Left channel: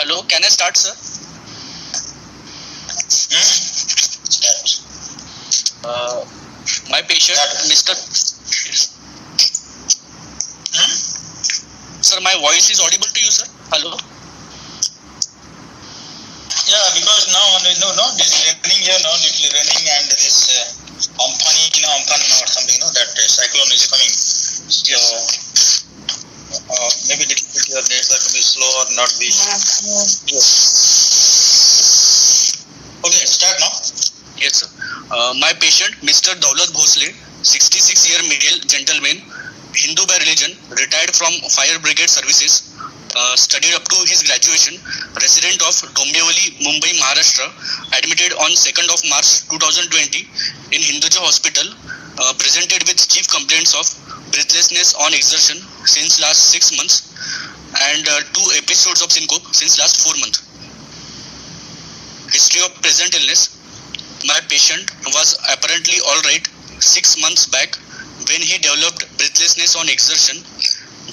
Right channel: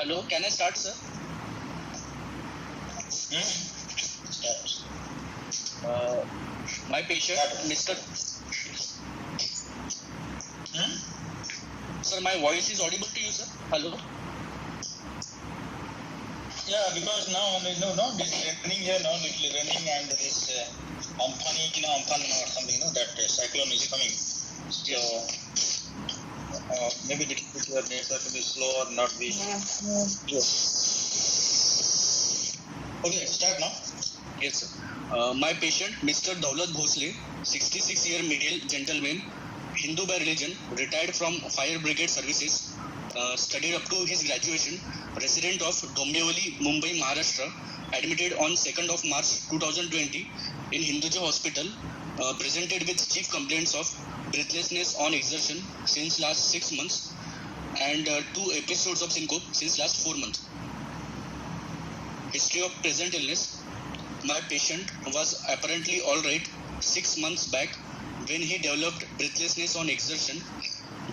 Hello, can I start, sir? My patient, Mr. Sir, my voice is audible to you, sir? Hello? Yeah, because now, this raining here, little raining and this Amphan or something, that cyclone is coming. So, maybe little bit your network will be slow or not be. Okay, start now. Yes, sir. My patient, Mr. Daulat Bhosle, 66-year male gentleman, Hindu by religion, retired from fire brigade services, studied up to his graduation, resident of Dombivli, Mumbai, Maharashtra, admitted on 2nd of March 2020 in Hinduja Hospital, presented with chief complaints of breathlessness on exertion since last 6 months and 2 episodes of syncope since last 4 months. History of present illness. My patient was apparently alright 6 months back when he developed breathlessness on exertion.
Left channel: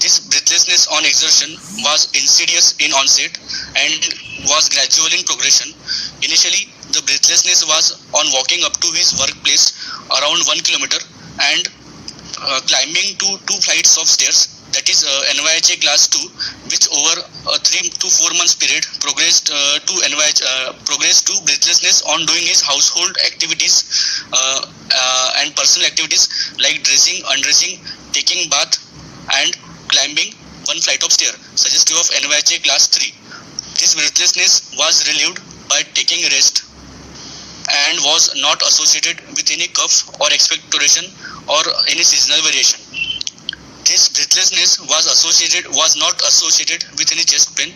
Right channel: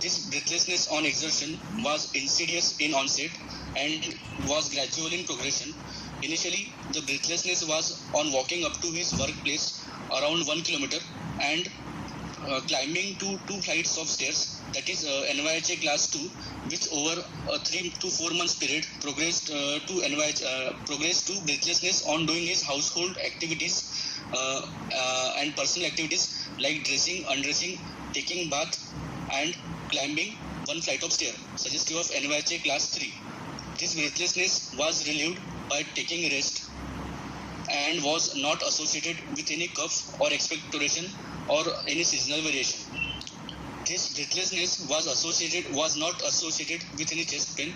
This breathlessness on exertion was insidious in onset and was gradual in progression. Initially, the breathlessness was on walking up to his workplace around 1 kilometer and climbing to 2 flights of stairs, that is NYHA class 2, which over a 3 to 4 months period progressed to breathlessness on doing his household activities and personal activities like dressing, undressing, taking bath and climbing 1 flight of stair, suggestive of NYHA class 3. This breathlessness was relieved by taking rest and was not associated with any cough or expectoration or any seasonal variation. This breathlessness was not associated with any chest pain.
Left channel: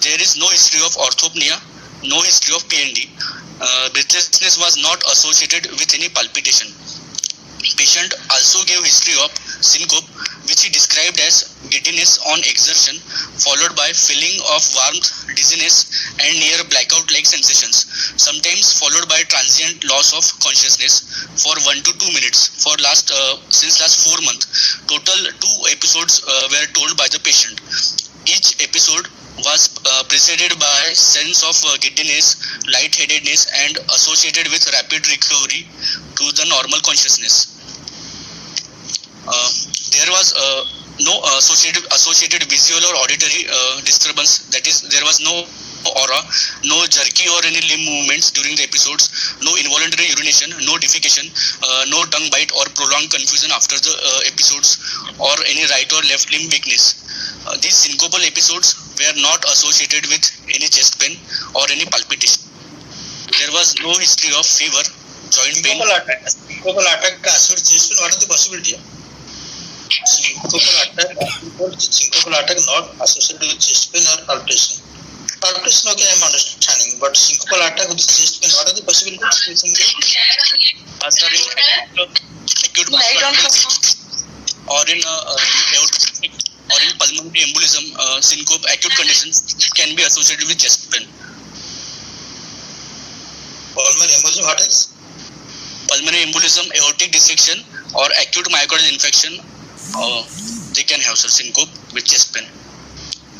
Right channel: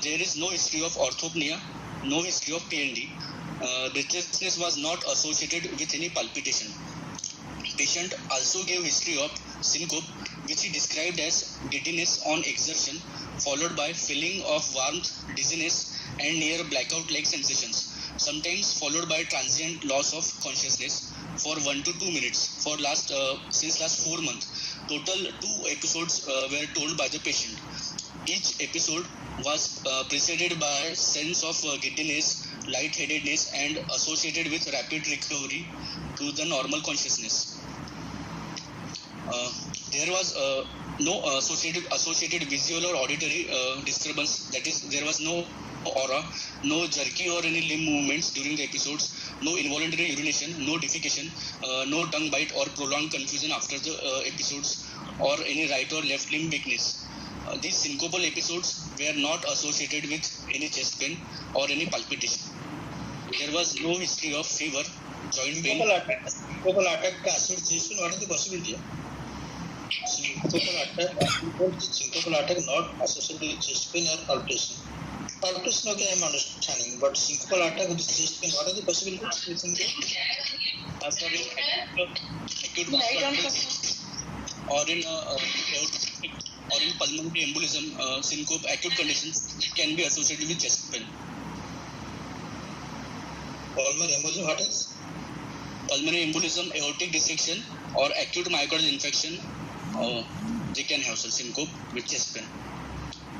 There is no history of orthopnea, no history of PND. Breathlessness was not associated with any palpitation. Patient also gave history of syncope, which he described as giddiness on exertion, followed by feeling of warmth, dizziness, and near blackout-like sensations, sometimes followed by transient loss of consciousness for 1 to 2 minutes since last 4 months. Total 2 episodes were told by the patient. Each episode was preceded by sense of giddiness, lightheadedness, and associated with rapid recovery to the normal consciousness. There was no associated visual or auditory disturbance, that is, there was no aura, no jerky or any limb movements during the episodes, no involuntary urination, no defecation, no tongue bite or prolonged confusion after the episodes, or any right or left limb weakness. These syncopal episodes were not associated with any chest pain or any palpitation. There was no history of fever, joint pain. Syncopal attack, chest pain, what is the possibility? Syncopal attack not associated with chest pain or palpitation. Palpitation, okay, I'm understanding, but syncopal attack with chest pain, what are the possibilities? Acute or in pulmonary embolism, syncope, acute conditions can be associated with chest pain. Pulmonary embolism, what is? Pulmonary embolism, aortic dissection, or acute myocardial infection, they can have syncope with chest pain.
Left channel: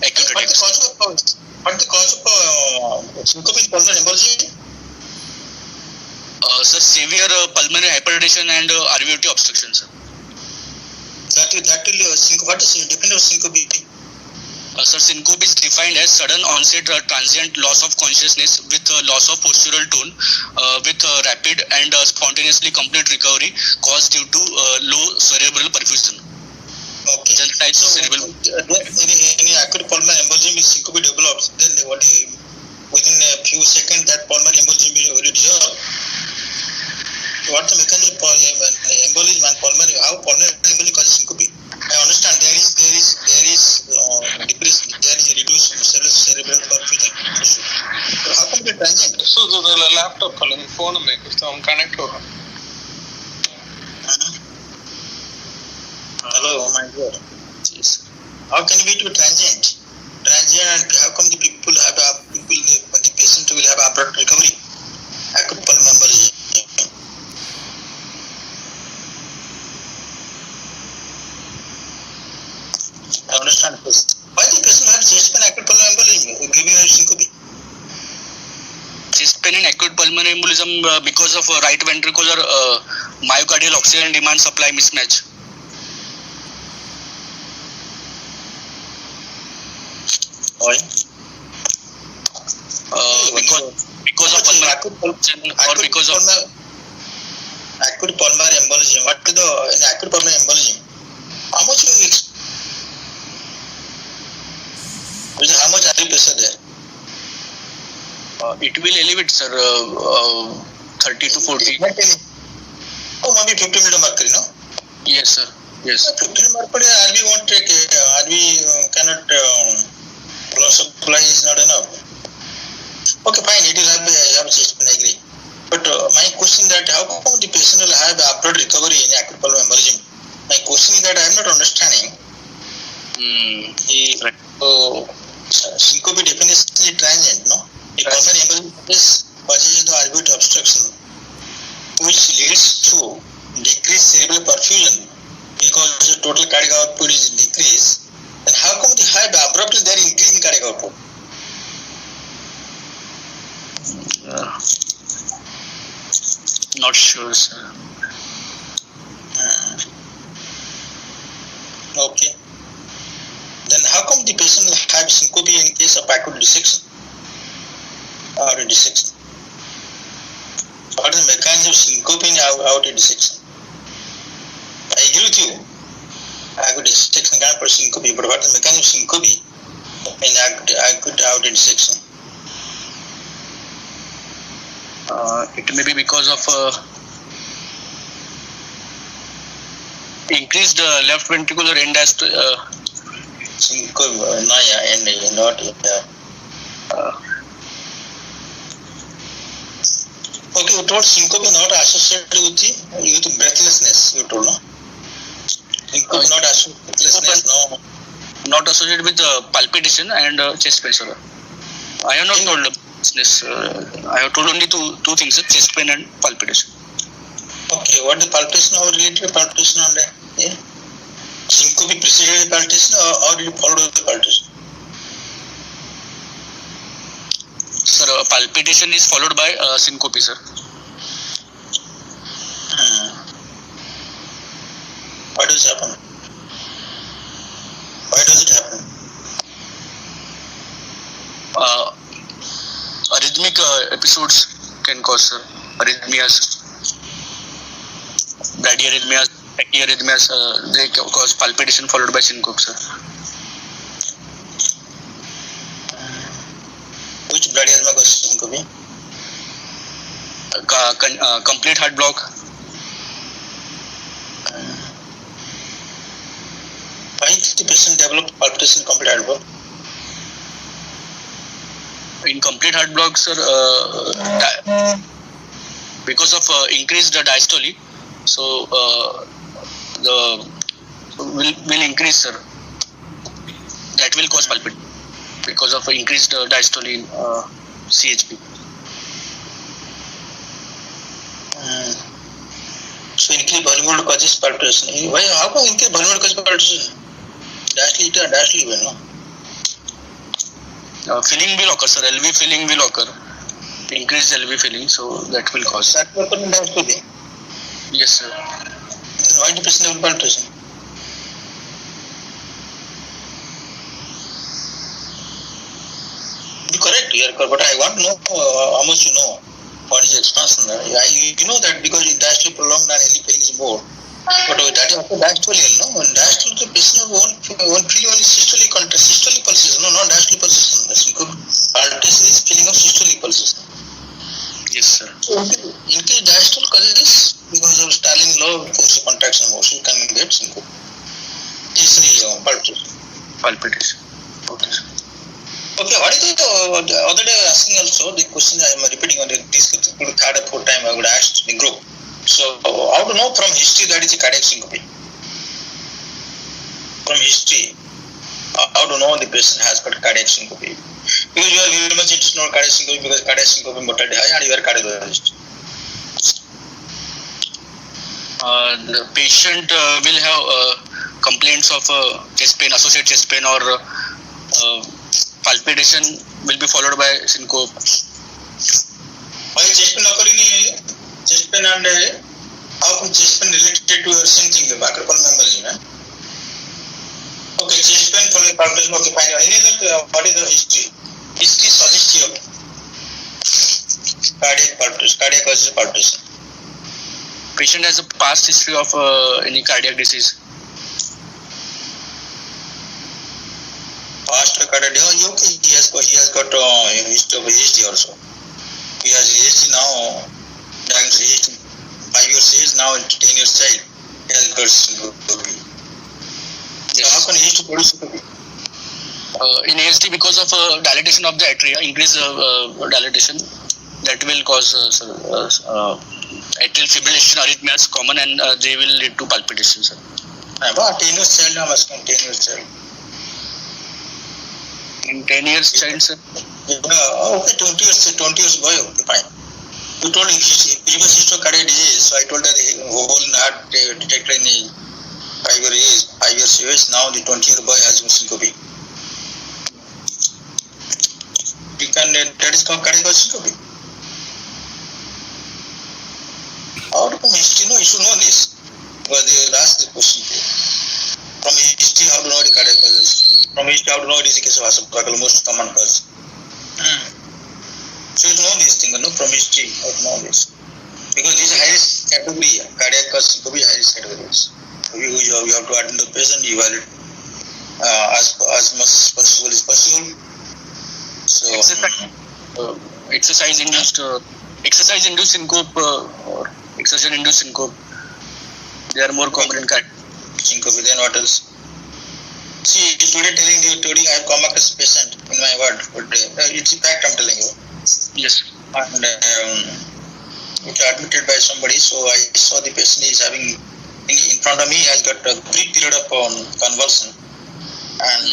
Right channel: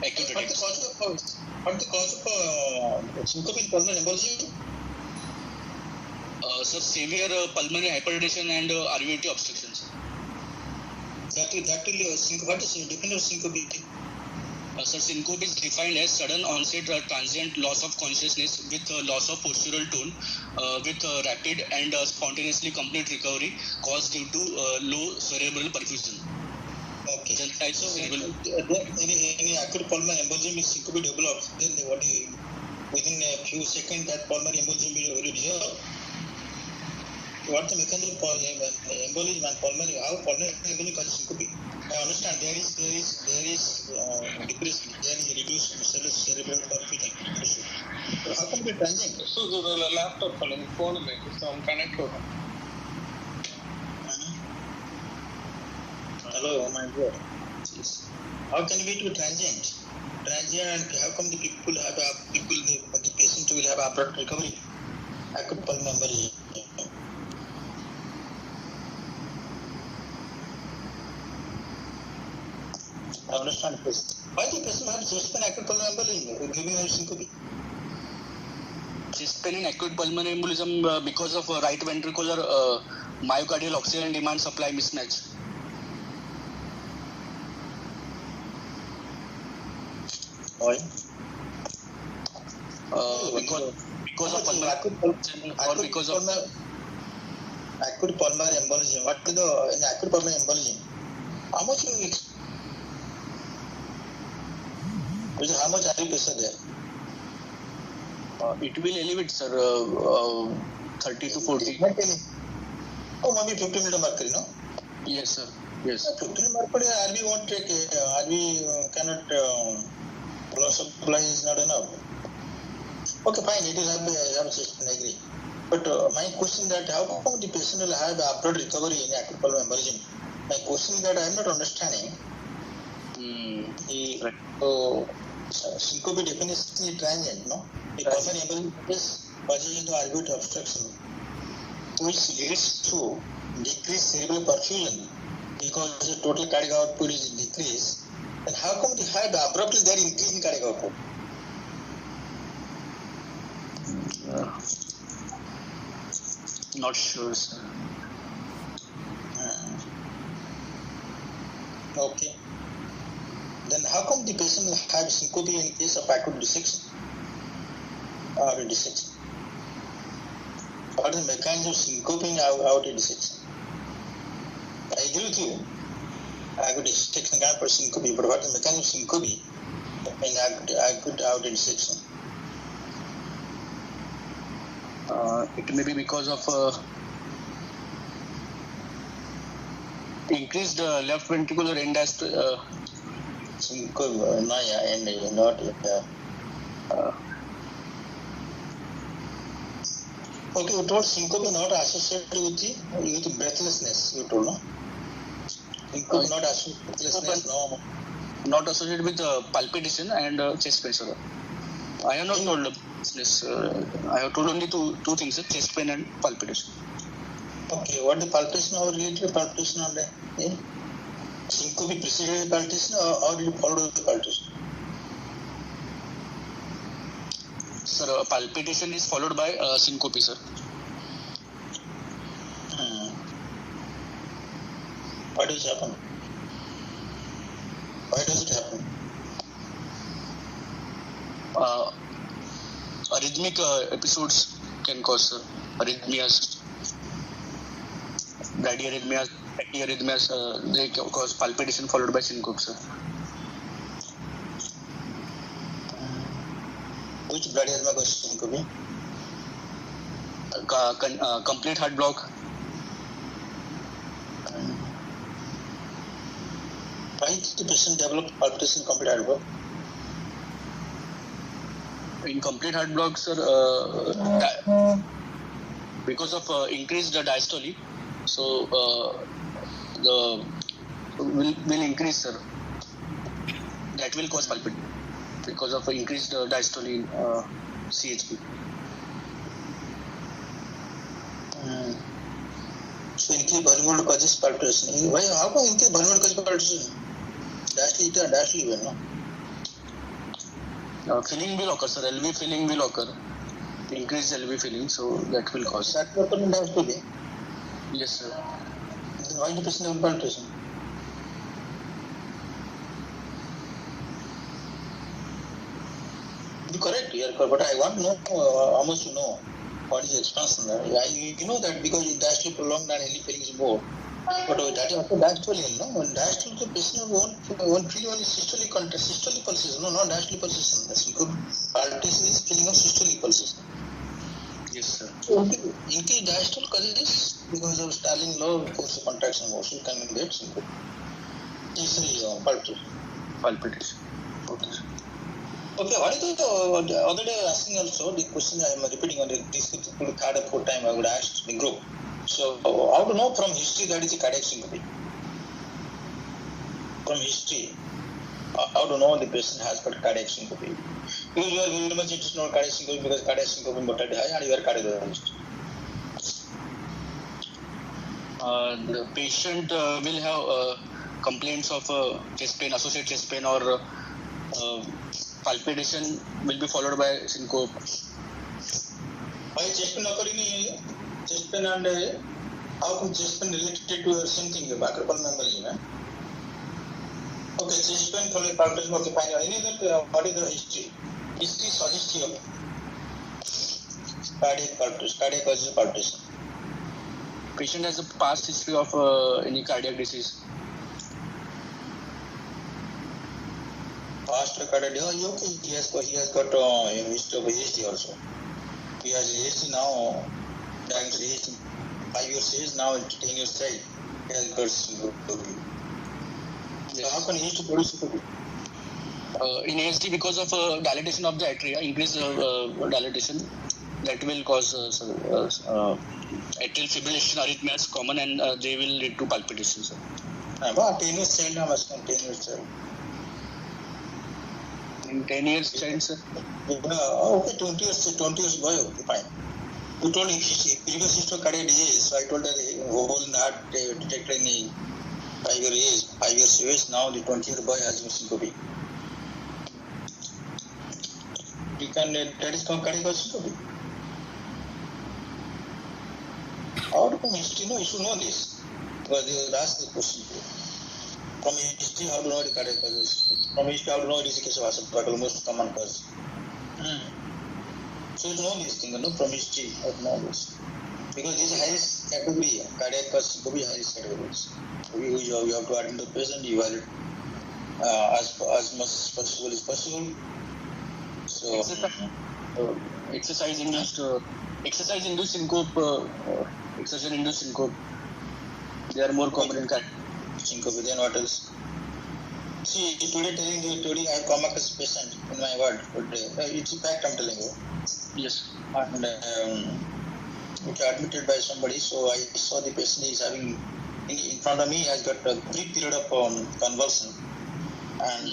Acute attacks. What the cause of syncope in pulmonary embolism? Sir, severe pulmonary hypertension and RVOT obstruction, sir. That will syncope. What is the definition of syncope? Sir, syncope is defined as sudden onset transient loss of consciousness with loss of postural tone, with rapid and spontaneously complete recovery caused due to low cerebral perfusion. Okay. General types of cerebral. Any acute pulmonary embolism is syncope develops. Then within a few seconds that pulmonary embolism will dissolve. What the mechanism of embolism and pulmonary? How pulmonary embolism causes syncope? I understand there is decrease, there is a reduced cerebral perfusion. So how come the transient? So the laptop calling phone make some connect over. Hello, my God. Yes. How can it be transient? And how come the patient will have abrupt recovery? Acute pulmonary embolism. Why the patient had chest pain, acute pulmonary embolism, giving her syncope? Chest pain and acute pulmonary embolism because of right ventricular myocardial oxygen demand supply mismatch. Why? Because of pulmonary or because of acute pulmonary embolism. What is the in acute pulmonary embolism? How much how much artery pressure there? it will elevate, sir, 30 to 40. Oh, maybe 15 mmHg, no? Yes, sir. Yes. 15 mmHg, RV won't take RV cannot blood supply is not enough. Okay, fine, it will have chest pain, I agree. But my question that how come the patient will have abrupt recovery in acute pulmonary embolism? My question is that I am not understanding. Syncope definitely transient, no? The pulmonary embolism causes the artery obstruction, which leads to decreased cerebral perfusion because the total cardiac output is decreased. Then how come the have abruptly there increase in cardiac output? Not sure, sir. Okay. Then how come the patient will have syncope in case of acute dissection or dissection? What is the mechanism of syncope in aortic dissection? I agree with you. Acute dissection can't produce syncope, but what is the mechanism of syncope in acute aortic dissection? It may be because of increased left ventricular end Syncope, and not okay, you told syncope is not associated with breathlessness, you told, no? Syncope not associated with breathlessness, no? Not associated with palpitation and chest pressure. I have not told breathlessness. I have told only two things, chest pain and palpitation. Okay, what is palpitation? How related to palpitation on that? Yeah. Syncope preceded palpitation or did it follow the palpitation? Sir, palpitation is followed by syncope, sir. Why does it happen? Why does it happen? Arrhythmic episodes can cause, sir. Arrhythmias, bradyarrhythmias, tachyarrhythmias, they cause palpitation followed by syncope, sir. Which bradyarrhythmia causes syncope? Complete heart block. Why did the patient develop palpitation in complete heart block? In complete heart block, sir, because of increased diastole, so the will increase, sir. That will cause palpitation because of increased diastole in CHP. So increased volume will causes palpitation. Why? How come increased volume will cause palpitation? Diastole, no? Filling will occur, sir. LV filling will occur. Increased LV filling, so that will cause. That will occur in diastole. Yes, sir. Then why the patient have palpitation? You're correct, but I want to know how much you know. What is expansion? You know that because in diastole prolonged and LV filling is more. But that is also diastole, no? When diastole, the patient won't feel only systolic pulses, no, not diastolic pulses. Palpitation is feeling of systolic pulses. Yes, sir. So, in case diastole causes because of Starling law, force of contraction motion can get syncope. Easily palpitation. Palpitation. Okay, sir. Okay, what is the other day asking also the question I am repeating on this third or fourth time I would ask the group. So how to know from history that is a cardiac syncope? From history, how to know the patient has got cardiac syncope? Because you are very much interested in cardiac syncope because cardiac syncope mortality high and you are a cardiologist. The patient will have complaints of chest pain, associated chest pain, or palpitation will be followed by syncope. Why chest pain occurring in chest pain and how come chest pain related to same thing, acropolymal embolism? Okay, chest pain followed by palpitation. Okay, fine. Any other, what is the history? History suggestive of cardiac palpitation, cardiac causes palpitation. Patient has a past history of any cardiac disease. Past cardiac, okay, he has got history also. He has history now, diagnosed 5 years age, now 10 years child. He has got syncope. So how can he used to produce syncope? In ASD, because of dilatation of the atria, increased dilatation, that will cause atrial fibrillation arrhythmias common, and they will lead to palpitation, sir. About 10 years child, I'm asking 10 years child. In 10 years child, sir? Okay, 20 years boy, okay, fine. You told him previous history of cardiac disease, so I told that the whole heart detected in 5 years age, now the 20-year boy has syncope. You can, that is called cardiac syncope. How do you history know? You should know this. Because they asked the question. From history, how do you know the cardiac causes? From history, how do you know it is the case of asymptomatic, most common cause? So you know this thing, no? From history, how to know this? Because this is high risk category, cardiac cause syncope is high risk categories. You have to attend the patient, evaluate as much as possible is possible. So exercise-induced syncope or exertion-induced syncope, they are more common in cardiac syncope. Then what else? See, today I have come across a patient in my ward, but it's a fact I'm telling you. Yes. And it's admitted by somebody, so I saw the patient is having, in front of me, has got a brief period of convulsion. And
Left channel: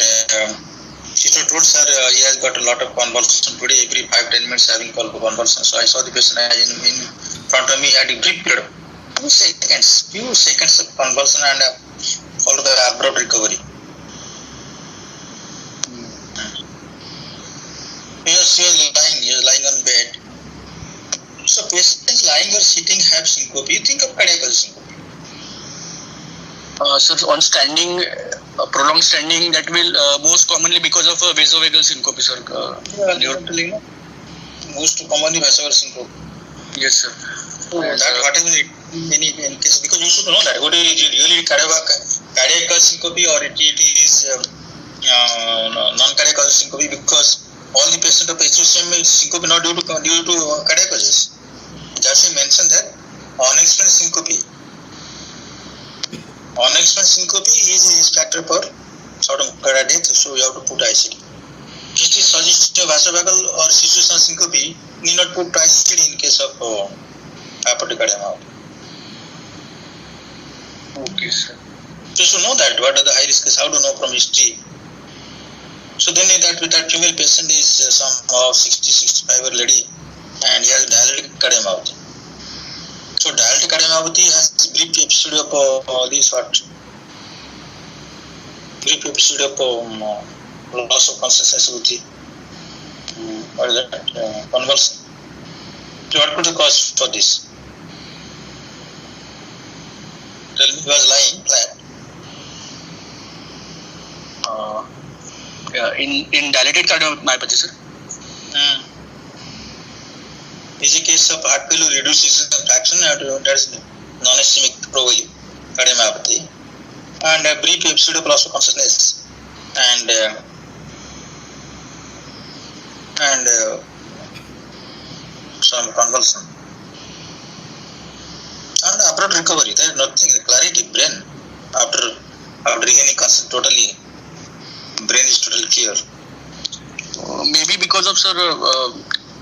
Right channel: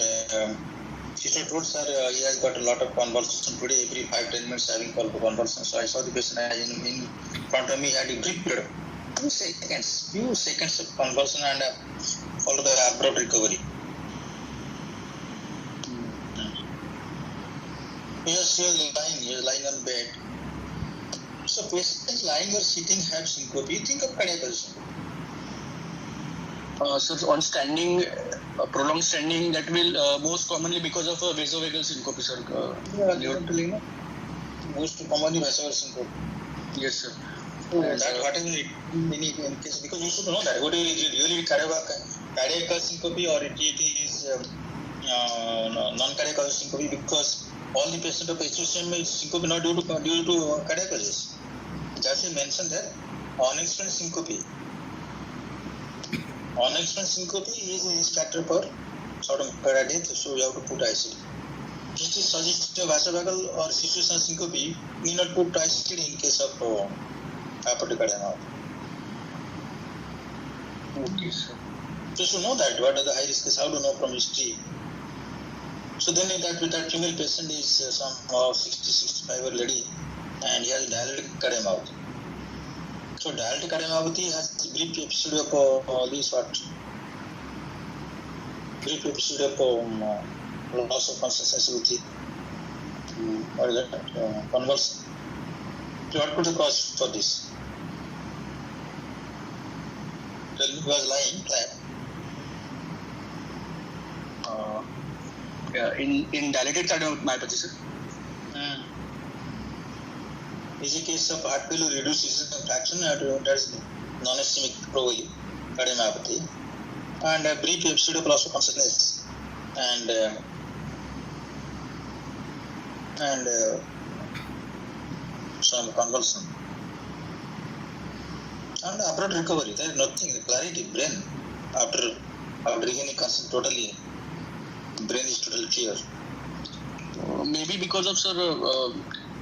she told sir, he has got a lot of convulsion today, every 5-10 minutes having convulsion. So I saw the patient in front of me had a brief period of few seconds of convulsion and followed by abrupt recovery. He was lying on bed. So patients lying or sitting have syncope. You think of cardiac syncope? So on standing, prolonged standing, that will most commonly because of vasovagal syncope, sir. Most commonly vasovagal syncope. Yes, sir. So that what is it in case, because you should know that what is really cardiac syncope or it is non-cardiac syncope, because all the patients of HCM syncope not due to cardiac causes. That's why mentioned that unexplained syncope. Unexplained syncope is a risk factor for sudden cardiac death, so you have to put ICD. It is suggested vasovagal or situational syncope need not put ICD in case of aortic cardiomyopathy. Okay, sir. So you should know that what are the high risks, how to know from history. So then that female patient is some 60-65 lady and he has dilated cardiomyopathy. So dilated cardiomyopathy has brief episode of brief episode of loss of consciousness with the what is that convulsion. So what could the cause for this? Tell me, he was lying flat. In dilated cardiomyopathy, sir. Is a case of heart failure reduced ejection fraction, that is non-ischemic cardiomyopathy, and a brief episode of loss of consciousness, and some convulsion, and abrupt recovery. There is nothing, clarity, brain after regaining consciousness totally. Brain is totally clear. Maybe because of, sir,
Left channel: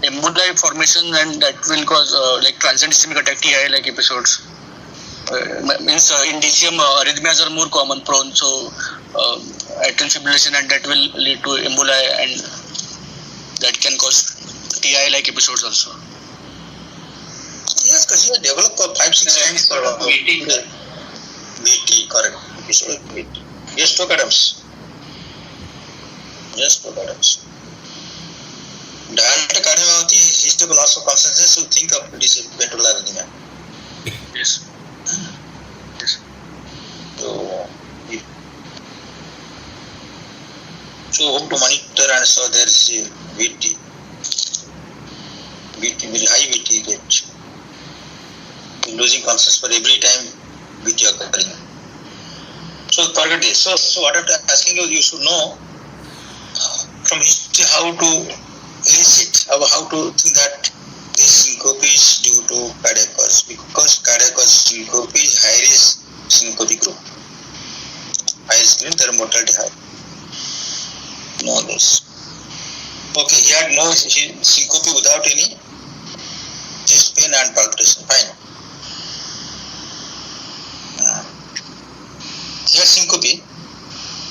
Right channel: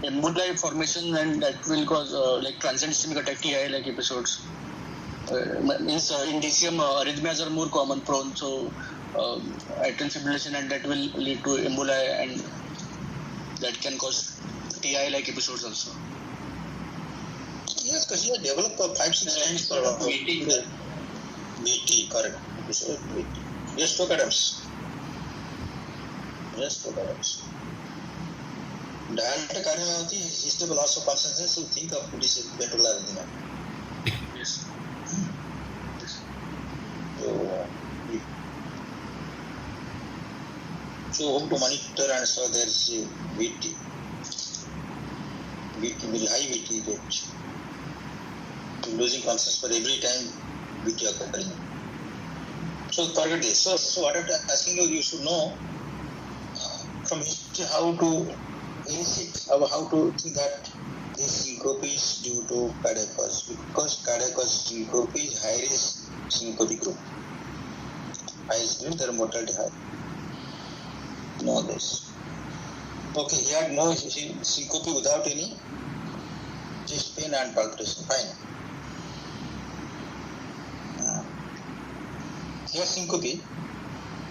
emboli formation, and that will cause like transient ischemic attack TI like episodes. Means in DCM arrhythmias are more common prone, so atrial fibrillation, and that will lead to emboli, and that can cause TI like episodes also. Yes, because you have developed 5-6 times for VT, correct. Yes, Doc Adams. Yes, Doc Adams. Dialectic cardiomyopathy is history loss of consciousness. So think of this ventricular arrhythmia. Yes. Yes. So hope to monitor and so there is VT. VT very high VT rate. Losing consciousness for every time VT occurring. So forget this. So what I'm asking you should know from history how to elicit, how to think that this syncope is due to cardiac cause, because cardiac cause syncope is high risk syncope group. High risk means their mortality high. Know this. Okay, he had no syncope without any chest pain and palpitation. Fine. He had syncope.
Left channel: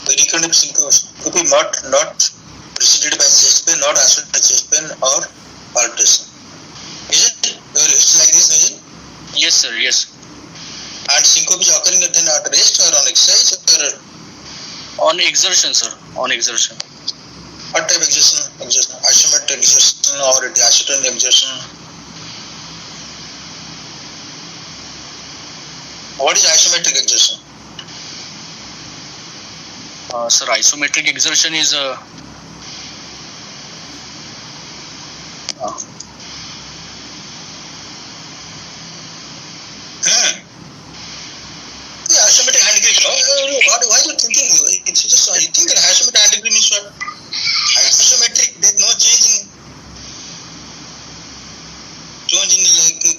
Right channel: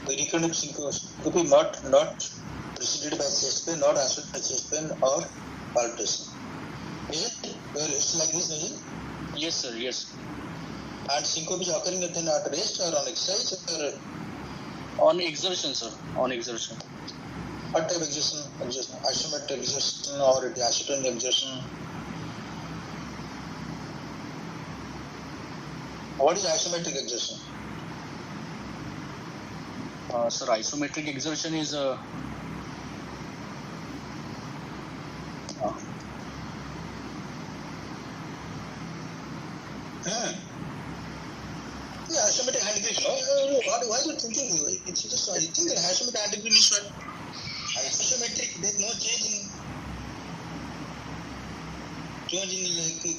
The recurrent syncope not preceded by chest pain, not associated by chest pain or palpitation. Is it? It's like this, is it? Yes, sir. Yes. And syncope is occurring at rest or on exercise or On exertion, sir. On exertion. what type of exertion? Isometric exertion or diastolic exertion? What is isometric exertion? Sir, isometric exertion is The isometric hand grip, no? Why are you thinking? It's just, you think that isometric hand grip means what? Isometric, there's no change in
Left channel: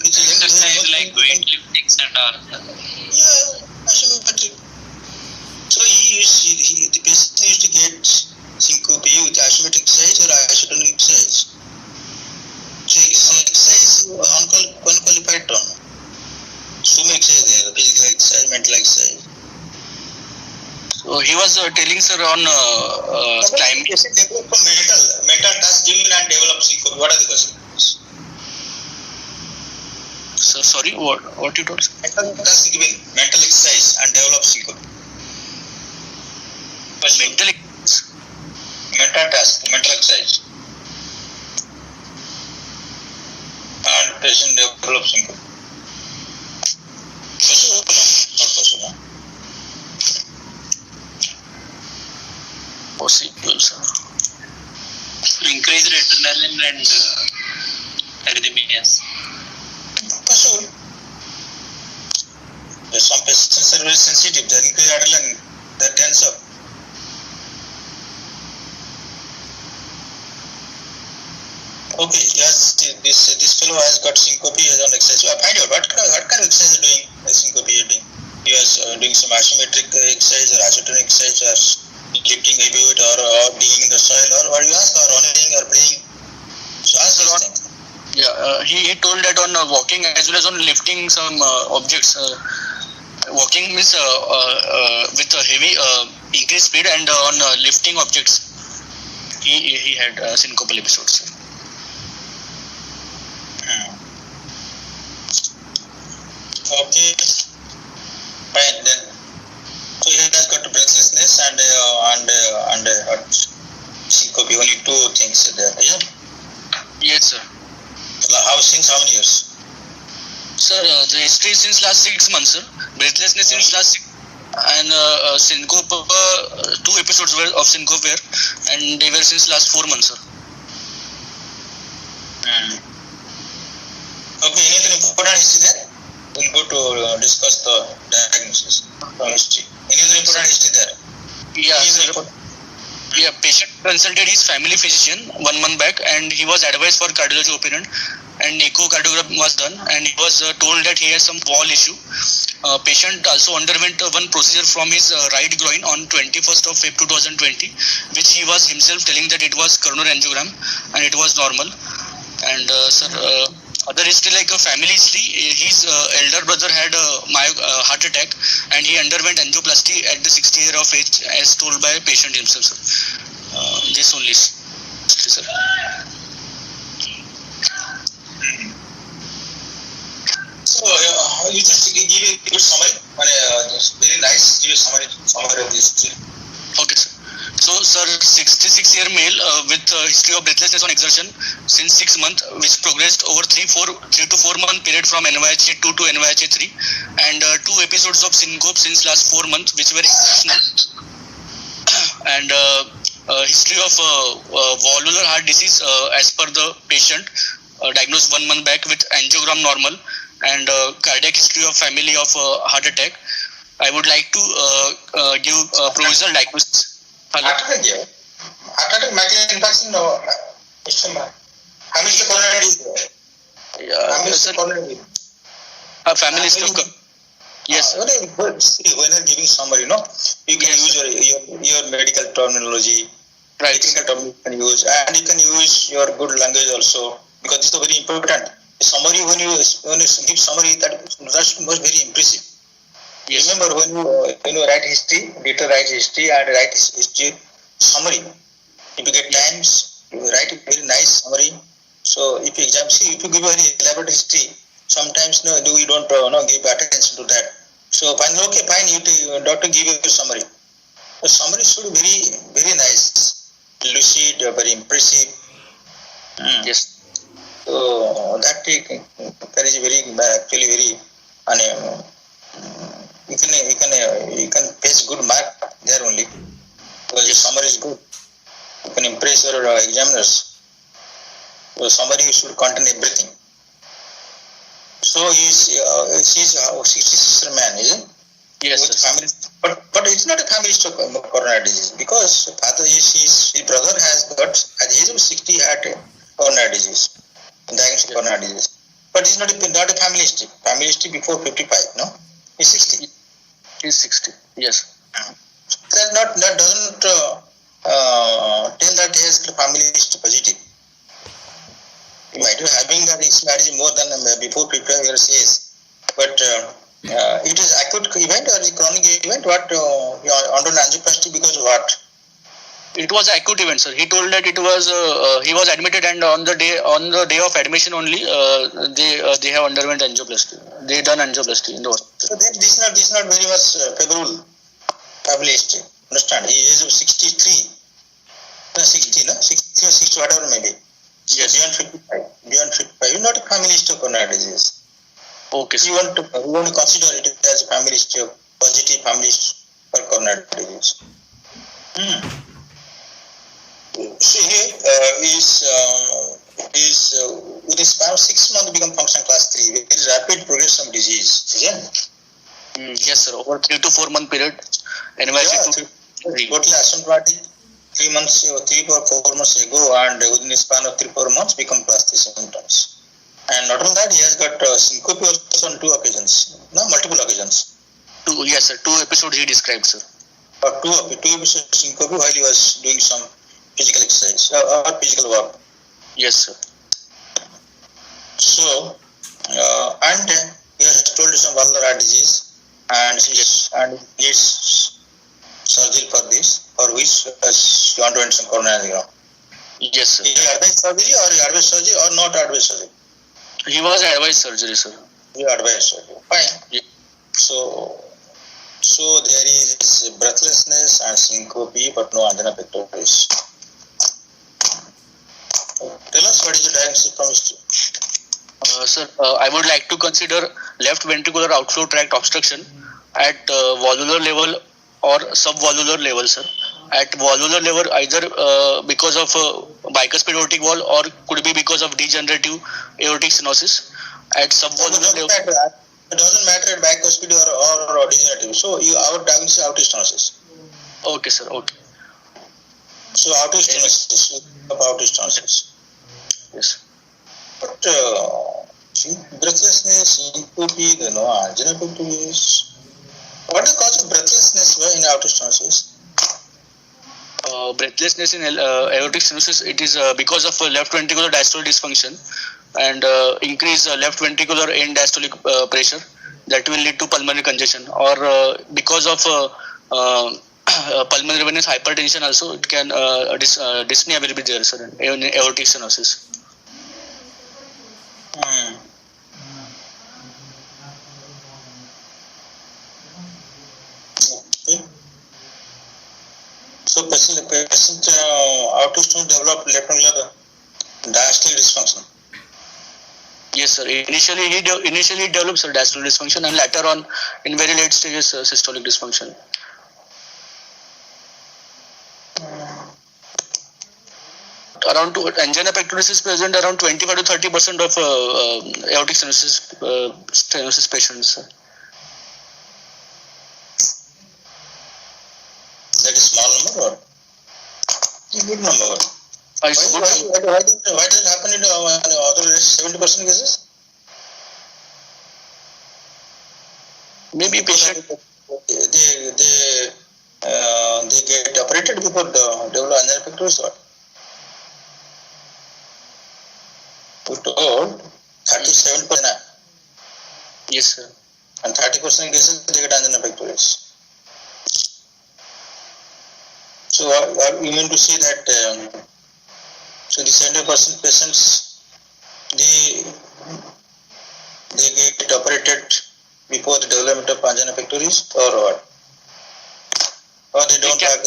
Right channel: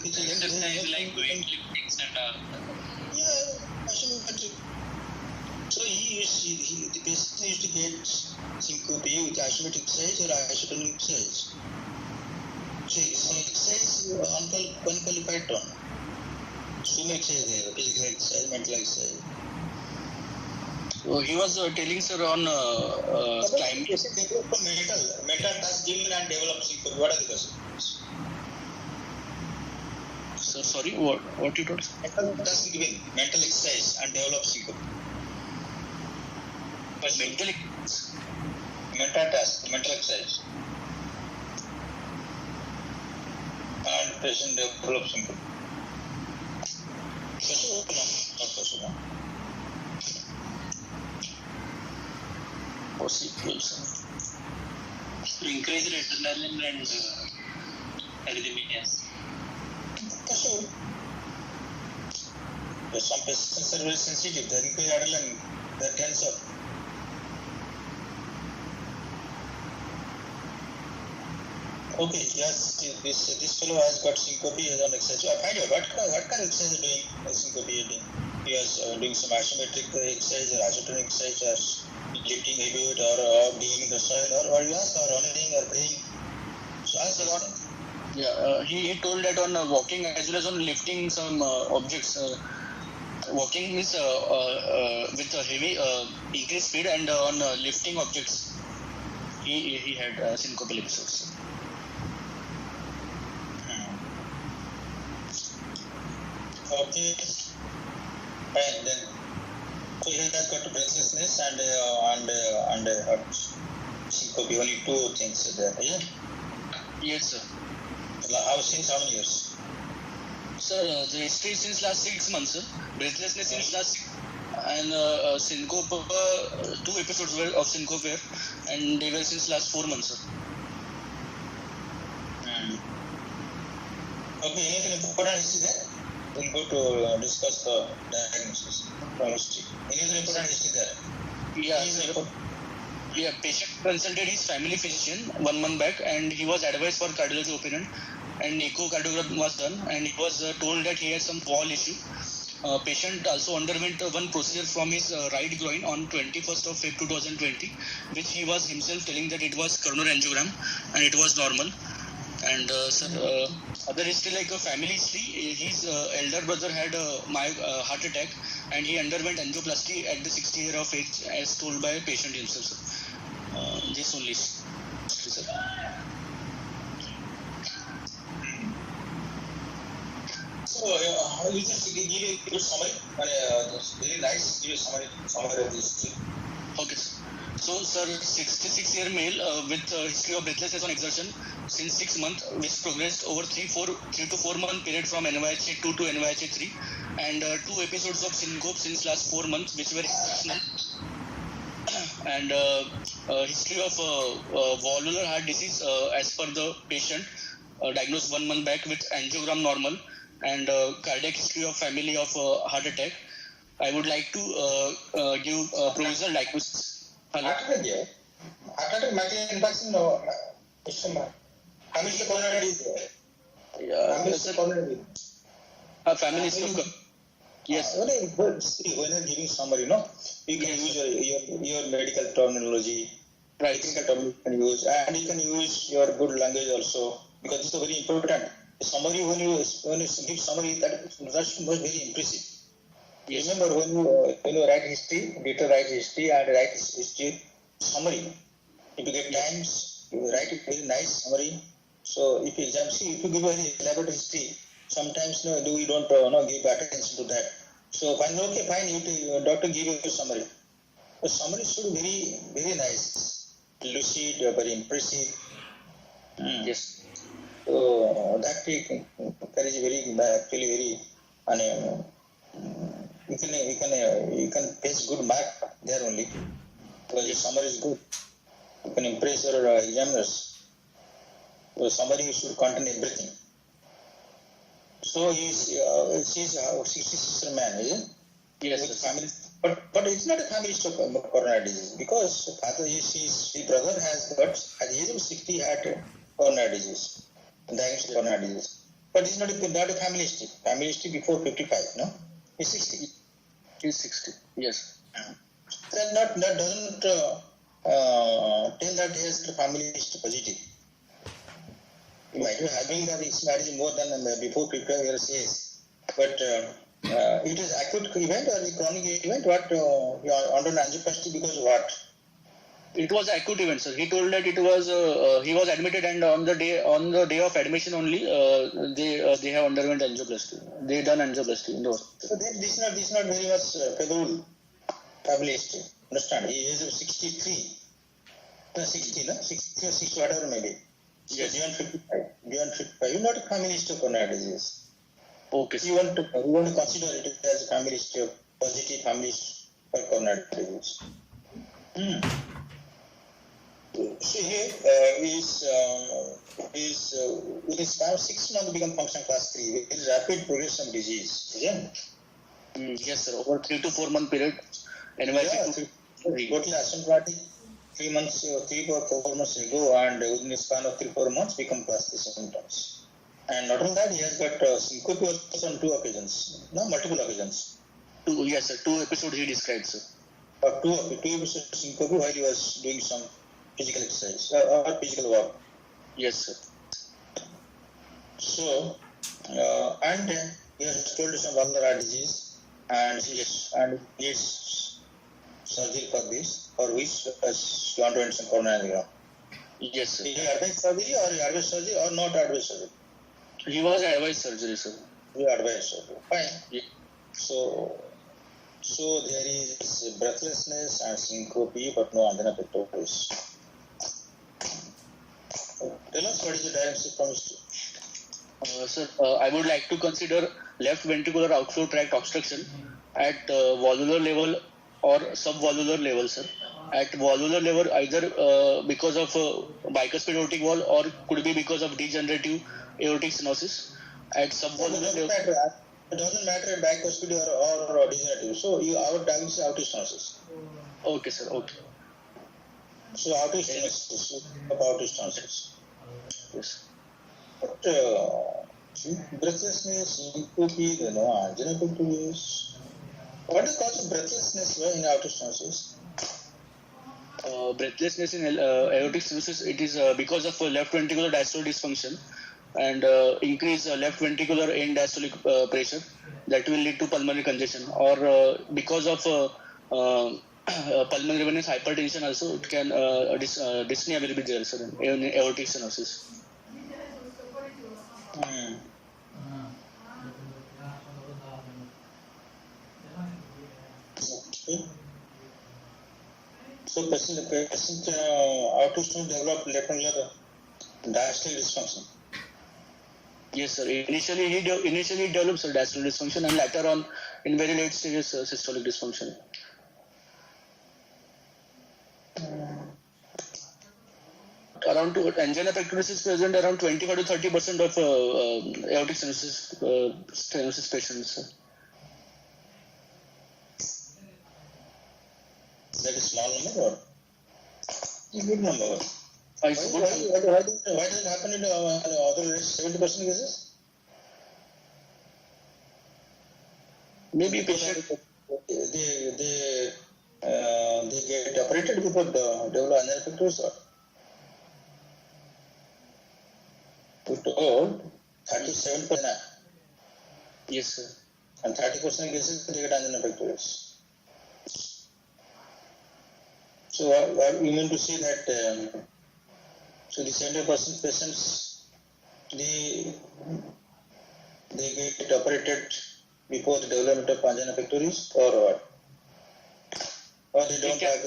Exercise like weightlifting and all. Yeah, isometric. So the patient used to get syncope with isometric exercise or isotonic exercise. So exercise unqualified term. So many exercise there, physical exercise, mental exercise. so he was telling, sir, on climb. Patient develop from mental task given and develop syncope. What are the questions? Sir, sorry, what you told, sir? Mental task given, mental exercise and develop syncope. Mental. Mental task, mental exercise. And patient develops syncope. Possible? Not possible. Possible, sir. Increased adrenaline and arrhythmias. Possible. Some patients are very sensitive. They increase adrenaline, they tense up. Okay, yes, this fellow has got syncope, he has on exercise. So I find out what kind of exercise is doing, syncope is doing. He was doing some isometric exercise or isotonic exercise or lifting heavy weight or digging in the soil or what you ask, or running or playing. So ask this thing. Yeah, he told that on walking as well as on lifting some objects. Walking means with a heavy increased speed, and on lifting objects, he had syncopal episodes. Okay, fine then. So he has got breathlessness and syncope. Only two things there. Yeah. Yes, sir. Since how many years? Sir, the history is since last 6 months, sir. Breathlessness since last 6, and syncope. 2 episodes were of syncope were, and they were since last 4 months, sir. Okay, anything important history there? We'll go to discuss the diagnosis from history. Anything important history there? Yeah, sir. Yeah, patient consulted his family physician 1 month back, and he was advised for cardiology opinion, and echocardiogram was done, and he was told that he had some wall issue. Patient also underwent one procedure from his right groin on 21st of Feb 2020, which he was himself telling that it was coronary angiogram and it was normal. And sir, other history like a family history, his elder brother had a heart attack, and he underwent angioplasty at the 60 year of age, as told by patient himself, sir. This only history, sir. So you just give a good summary. It's very nice summary of this. Okay, sir. So, sir, 66-year male with history of breathlessness on exertion since 6 months, which progressed over 3 to 4 month period from NYHA 2 to NYHA 3, and 2 episodes of syncope since last 4 months, which were exceptional, and history of valvular heart disease as per the patient, diagnosed 1 month back with angiogram normal, and cardiac history of family of heart attack. I would like to give provisional diagnosis. Hello? Heart attack, micro infarction, no. Family coronary disease. Yeah, sir. Coronary. Family history. Yes. Very good. See, when you're giving summary, you can use your medical terminology, Right. technical term you can use, and you can use your good language also, because this is very important. Summary, when you give summary, that was very impressive. Yes. Remember, when you write history, later write history and write history summary. If you get times, you write a very nice summary. So if you if you give a very elaborate history, sometimes we don't give attention to that. So fine, doctor give you a summary. The summary should be very, very nice, lucid, very impressive. Yes. So that is actually very. You can face good mark there only, because the summary is good. You can impress your examiners. The summary should contain everything. So he's a 66 man, is it? Yes. With family, but it's not a family history of coronary disease, because his brother has got at the age of 60 had coronary disease, diagnosed coronary disease. But it's not a family history. Family history before 55, no? He's 60. He's 60. Yes. That doesn't tell that he has family history positive. He might be having this marriage more than before 55 years age, but it is acute event or chronic event. What underwent angioplasty because of what? It was acute event, sir. He told that it was he was admitted, and on the day of admission only, they have underwent angioplasty. They done angioplasty in the hospital. So then this is not very much favorable family history. Understand? He is of 63, 60, no? 60 or 60, whatever maybe. Yes. Beyond 55. You not a family history of coronary disease. Okay. You want to consider it as a family history of positive family history for coronary disease. See, with a span of 6 months become function class 3 with rapid progression of disease. Yes, sir. Over 3 to 4 month period. NYC Totally asymptomatic 3 months or 3 or 4 months ago, and within a span of 3-4 months become class 3 symptoms. And not only that, he has got syncope also on 2 occasions, multiple occasions. 2, yes, sir. 2 episodes he described, sir. Or 2 episodes syncope while he was doing some physical exercise or physical work. Yes, sir. So, and he has told some valvular heart disease, and needs surgery for this, for which he underwent some coronary angiography. Yes, sir. He advised surgery or not advised surgery? He was advised surgery, sir. He advised surgery. Fine. Yeah. So there is breathlessness and syncope, but no angina pectoris. Tell us, what is the diagnosis from history? Sir, I would like to consider left ventricular outflow tract obstruction at valvular level or subvalvular level, sir. At valvular level, either because of bicuspid aortic valve or could be because of degenerative aortic stenosis. At subvalvular level, it doesn't matter at bicuspid or degenerative. So our diagnosis is aortic stenosis. Okay, sir. Okay. So aortic stenosis. Yes. But breathlessness, syncope, angina pectoris. What is the cause of breathlessness in aortic stenosis? Breathlessness in aortic stenosis, it is because of left ventricular diastolic dysfunction and increase left ventricular end diastolic pressure that will lead to pulmonary congestion, or because of pulmonary venous hypertension also it can dyspnea will be there, sir, in aortic stenosis. So patient aortic stone developed left ventricular diastolic dysfunction. Yes, sir. Initially he develops diastolic dysfunction, and later on, in very late stages, systolic dysfunction. Around angina pectoris is present around 25 to 30% of aortic stenosis patients. That is small number or good number? Why does it happen in other 70% cases? Maybe patient. They get operated before develop angina pectoris or? We told 37%. Yes, sir. And 30% cases they get angina pectoris. So we mean to say that so the 70% patients they get operated before the development of angina pectoris or what? Or they don't have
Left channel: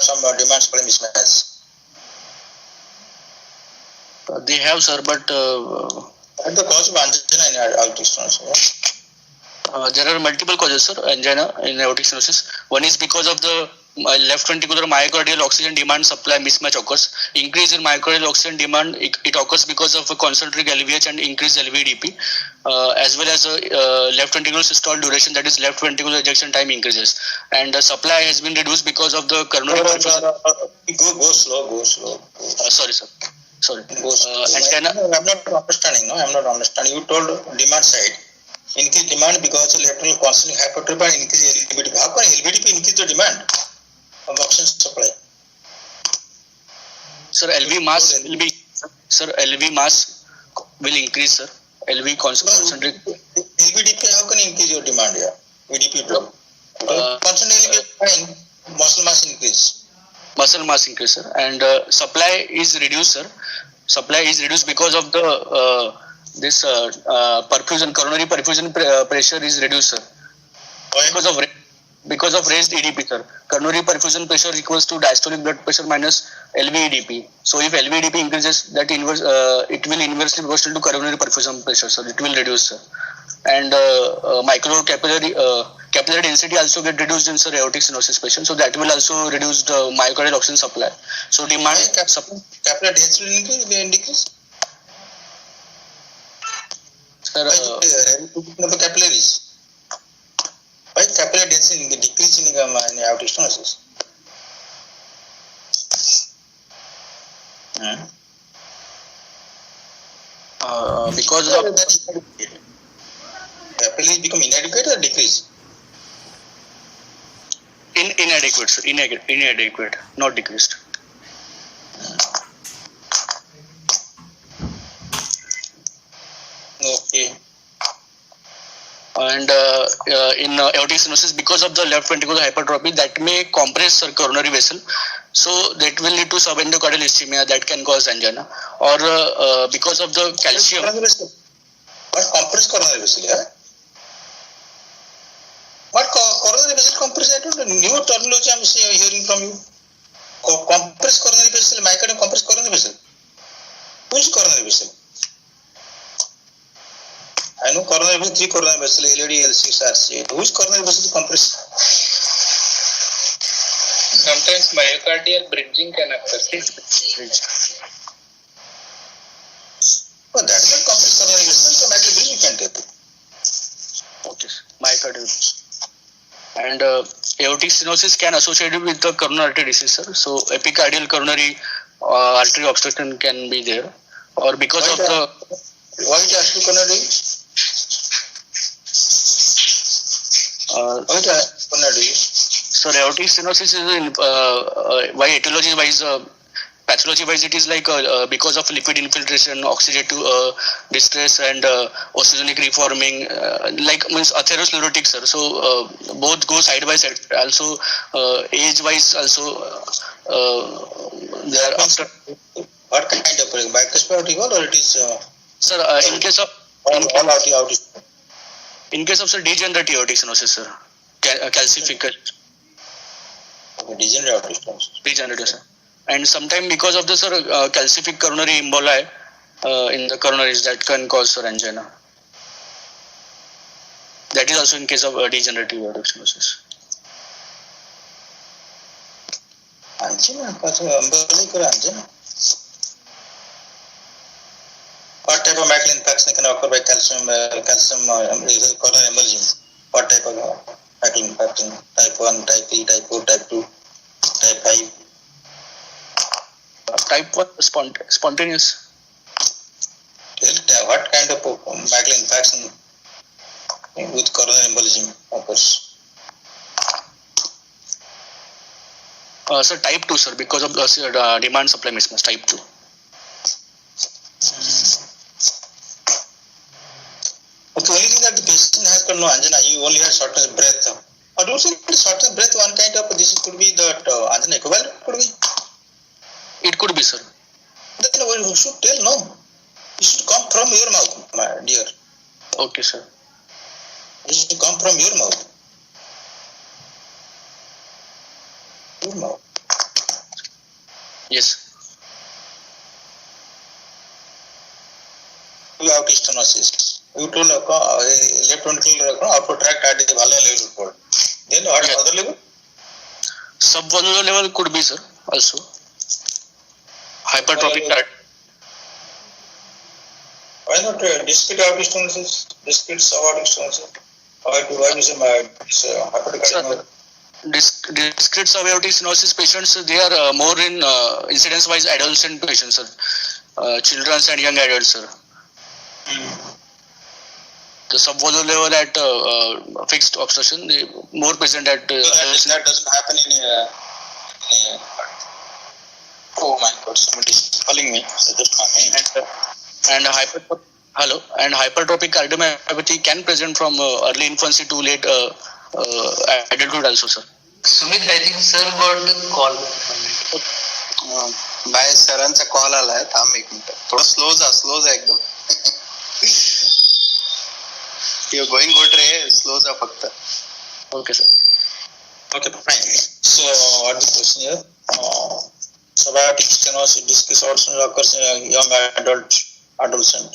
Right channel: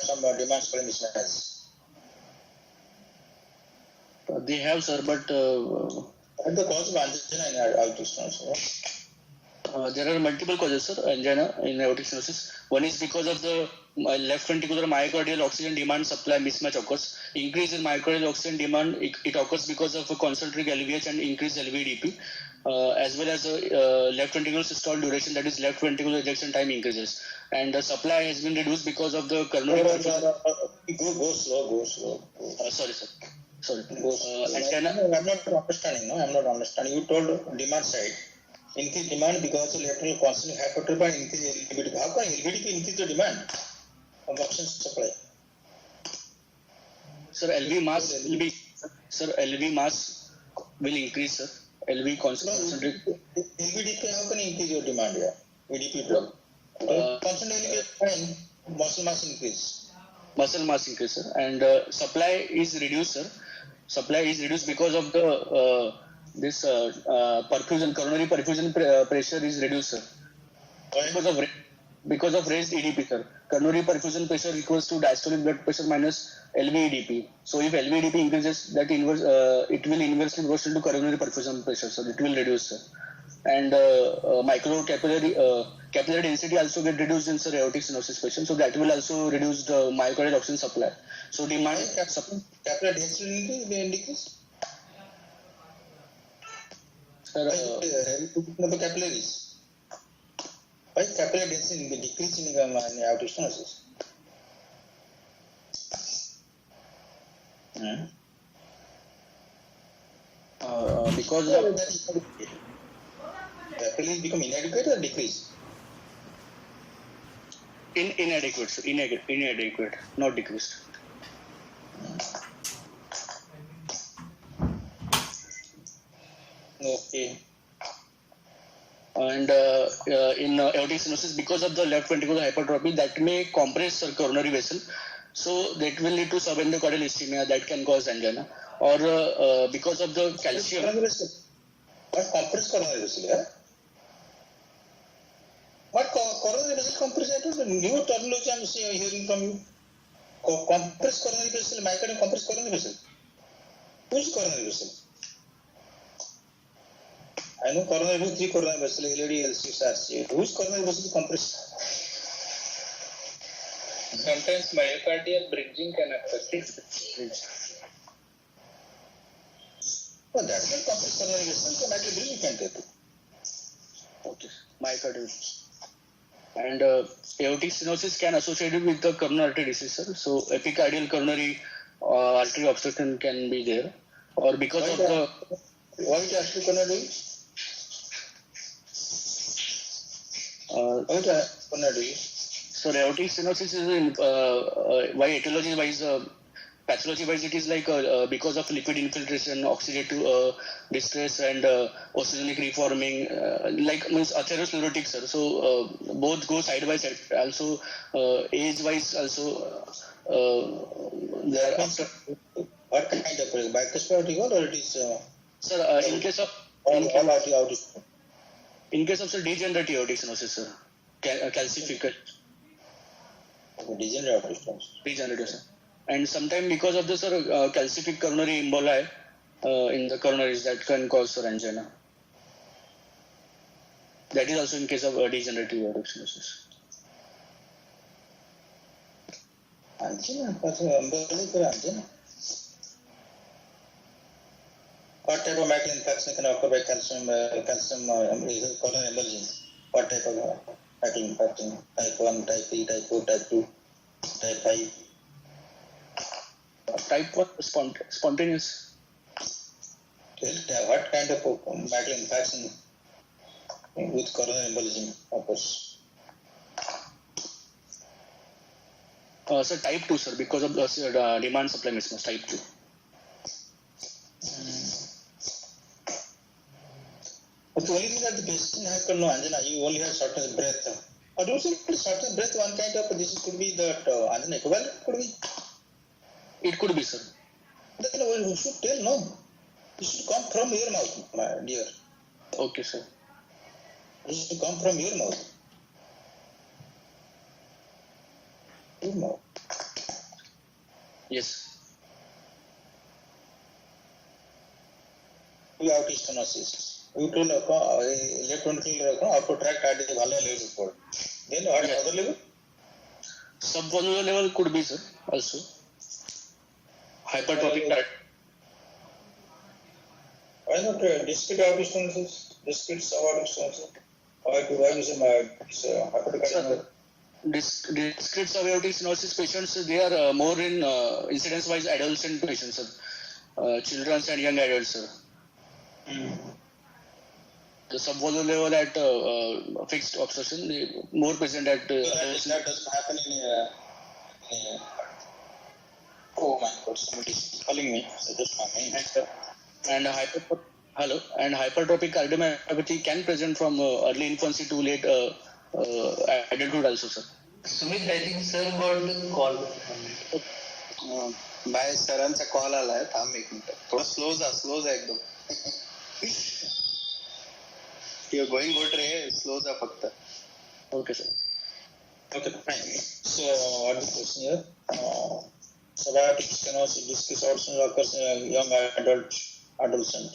some demand supply mismatch. They have, sir, but What the cause of angina in aortic stenosis? there are multiple causes, sir, angina in aortic stenosis. One is because of the left ventricular myocardial oxygen demand supply mismatch occurs. Increase in myocardial oxygen demand, it occurs because of a concentric LVH and increased LVDP, as well as left ventricular systole duration, that is left ventricular ejection time increases. And the supply has been reduced because of the coronary perfusion. Go slow. Sorry, sir. Sorry. I'm not understanding. I'm not understanding. You told demand side. Increase demand because of left ventricular concentric hypertrophy and increase LVDP. How can LVDP increase the demand of oxygen supply? Sir, LV mass will increase, sir. LV concentric. LVDP, how can you increase your demand here? VDP drop. Constant LV is fine. Muscle mass increase. Muscle mass increase, sir. And supply is reduced, sir. Supply is reduced because of the perfusion, coronary perfusion pressure is reduced, sir. Why? Because of raised EDP, sir. Coronary perfusion pressure equals to diastolic blood pressure minus LV EDP. So if LV EDP increases, that it will inversely proportional to coronary perfusion pressure, sir. It will reduce, sir. And capillary density also get reduced in, sir, aortic stenosis patient. So that will also reduce the myocardial oxygen supply. So demand. Capillary density increase? Sir, capillaries. Why capillary density decrease in aortic stenosis? because of capillaries become inadequate or decrease? inadequate, sir. Inadequate, not decreased. Okay. And in aortic stenosis, because of the left ventricular hypertrophy, that may compress, sir, coronary vessel. So that will lead to subendocardial ischemia that can cause angina. Or because of the calcium. What compress coronary vessel? Yeah? What coronary vessel compress? I don't know. New terminology I'm hearing from you. Compress coronary vessel, myocardium compress coronary vessel. Which coronary vessel? I know coronary vessel, 3 coronary vessel, LAD, L6, RC8. Which coronary vessel compress? Sometimes myocardial bridging can occur. Oh, that's not compress coronary vessel. So myocardial bridging can take it. Okay, myocardial. And aortic stenosis can associate with the coronary artery disease, sir. So epicardial coronary artery obstruction can be there. Or because of the. Why it has to coronary? Why it has to coronary? So aortic stenosis is why etiology wise, pathology wise, it is like because of lipid infiltration, oxidative distress, and osteogenic reforming, like means atherosclerotic, sir. So both go side by side. Also age wise, also there after. What kind of bicuspid or it is? Sir, in case of in case of, sir, degenerative aortic stenosis, sir, calcification. Degenerative aortic stenosis. Degenerative, sir. And sometime because of the sir calcific coronary emboli in the coronaries that can cause sir angina. That is also in case of degenerative aortic stenosis. Angina, umbilical angina. What type of macula infection can occur by calcium coronary embolism? What type of macula infection? Type 1, type 3, type 4, type 2, type 5? Type 1 spontaneous. What kind of macula infection with coronary embolism occurs? Sir, type 2, sir, because of the demand supply mismatch, type 2. Okay, only thing that the patient has got no angina, you only have shortness of breath. Or do you think shortness of breath, one kind of this could be that angina equivalent? Could be? It could be, sir. Then you should tell, no. It should come from your mouth, my dear. Okay, sir. It should come from your mouth. Your mouth. Yes. You have stenosis. You told left ventricle output tract at the valve level. Then what other level? Subvalvular level could be, sir, also. Hypertrophic type. Why not discrete aortic stenosis? Discrete subaortic stenosis? Why is hypertrophic cardiomyopathy? Discrete subaortic stenosis patients, they are more in incidence-wise adolescent patients, sir. Children and young adults, sir. The subvalvular level at fixed obstruction, they more present at. That doesn't happen in. Oh my God! Somebody is calling me. And hypertrophic cardiomyopathy can present from early infancy to late adulthood also, sir. Sumit, I think sir got the call. By सरांचा call आलाय थांब एक minute थोडं slow जा एकदम you're going good रे slow जा फक्त Okay, sir. okay fine so what is the question here subaortic stenosis discrete aortic stenosis occurs in a young adolescent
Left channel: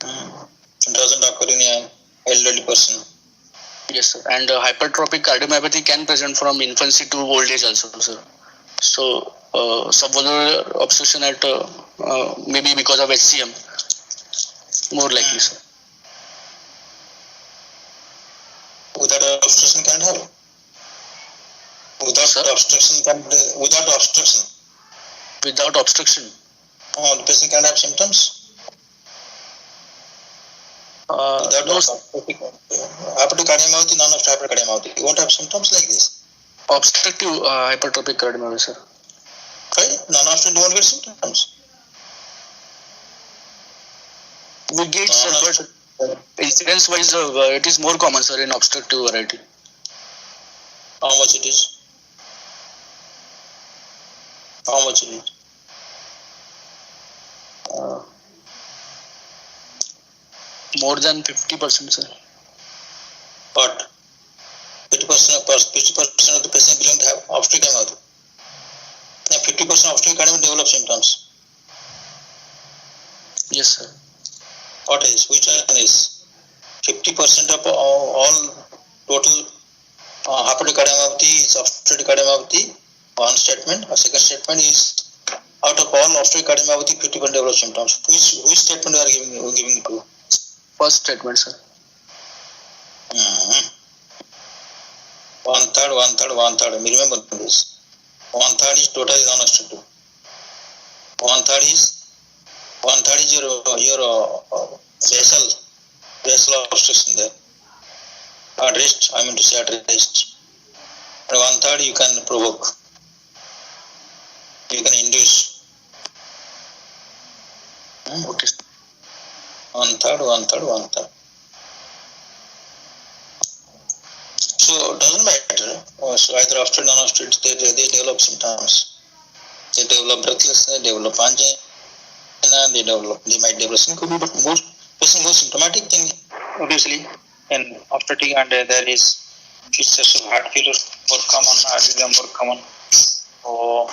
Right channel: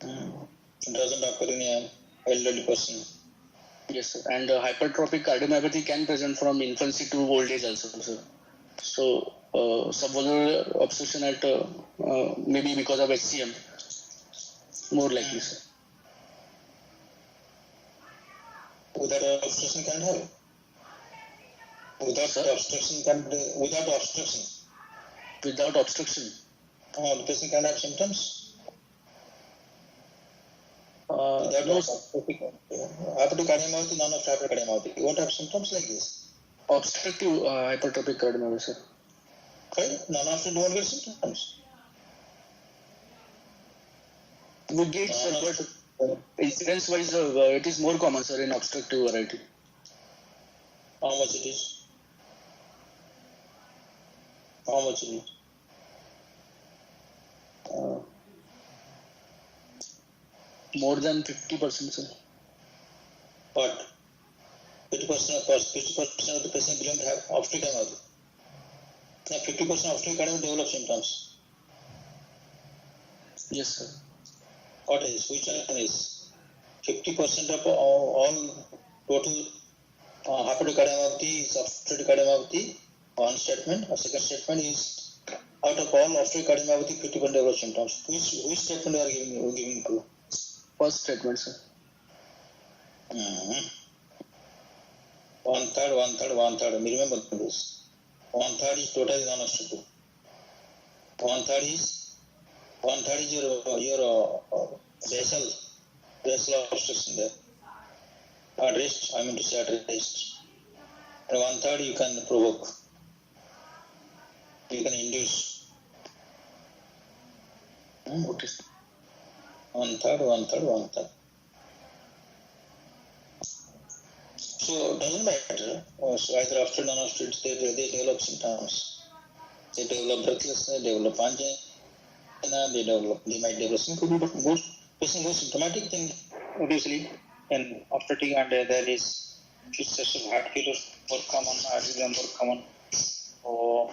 it doesn't occur in an elderly person. Yes, sir. And hypertrophic cardiomyopathy can present from infancy to old age also, sir. So, subvalvular obstruction at maybe because of HCM, more likely, sir. Without obstruction can't have. Without obstruction. Without obstruction. The patient can have symptoms. No, sir. Hypertrophic cardiomyopathy, non-obstructive cardiomyopathy. You won't have symptoms like this. Obstructive hypertrophic cardiomyopathy, sir. Right? Non-obstructive won't get symptoms. We get, sir, but incidence-wise, it is more common, sir, in obstructive variety. How much it is? How much it is? More than 50%, sir. What? 50% of the patient belong to have obstructive cardiomyopathy. Now 50% of obstructive cardiomyopathy develop symptoms. Yes, sir. What is? Which one is? 50% of all total hypertrophic cardiomyopathy is obstructive cardiomyopathy. One statement. A second statement is out of all obstructive cardiomyopathy, 50% develop symptoms. Which statement you are giving to? First statement, sir. One third. Remember this. One third is totally non-obstructive. One third is your basal obstruction there. At rest, I mean to say at rest. And one third you can provoke. You can induce. Okay. One third. So it doesn't matter. So either obstructed or non-obstructed, they develop symptoms. They develop breathlessness, they develop angina, they might develop syncope, but most symptomatic thing obviously in obstructing and there is features of heart failure Burkaman, Adilem Burkaman. Oh.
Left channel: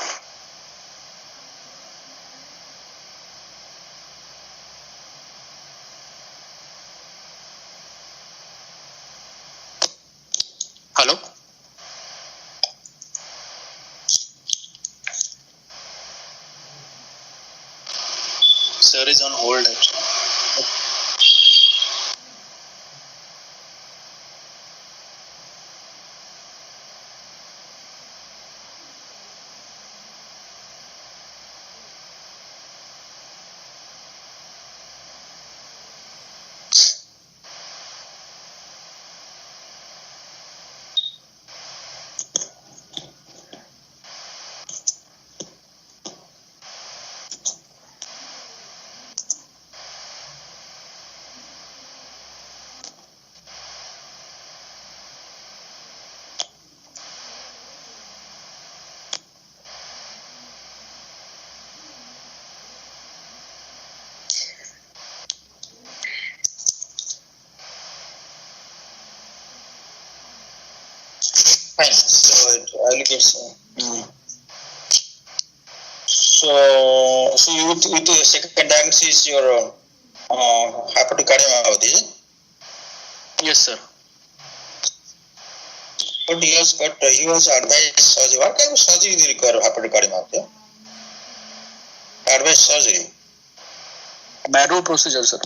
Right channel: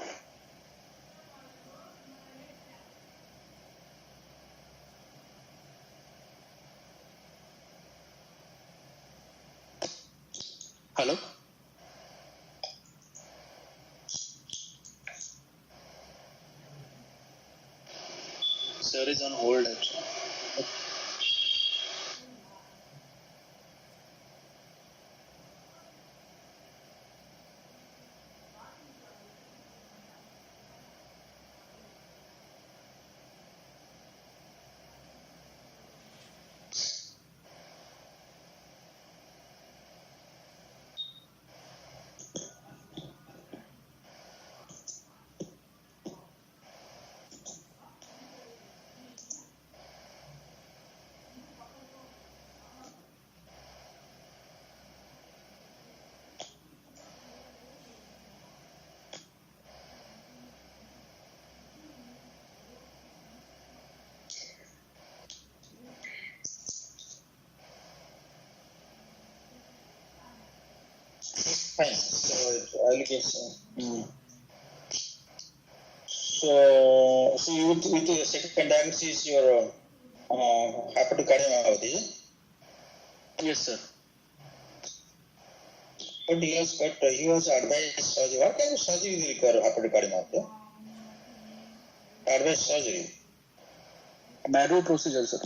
Hello? Sir is on hold actually. Fine. So I'll get some. So you with the second diagnosis your hepatic cardiomyopathy. Yes, sir. But he was advised surgery. What type of surgery do you require hepatic cardiomyopathy? Advised surgery. Marrow procedure, sir.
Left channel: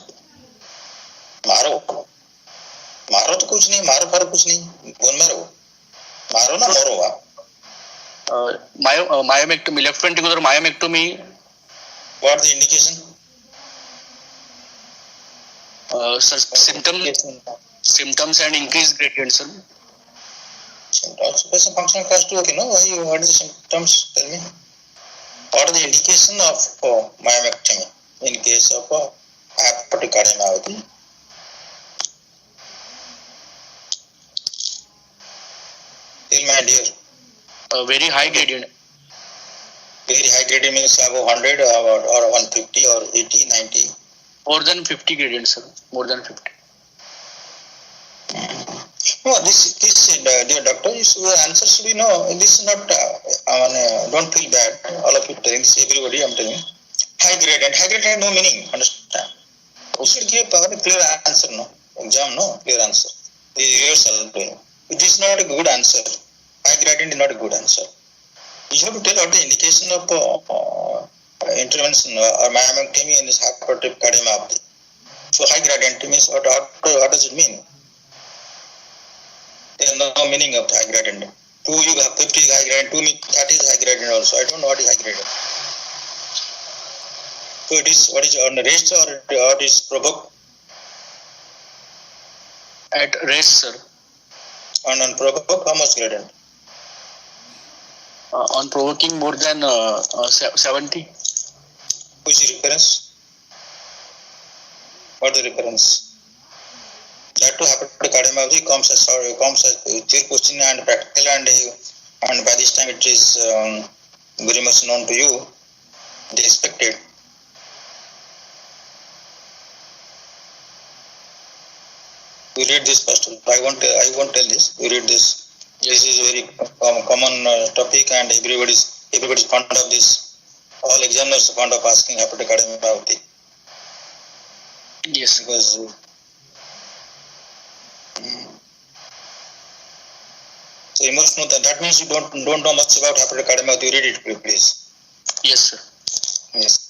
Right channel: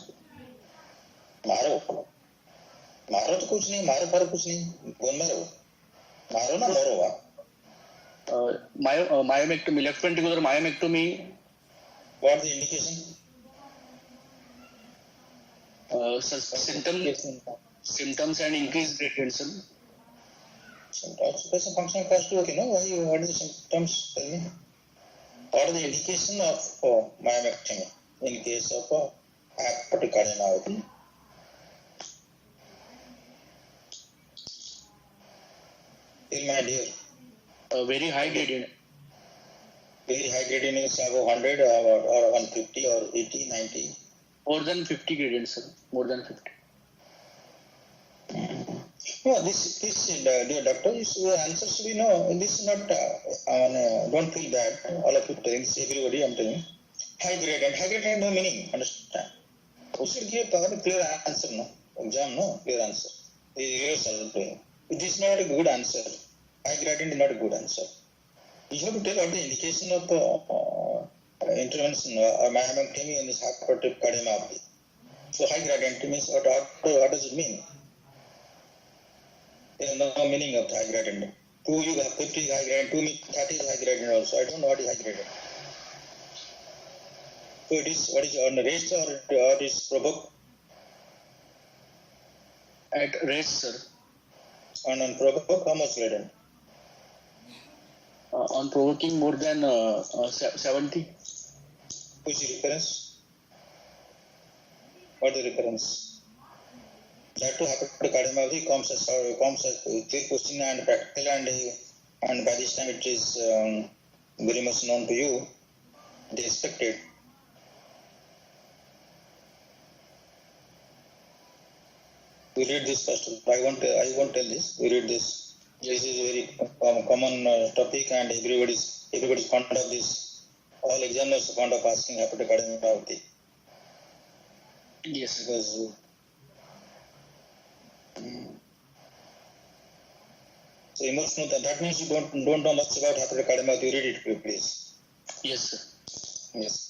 मारो तो कुछ नहीं, मारो pharaoh कुछ नहीं, bone marrow ना Myomectomy, left ventricular myomectomy. What are the indication? Sir, symptoms and increased gradient, sir. Symptoms, functional class 2, okay, no? What are the symptoms? Tell me. What are the indication of myomectomy in case of hepatic cardiomyopathy? Tell my dear. Very high gradient. Very high gradient means above 100 or 150 or 80, 90. More than 50 gradient, sir. More than 50. No, this dear doctor, your answer should be no. This is not. Don't feel bad. All of you telling this, everybody, I'm telling. High gradient has no meaning. Understand? You should give a clear answer. No exam, no clear answer. The rehearsal doing. It is not a good answer. High gradient is not a good answer. You have to tell what the indication of intervention or myomectomy in this hepatic cardiomyopathy. So high gradient means what does it mean? There is no meaning of high gradient. 2 you have 50 high gradient, 2 that is high gradient also. I don't know what is high gradient. So it is what is on rest or what is provoked? At rest, sir. And on provoke, how much gradient? On provoking more than 70. Which is reference? What is the reference? That to hepatic cardiomyopathy comes as clear question and practical and by this time it is very much known to you. It is expected. You read this first. I won't tell this. You read this. This is a very common topic, and everybody's fond of this. All examiners are fond of asking hepatic cardiomyopathy. Yes. Because so emotional. That means you don't know much about hepatic cardiomyopathy. You read it, please. Yes, sir. Yes.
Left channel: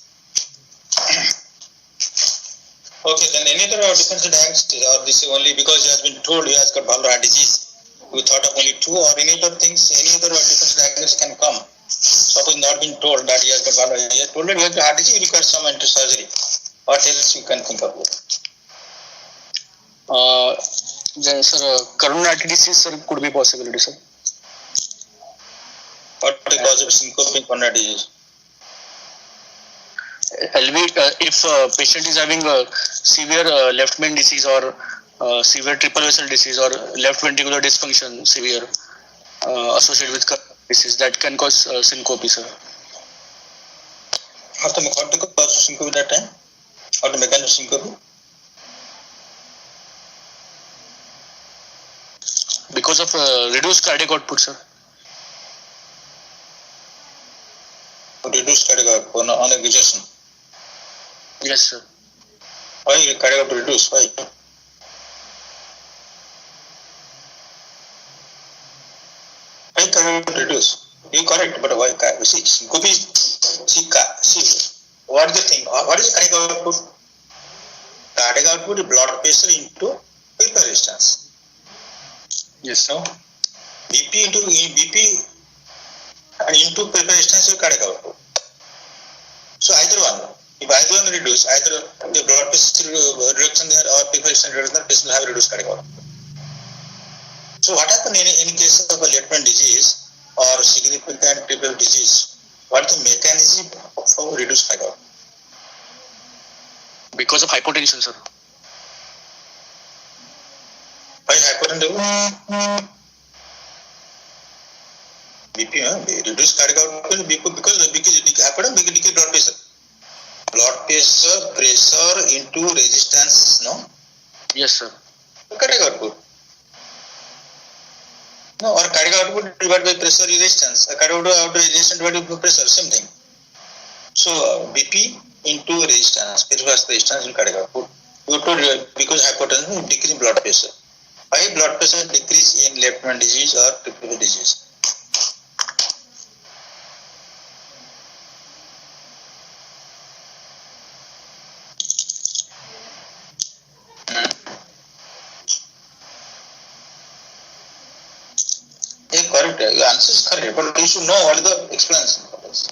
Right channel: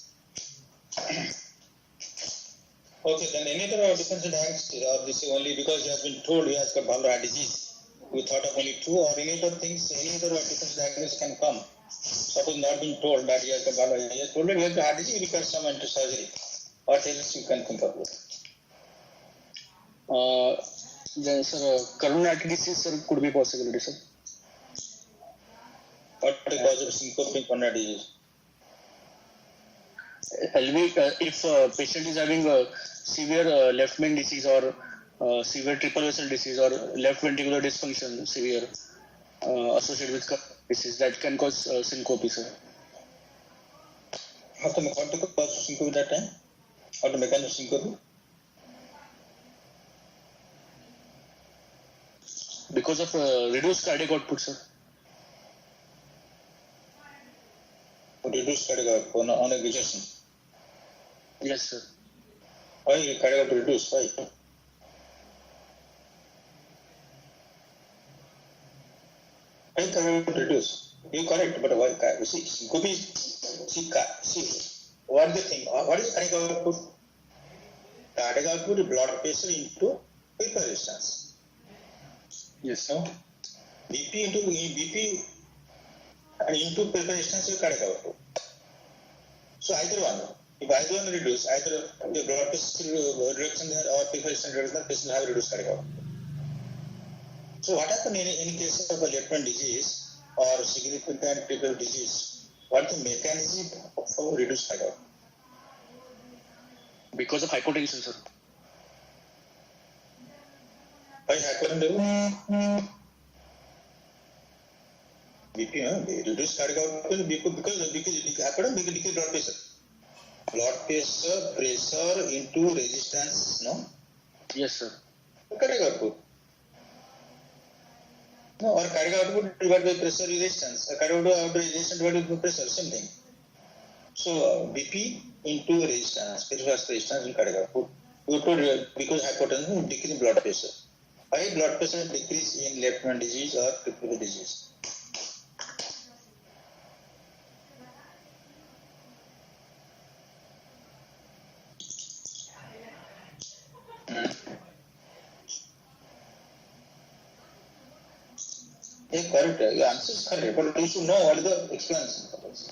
Okay, then any other differential diagnosis, or this is only because he has been told he has got valvular heart disease? We thought of only 2, or any other things, any other differential diagnosis can come. Suppose not been told that he has got valvular, he has told that he has got heart disease, he requires some surgery. What else you can think of? Then, sir, coronary artery disease, sir, could be possibility, sir. What is the cause of syncope in coronary disease? If patient is having severe left main disease or severe triple vessel disease or left ventricular dysfunction severe associated with disease, that can cause syncope, sir. How to cause syncope that time? How to mechanism syncope? Because of reduced cardiac output, sir. reduce cardiac output on exertion. Yes, sir. Why cardiac output reduce? Why? Why cardiac output reduce? You correct, but why? See, Gopi, see, what is the thing? What is cardiac output? Cardiac output is blood pressure into paper resistance. Yes, No? BP and into paper resistance is cardiac output. So either one. If either one reduce, either the blood pressure reduction there or paper resistance reduction, this will have reduced cardiac output. So what happens in case of a Lettman disease or significant triple disease? What is the mechanism for reduced cardiac output? because of hypotension, sir. Why hypertension? BP, reduced cardiac output because hypertension decrease blood pressure. Blood pressure into resistance, no? Yes, sir. Cardiac output. No, or cardiac output divided by pressure resistance. Cardiac output resistance divided by pressure, same thing. So BP into resistance, peripheral resistance in cardiac output. Because hypertension decrease blood pressure. Why blood pressure decrease in Lettman disease or triple disease? Yeah, correct. Your answer is correct, but you should know what is the explanation for this.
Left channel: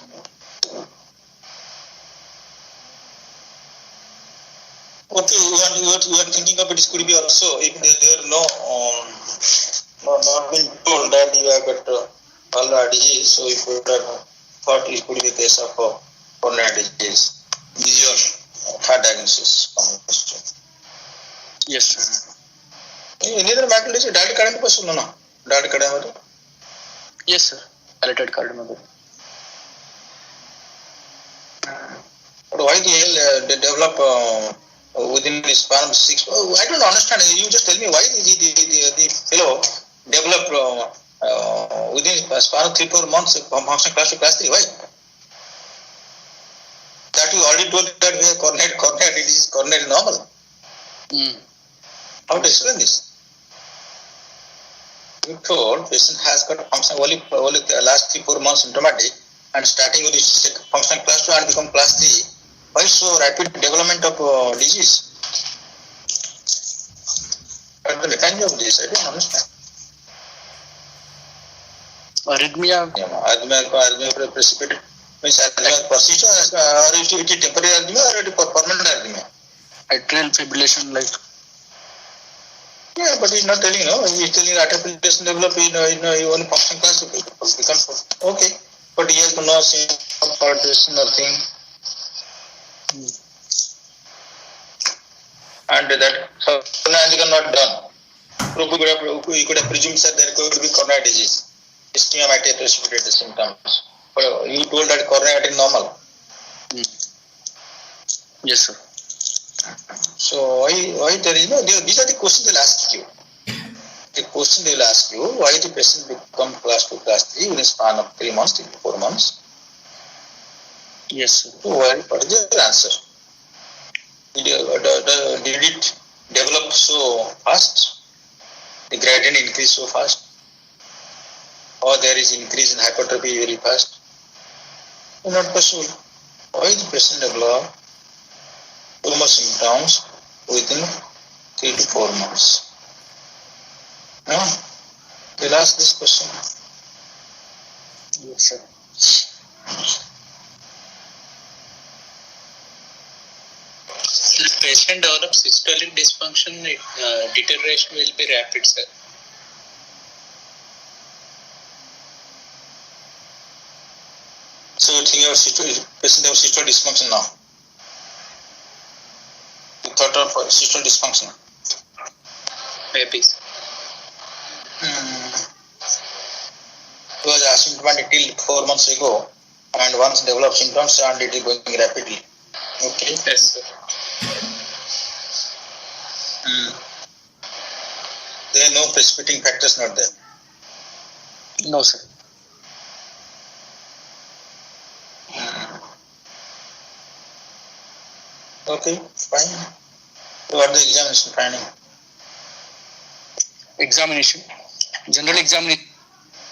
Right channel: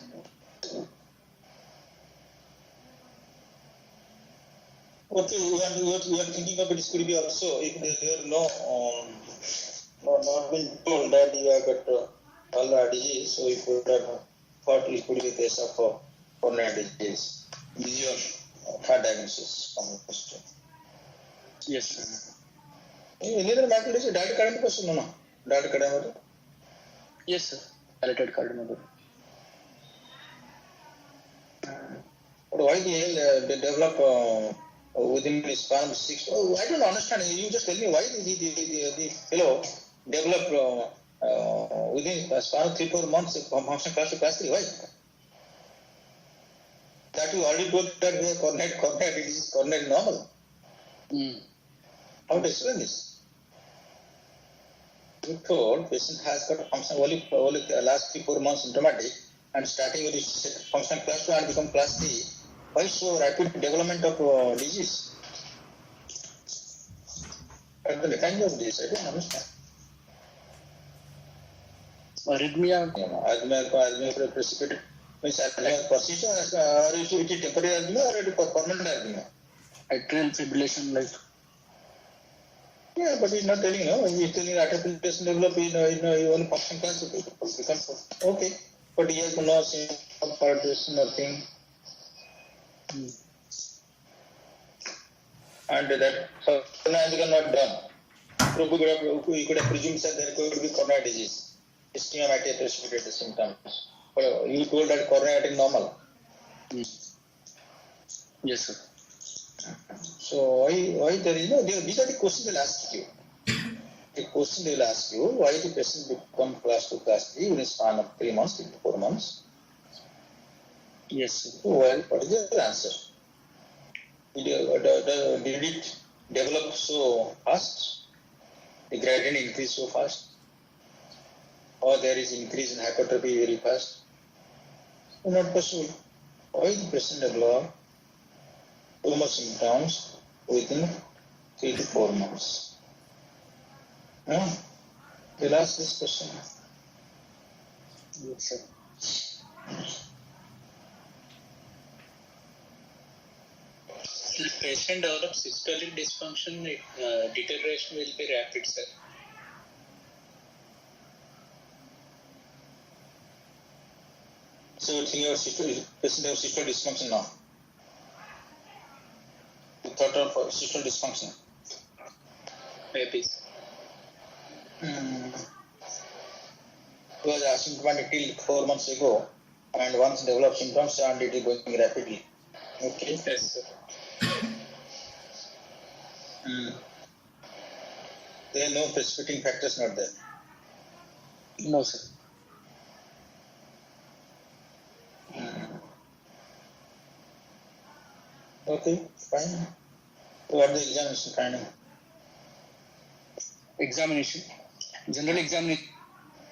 Okay, you are thinking of it could be also if there are not been told that you have got pulmonary disease, so you could have thought it could be a case of coronary disease. This is your third diagnosis. Yes, sir. Any other medical disease? Dilated cardiomyopathy? No. Dilated cardiomyopathy? Yes, sir. Dilated cardiomyopathy. But why they develop within the span of 6? I don't understand. You just tell me why the fellow develop within the span of 3-4 months from function class to class 3. Why? That you already told that we have coronary disease, coronary normal. How to explain this? You told patient has got function only the last 3-4 months symptomatic and starting with this function class 2 and become class 3. Why so rapid development of disease? What the mechanism of this? I don't understand. Arrhythmia. Arrhythmia precipitate means arrhythmia persistent or it is temporary arrhythmia or it is permanent arrhythmia? Atrial fibrillation, like. Yeah, but he's not telling, no. He's telling atrial fibrillation develop in one function class becomes okay. But he has no symptom for this, nothing. And that coronary not done. We could have presumed that there could be coronary disease. Ischemia might have precipitated the symptoms. But you told that coronary is normal. Yes, sir. So why there is no? These are the questions they'll ask you. The question they'll ask you: why the patient become class 2, class 3 in a span of 3 months, 3 to 4 months? Yes, sir. What is the answer? Did it develop so fast? The gradient increase so fast? Or there is increase in hypertrophy very fast? Not possible. Why the patient develop too much symptoms within 3 to 4 months? No? They'll ask this question. Yes, sir. The patient develops systolic dysfunction, deterioration will be rapid, sir. So you think your patient have systolic dysfunction now? You thought of systolic dysfunction? Maybe, sir. It was asymptomatic till 4 months ago, and once developed symptoms, and it is going rapidly. Okay. Yes, sir. There are no precipitating factors not there. No, sir. Okay, fine. What the examination finding? Examination. General examination.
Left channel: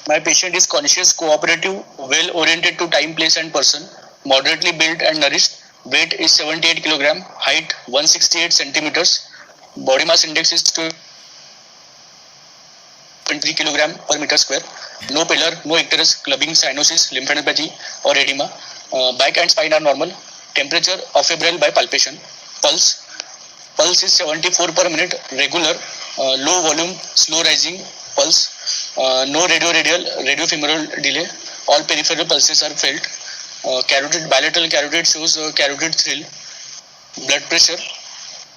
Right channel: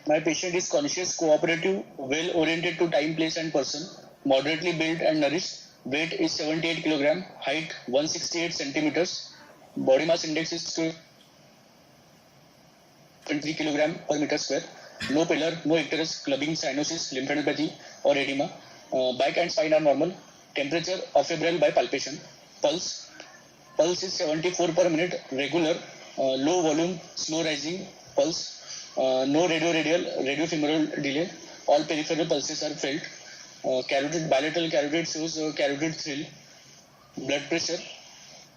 My patient is conscious, cooperative, well-oriented to time, place and person, moderately built and nourished. Weight is 78 kg, height 168 centimeters, body mass index is 23 kg per meter square. No pillar, no icterus, clubbing, cyanosis, lymphadenopathy or edema. Back and spine are normal. Temperature of febrile by palpation. Pulse is 74 per minute, regular, low volume, slow rising pulse. No radiofemoral delay. All peripheral pulses are felt. Bilateral carotid shows carotid thrill. Blood pressure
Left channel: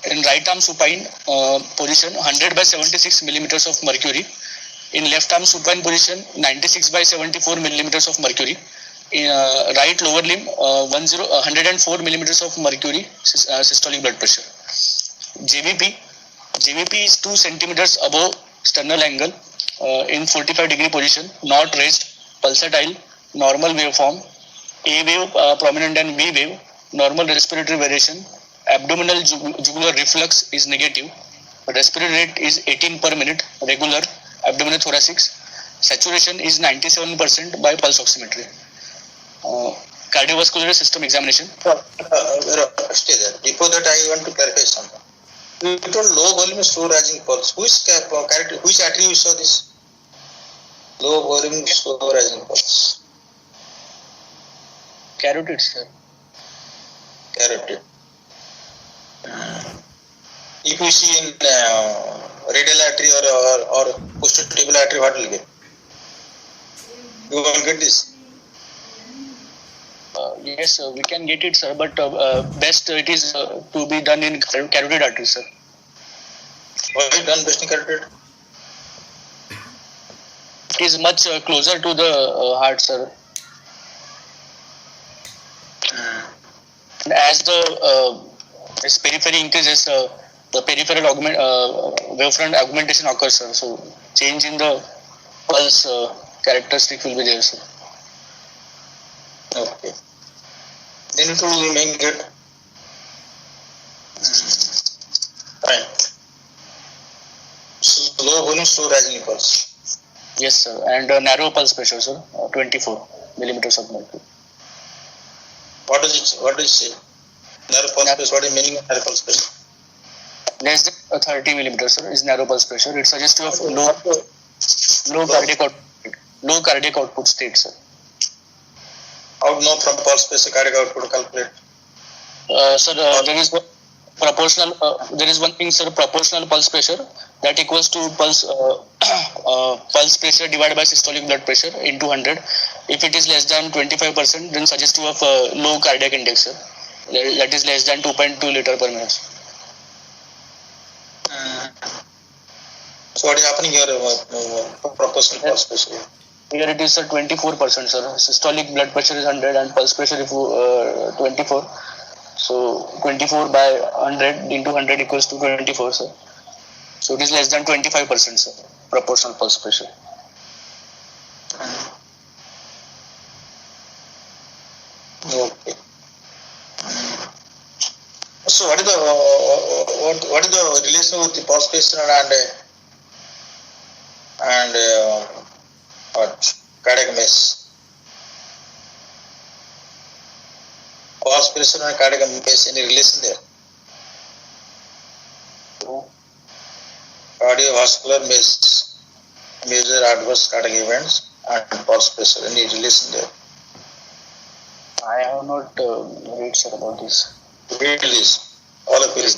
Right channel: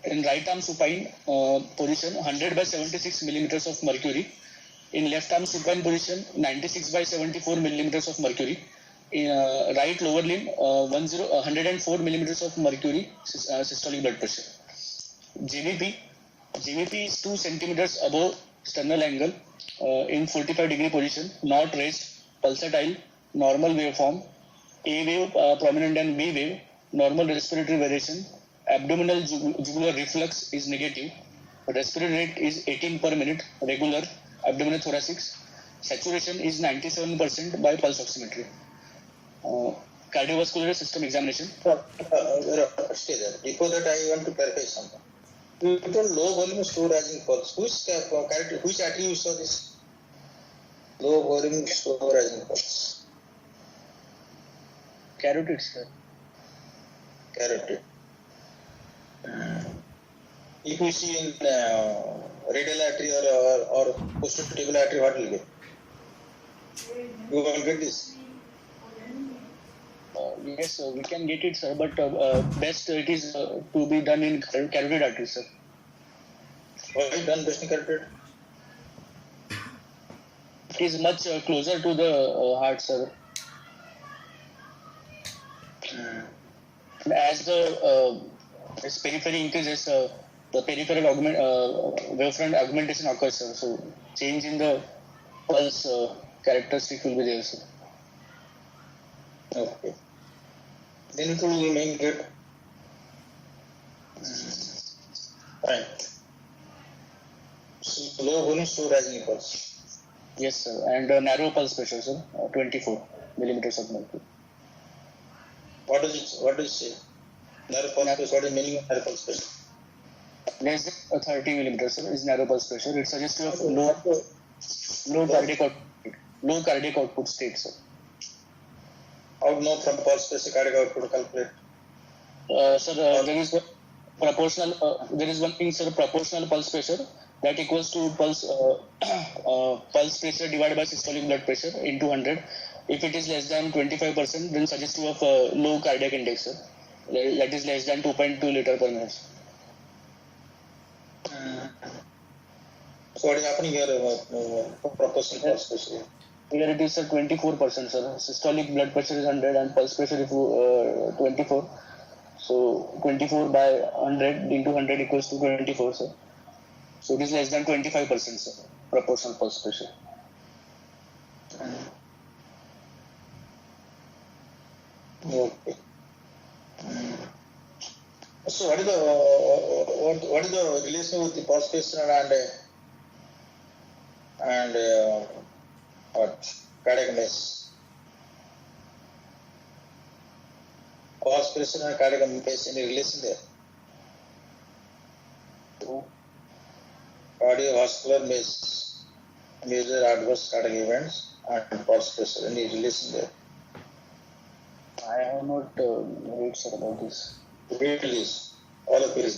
in right arm supine position 100 by 76 millimeters of mercury. In left arm supine position 96 by 74 millimeters of mercury. In right lower limb 104 millimeters of mercury systolic blood pressure. JVP is 2 centimeters above sternal angle in 45-degree position, not raised, pulsatile, normal waveform, A wave prominent and B wave, normal respiratory variation, abdominal jugular reflux is negative, respiratory rate is 18 per minute, regular, abdominal thoracics, saturation is 97% by pulse oximetry. Cardiovascular system examination. Stay there. Before that, I want to clarify something. You told low volume, slow rising pulse. Which attribute you saw this? Low volume, slow rising pulse. Carotid, sir. Carotid. If you see in radial artery or posterior tubular artery, what will get? You will get this. Yes, we can get it, sir, but best it is to be done in carotid artery, sir. Why done best in carotid? It is much closer to the heart, sir. And as the periphery increases, the peripheral wavefront augmentation occurs, sir. So change in the pulse characteristic will be there, sir. Okay. Then it will remain good. Fine. So low volume, slow rising pulse. Yes, sir. And narrow pulse pressure, sir. 24 millimeters of mercury. What does it say? Narrow pulse pressure. What is the meaning of narrow pulse pressure? Less than 30 millimeters, sir, is narrow pulse pressure. It suggests of low cardiac output state, sir. How to know from pulse pressure cardiac output to calculate? Sir, there is one thing, sir, proportional pulse pressure that equals to pulse pressure divided by systolic blood pressure into 100. If it is less than 25%, then suggestive of low cardiac index, sir. That is less than 2.2 liter per minute. So what is happening here? Proportional pulse pressure. Here it is 24%, sir. Systolic blood pressure is 100 and pulse pressure is 24. So 24 by 100 into 100 equals to 24, sir. So it is less than 25%, sir. Proportional pulse pressure. Okay. So what is the relation with the pulse pressure and cardiac mass? Pulse pressure and cardiac mass, any relation there? Cardiovascular mass, major adverse cardiac events, and pulse pressure, any relation there? I have not read, sir, about this. Read this, all of it.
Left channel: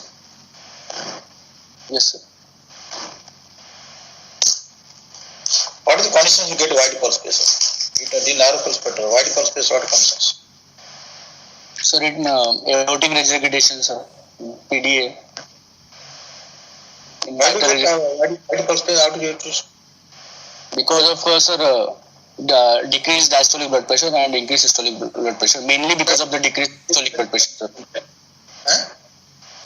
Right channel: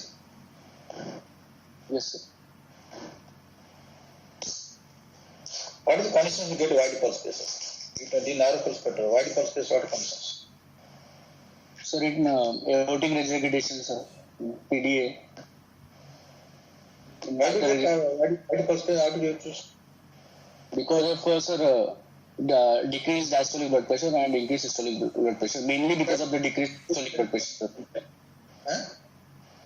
Yes, sir. What are the conditions you get wide pulse pressure? The narrow pulse pressure, wide pulse pressure, what conditions? Sir, in aortic regurgitation, sir, PDA. Why do you get wide pulse pressure? How do you choose? Because of, sir, the decreased diastolic blood pressure and increased systolic blood pressure. Mainly because of the decreased systolic blood pressure, sir. Huh?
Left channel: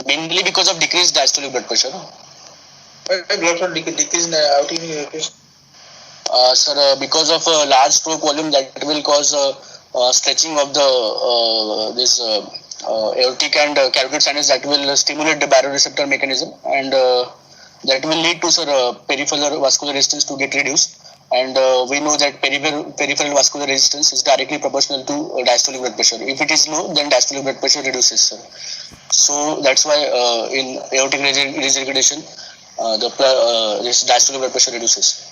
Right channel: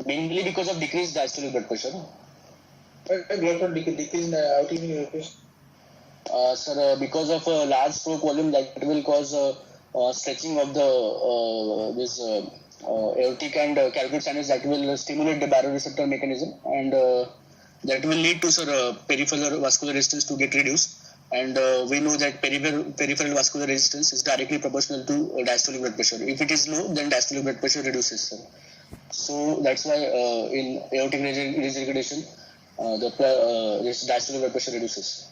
Mainly because of decreased diastolic blood pressure. Why blood pressure decrease in aortic regurgitation? Sir, because of large stroke volume, that will cause stretching of the aortic and carotid sinus that will stimulate the baroreceptor mechanism, and that will lead to peripheral vascular resistance to get reduced. And we know that peripheral vascular resistance is directly proportional to diastolic blood pressure. If it is low, then diastolic blood pressure reduces, sir. So that's why in aortic regurgitation, this diastolic blood pressure reduces.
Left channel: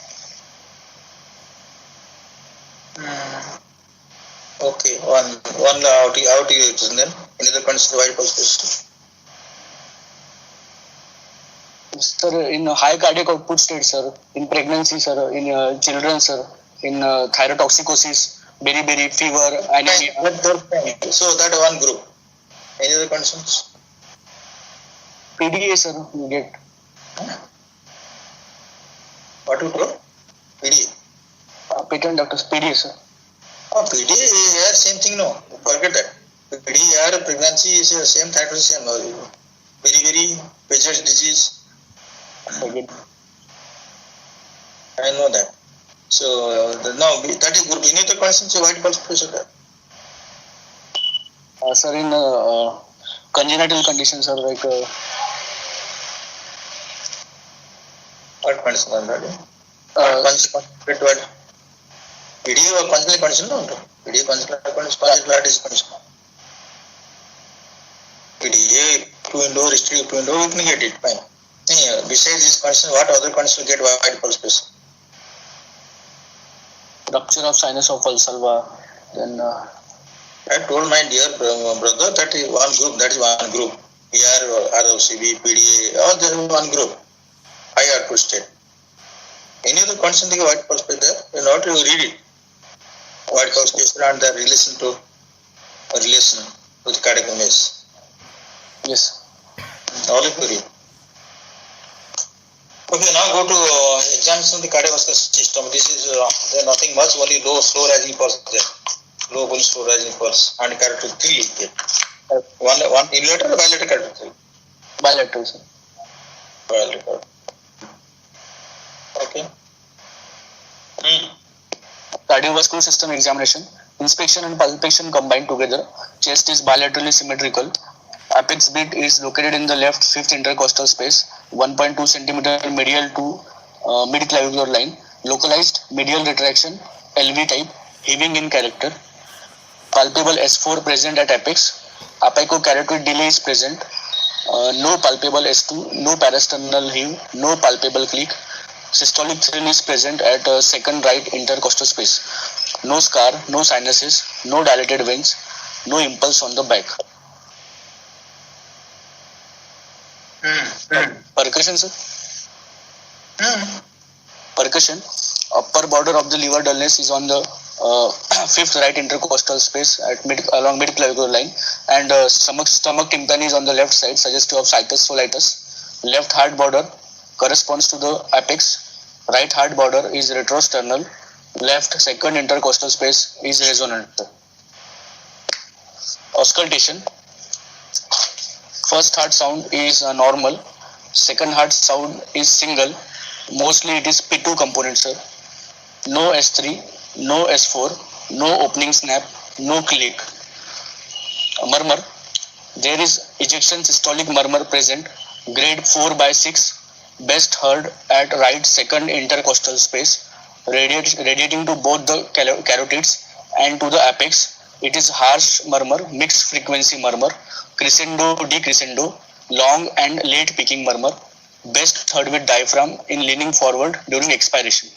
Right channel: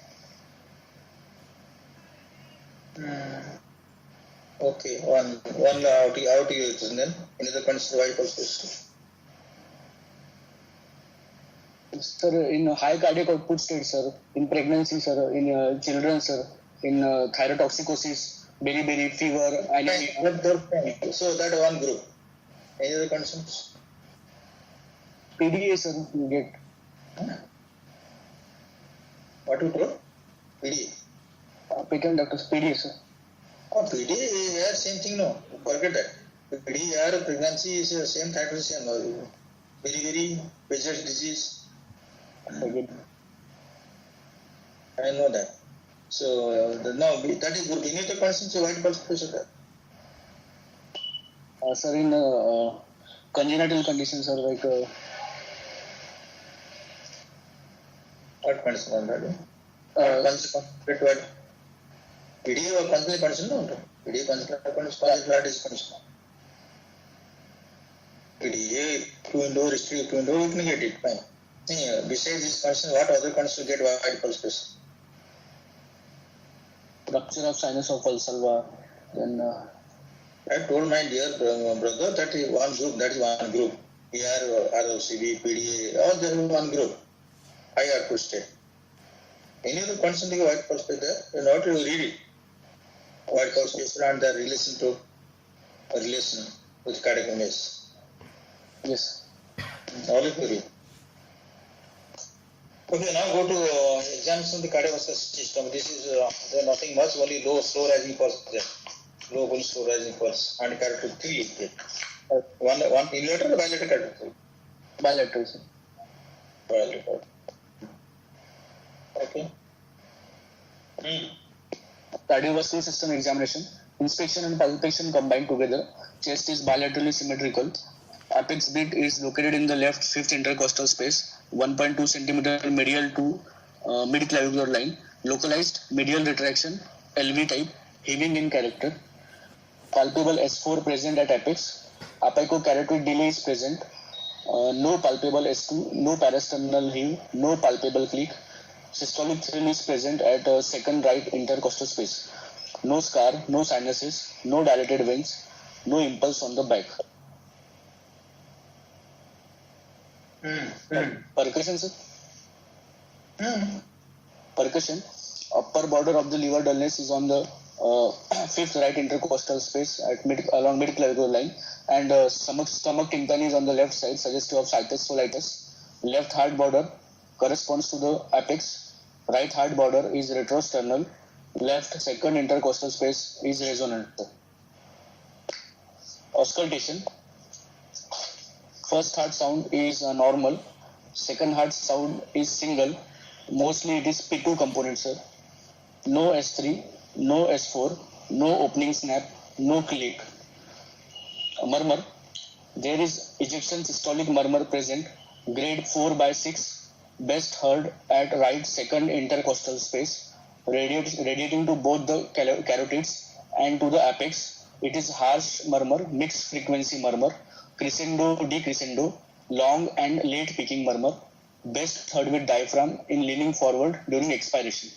Okay, one aortic regurgitation then. Any other condition white pulse space? Sir, in high cardiac output state, sir, in pregnancy, sir, in children, sir, in thyrotoxicosis, beriberi, fever, anemia. So that one group. Any other conditions? PDA, sir, you get. What you told? PDA. Patent doctors, PDA, sir. Oh, PDA, same thing, no. Forget that. PDA, pregnancy is same, that was same. Very, Paget's disease. I know that. So, now, that is group. Any other conditions, white pulse pressure? Sir, in congenital conditions, sir, like. What condition are that? PDA or congenital condition? No, PDA congenital condition. PDA, 2 indoor, restricted 2 indoor, you can get it, fine. Besides this condition, what other condition get white pulse pressure? Rupture of sinus of valsalva, then. I told my dear brother that is one group, PR, ROCB, PDA, all there is one group. High output state. Any other condition the white pulse pressure there? You know to read it. White pulse pressure and the relation with cardiac image. Yes. All of you read. Okay, now go to examination of the cardiovascular system. This is nothing much, only slow rising pulse there. Low pulse, slow rising pulse, and carotid 3 there. One unilateral or bilateral carotid? Bilateral, sir. Bilateral. Okay. Cardiovascular system examination. Inspection and palpation combined together. Chest is bilaterally symmetrical. Apex beat is located in the left fifth intercostal space, 1.2 cm medial to mid-clavicular line. Localized medial retraction, LV type, heaving in character. Palpable S4 present at apex. Apicocarotid delay is present. No palpable S2, no parasternal heave, no palpable click. Systolic thrill is present at second right intercostal space. No scar, no sinuses, no dilated veins, no impulse on the back. Percussion, sir? Percussion. Upper border of the liver dullness is on the fifth right intercostal space along mid-clavicular line, and stomach tympani is on the left side, suggestive of situs solitis. Left heart border corresponds to the apex. Right heart border is retrosternal. Left second intercostal space is resonant. Auscultation. First heart sound is normal. Second heart sound is single. Mostly it is P2 component, sir. No S3, no S4, no opening snap, no click. Murmur. There is ejection systolic murmur present. Grade 4/6. Best heard at right second intercostal space. Radiating to both the carotids and to the apex. It is harsh murmur, mixed frequency murmur, crescendo, decrescendo, long and late peaking murmur. Best heard with diaphragm in leaning forward during expiration.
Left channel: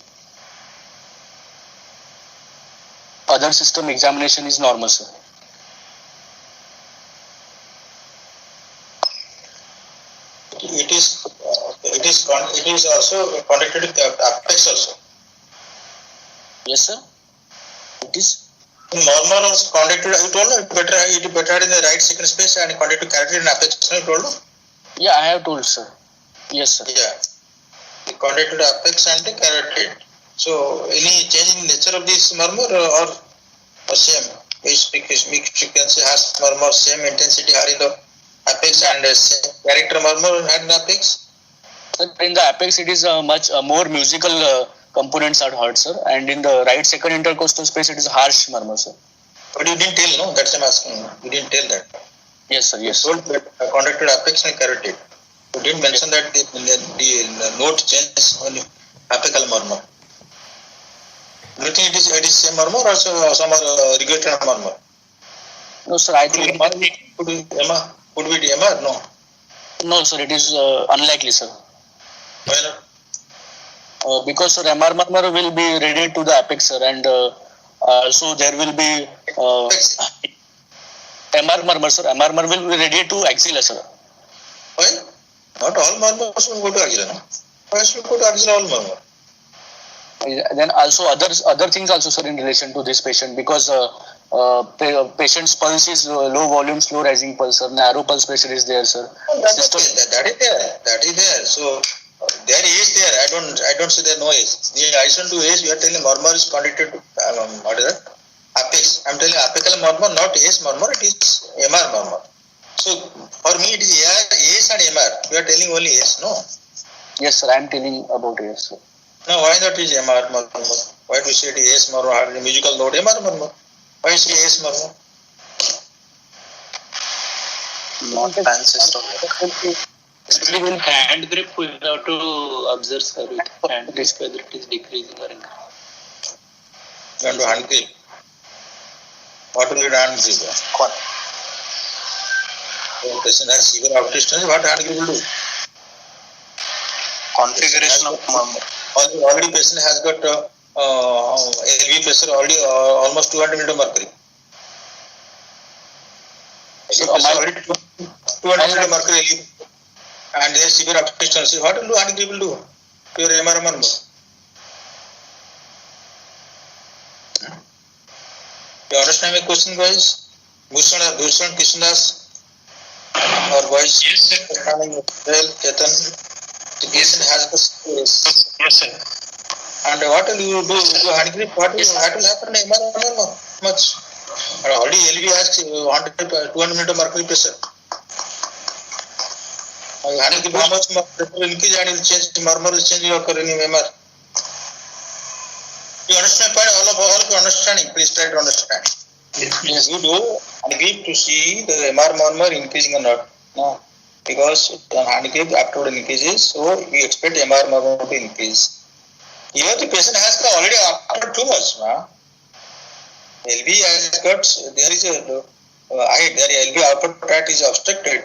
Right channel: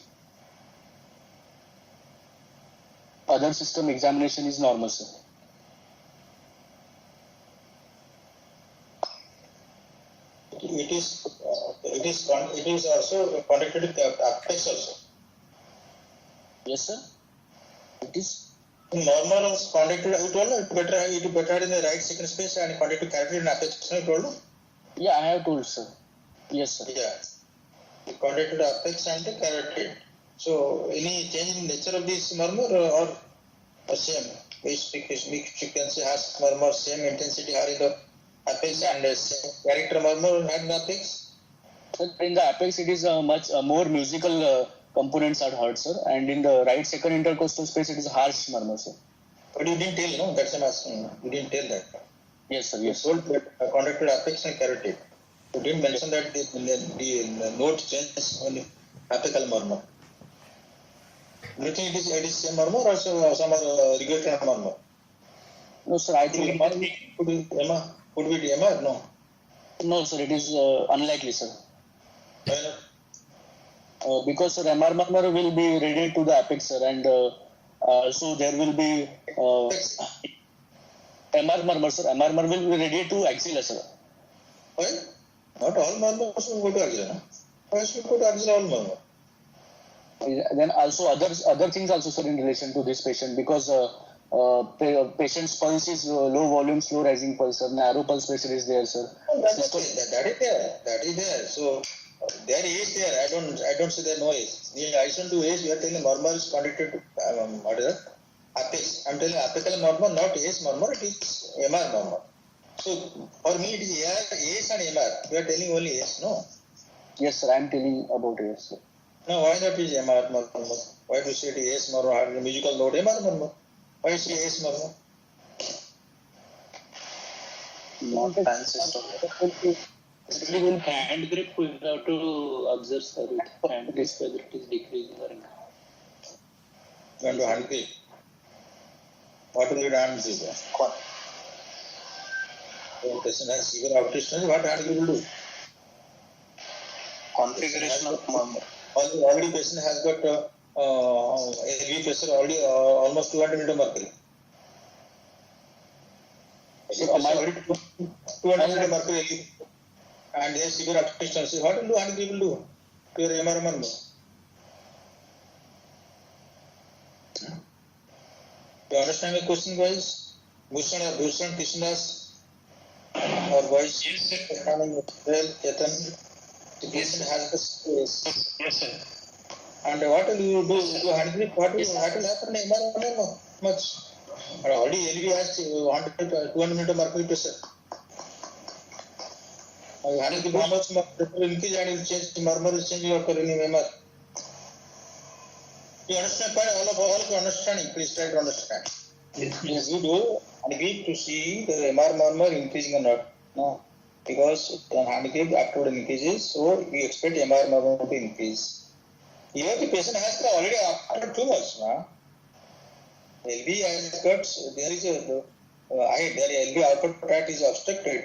Other system examination is normal, sir. It is also connected to apex also. Yes, sir. It is. Normal was connected. You told me it better in the right second space and connected to carotid and apex. You told me. Yeah, I have told, sir. Yes, sir. Yeah, connected to apex and the carotid. So, any change in nature of this murmur or same? Which frequency has murmur, same intensity are in the apex and same character murmur had in the apex? In the apex, it is much more musical components are heard, sir. And in the right second intercostal space, it is harsh murmur, sir. But you didn't tell, no? That's what I'm asking. You didn't tell that. Yes, sir. Yes. You told that contracted apex and carotid. You didn't mention that the node changes on apical murmur. Do you think it is same murmur or some regulated murmur? No, sir. I think Could be MR? No. no, sir. It is unlikely, sir. Why not? Because sir, MR murmur will be radiated to the apex, sir, and so there will be MR murmur, sir. MR murmur will be radiated to axilla, sir. Why? Not all murmurs will go to axilla. No? Why should go to axilla all murmur? Then also other things also, sir, in relation to this patient, because patient's pulse is low volume, slow rising pulse, sir. Narrow pulse pressure is there, sir. That is there. That is there. So there is there. I don't say there no is. In addition to is, you are telling murmur is conducted to what is that? Apex. I am telling apical murmur, not AS murmur. It is MR murmur. So for me it is AS and MR. You are telling only AS, no? Yes, sir. I am telling about AS, sir. No, why not is MR murmur? Why do you say it is AS murmur? The musical note MR murmur. Why is it AS murmur? Not fancy stuff. Hand grip, we have to observe, sir, with hand grip whether it is decreasing or increasing. You want to hand grip? What will you do hand grip? The patient has severe outdistance. What hand grip will do? Configuration of murmur. Already patient has got LV pressure already almost 200 mm mercury. So, already 200 mm mercury and there is severe obstruction. What will do hand grip will do? Your MR murmur. You understand my question, guys? Bhushan, Krishnas, or boys? Yes, sir. Chetan. The patient has the space. Yes, sir. And what will you do hand grip? What will happen in MR? Much. Already LV has 200 mm mercury pressure. Hand grip, how much pressure will increase and will change, the murmur will change occur in MR. You understand? All of you understanding? Please try to understand. Yes. You do hand grip to see the MR murmur increasing or not. No. Because the hand grip afterward increases, so we expect MR murmur to increase. Here the patient has already after too much. LV has got, there is a LV output tract is obstructed.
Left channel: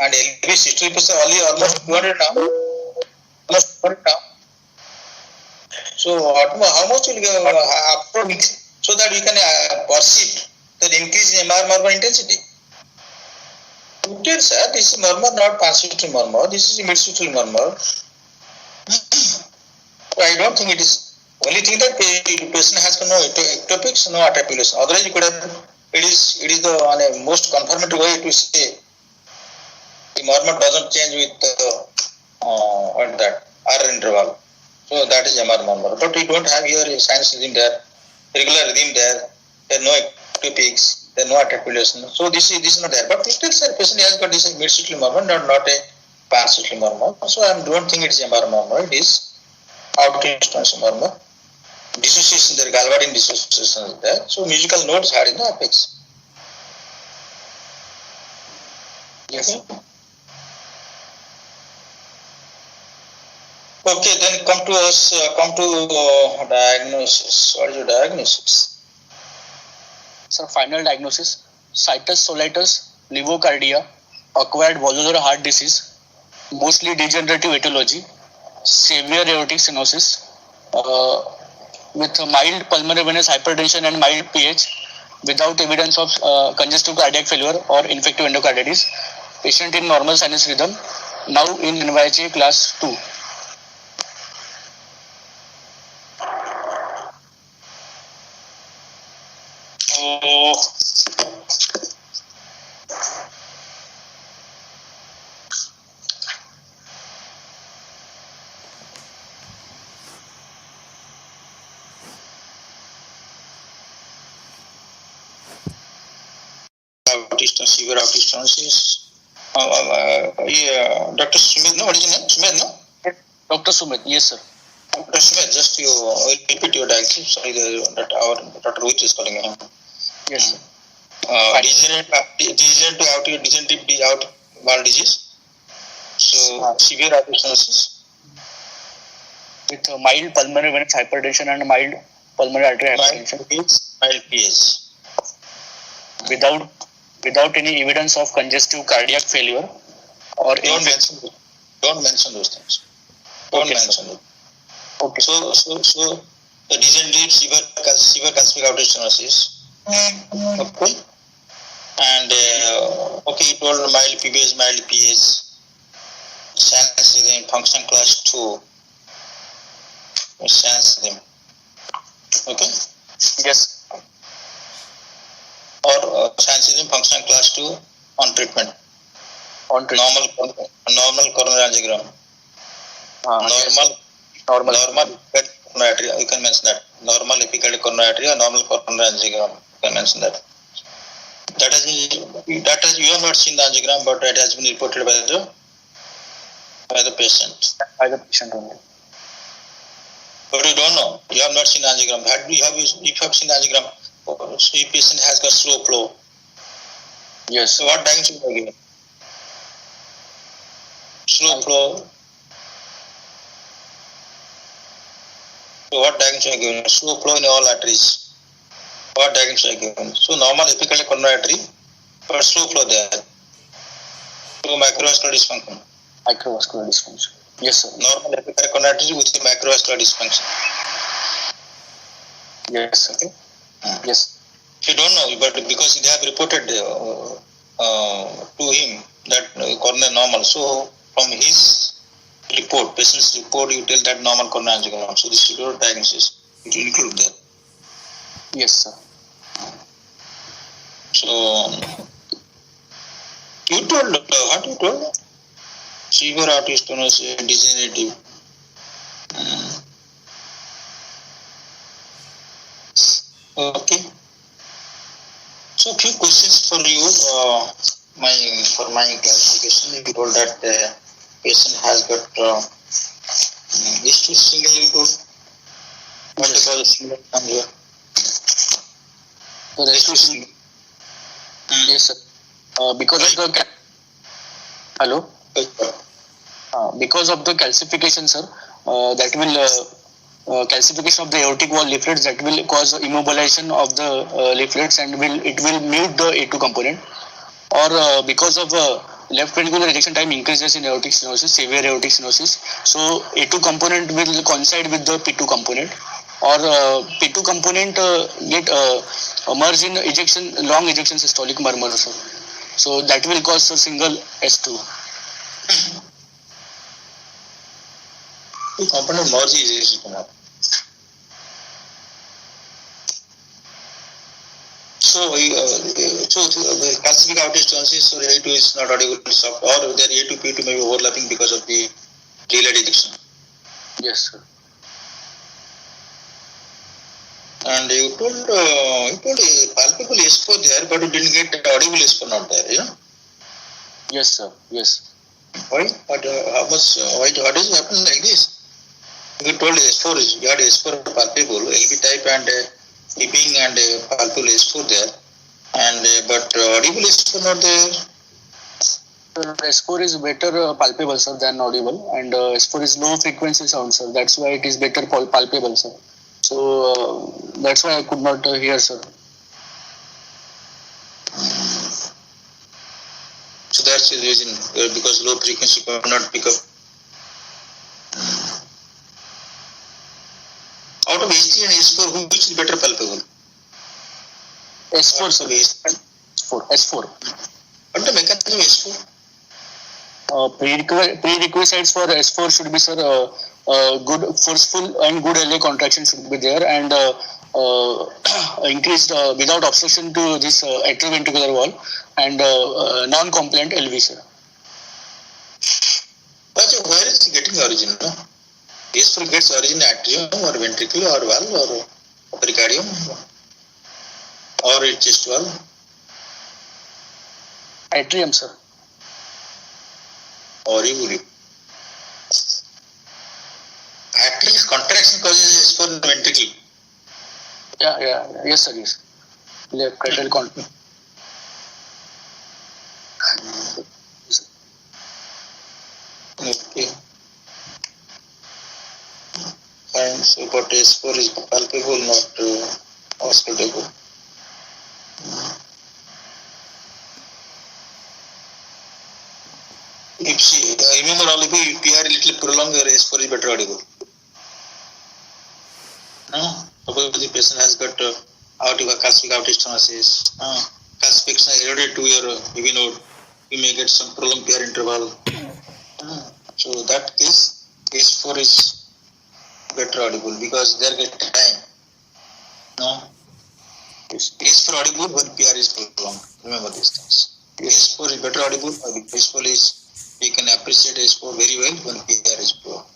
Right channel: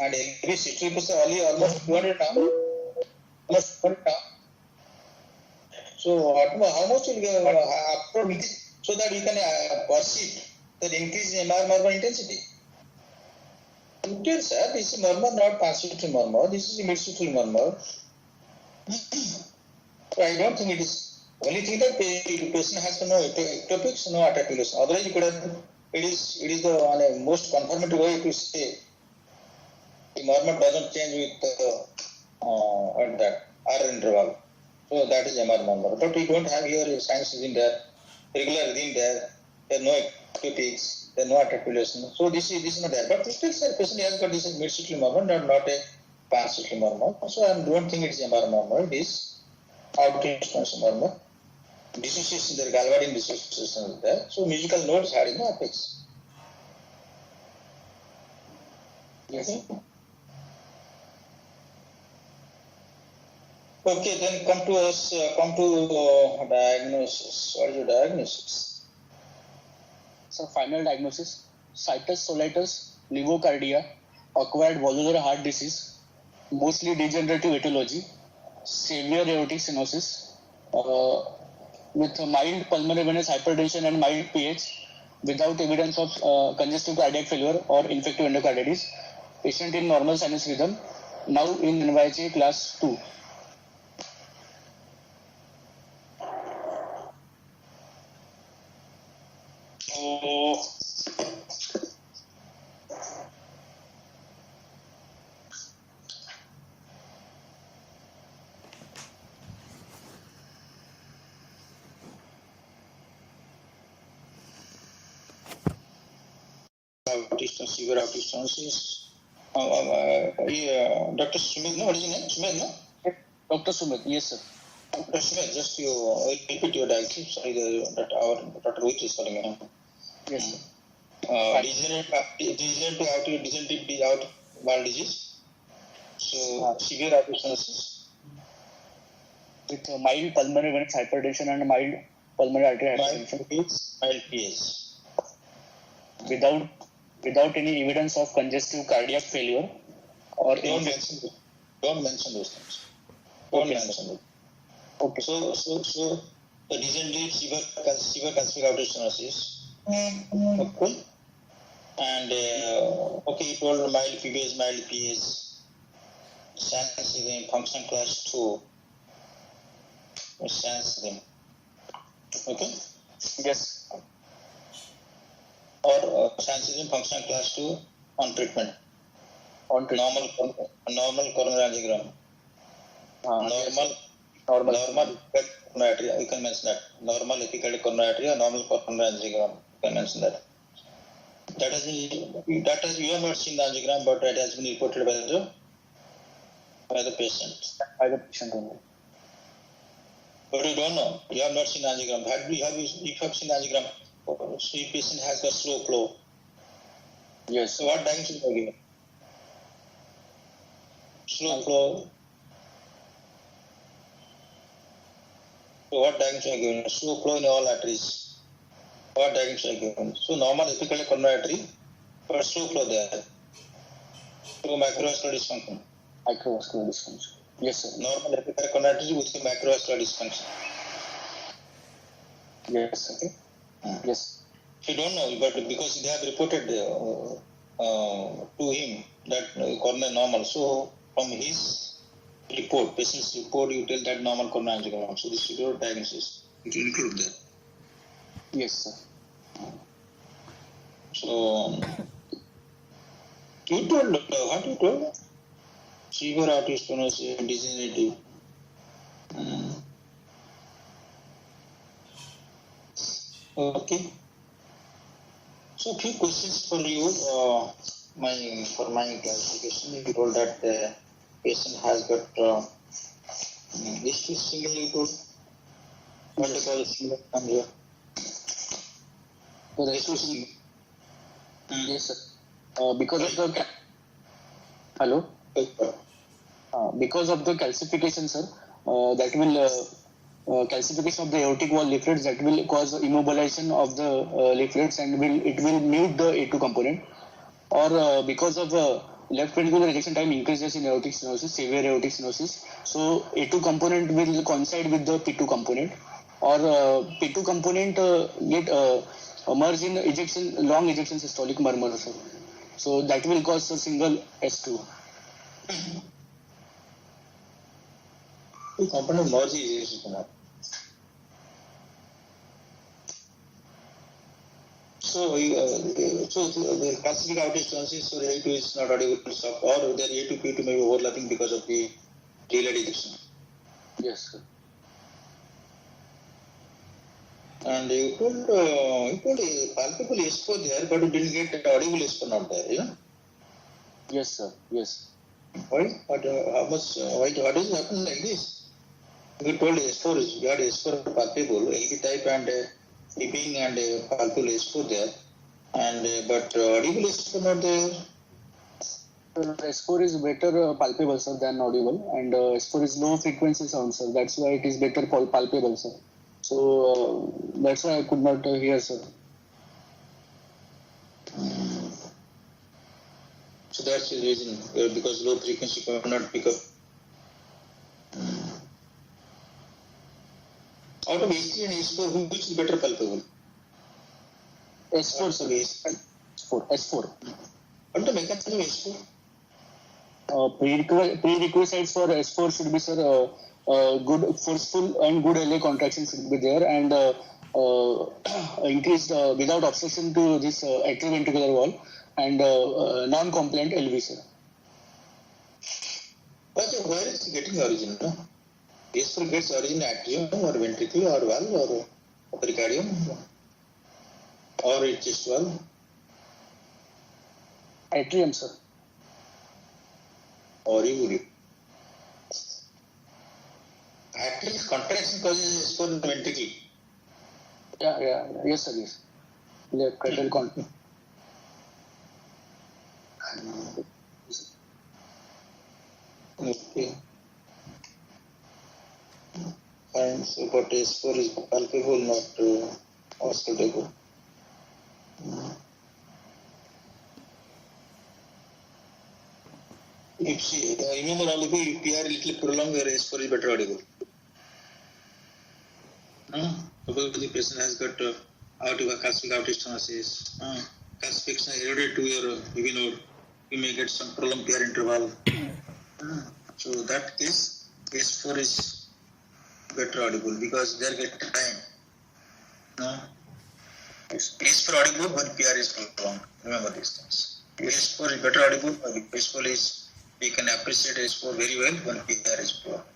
And LV systolic pressure only almost 200 now. Almost 200 now. So how much will go upward so that we can perceive the increase in MR murmur intensity? Sir, this is murmur, not pansexual murmur. This is midsexual murmur. So I don't think it is. Only thing that the patient has no ectopics, no articulation. Otherwise, you could have. It is the on a most confirmatory way to say the murmur doesn't change with that R interval. So that is MR murmur. But we don't have here a sinus rhythm there, regular rhythm there. There are no ectopics, there are no articulation. So this is not there. But still, sir, patient has got this midsexual murmur, not a pansexual murmur. So I don't think it's MR murmur. It is outdistance murmur. Dissociation there, Galvadian dissociation is there. So musical notes are in the apex. Yes. Okay, then come to diagnosis. What is your diagnosis? Sir, final diagnosis: situs solitus, levocardia, acquired valvular heart disease, mostly degenerative etiology, severe aortic stenosis, with mild pulmonary venous hypertension and mild pH, without evidence of congestive cardiac failure or infective endocarditis. Patient in normal sinus rhythm, now in NYHA class 2. Severe aortic stenosis. Dr. Sumit, no, what is your name? Sumit, no? Dr. Sumit, yes, sir. Dr. Sumit, just you repeat your diagnosis. Sorry, that our Dr. Rohit is calling him. Yes, sir. degenerative outward disease. So severe aortic stenosis. With mild pulmonary venous hypertension and mild pulmonary artery hypertension. Mild PS. Without any evidence of congestive cardiac failure or Don't mention those things. Don't mention it. Okay. So the degenerative severe calcific aortic stenosis. Okay. And you told mild PBS, mild PS. SANS is in function class 2. SANS is in. Okay. Yes. Or SANS is in function class 2 on treatment. Normal coronary angiogram. Normal coronary artery. You can mention that. Normal epicardial coronary artery or normal coronary angiogram. You can mention that. You have not seen the angiogram, but it has been reported by the patient. By the patient only. But you don't know. You have not seen the angiogram. If you have seen the angiogram, the patient has got slow flow. Yes. So what diagnosis are given? Slow flow. So what diagnosis are given? Slow flow in all arteries. What diagnosis are given? So normal epicardial coronary artery, but slow flow there. So microvascular dysfunction. Microvascular dysfunction. Yes, sir. Normal epicardial coronary artery with the microvascular dysfunction. Yes, sir. Okay. Yes. You don't know, but because they have reported to him that coronary normal, so from his report, patient's report, you tell that normal coronary angiogram. So this is your diagnosis. It will include that. Yes, sir. So you told what you told? Severe aortic stenosis, degenerative. Okay. So few questions for you. For my clarification, you told that the patient has got H2 single. You told what is called single angio? Yes, sir. Because of the hello. Because of the calcification, sir, that will calcification of the aortic wall leaflets that will cause immobilization of the leaflets and it will mute the A2 component, or because of left ventricular ejection time increases in aortic stenosis, severe aortic stenosis, so A2 component will coincide with the P2 component, or P2 component get merge in long ejection systolic murmur, sir. So that will cause a single S2. Component merge is So the calcific aortic stenosis, so A2 is not audible soft, or their A2 P2 may be overlapping because of the delayed ejection. Yes, sir. And you told palpable S4 there, but you didn't get audible S4 not there, yeah? Yes, sir. Yes. Why? What is happening like this? You told S4 is, you had S4 palpable, LB type and beeping and palpable S4 there, and but audible S4 not there. S4 is better palpable, sir, than audible, and S4 is low frequency sound, sir. That's why it is better palpable, sir. So that's why I could not hear, sir. So that's the reason, because low frequency could not pick up. Out of S3 and S4, which is better palpable? S4, sir. S4. What the mechanism S4? Prerequisites for S4 should be, sir, good forceful and good LA contraction should be there, and increased without obstruction to this atrioventricular wall, and non-compliant LV, sir. But where is it getting origin? No? S4 gets origin atrium or ventricle or valve or pericardium or its chest valve? Atrium, sir. Or atrium contraction causes S4 ventricle. Yeah. Yes, sir. Yes. Left lateral contraction. Okay. Fine. So, but S4 is palpable, not auscultable. If she, remember all of you, if PR little prolonged, your S4 is better audible. Suppose the patient has got calcific outage stenosis, calcification eroded to your UV node, you may get some prolonged PR interval. So that case, S4 is better audible because they get time. No? S4 audible when PR is prolonged. Remember these things. S4 is better audible. S4 is, you can appreciate S4 very well when PR is prolonged.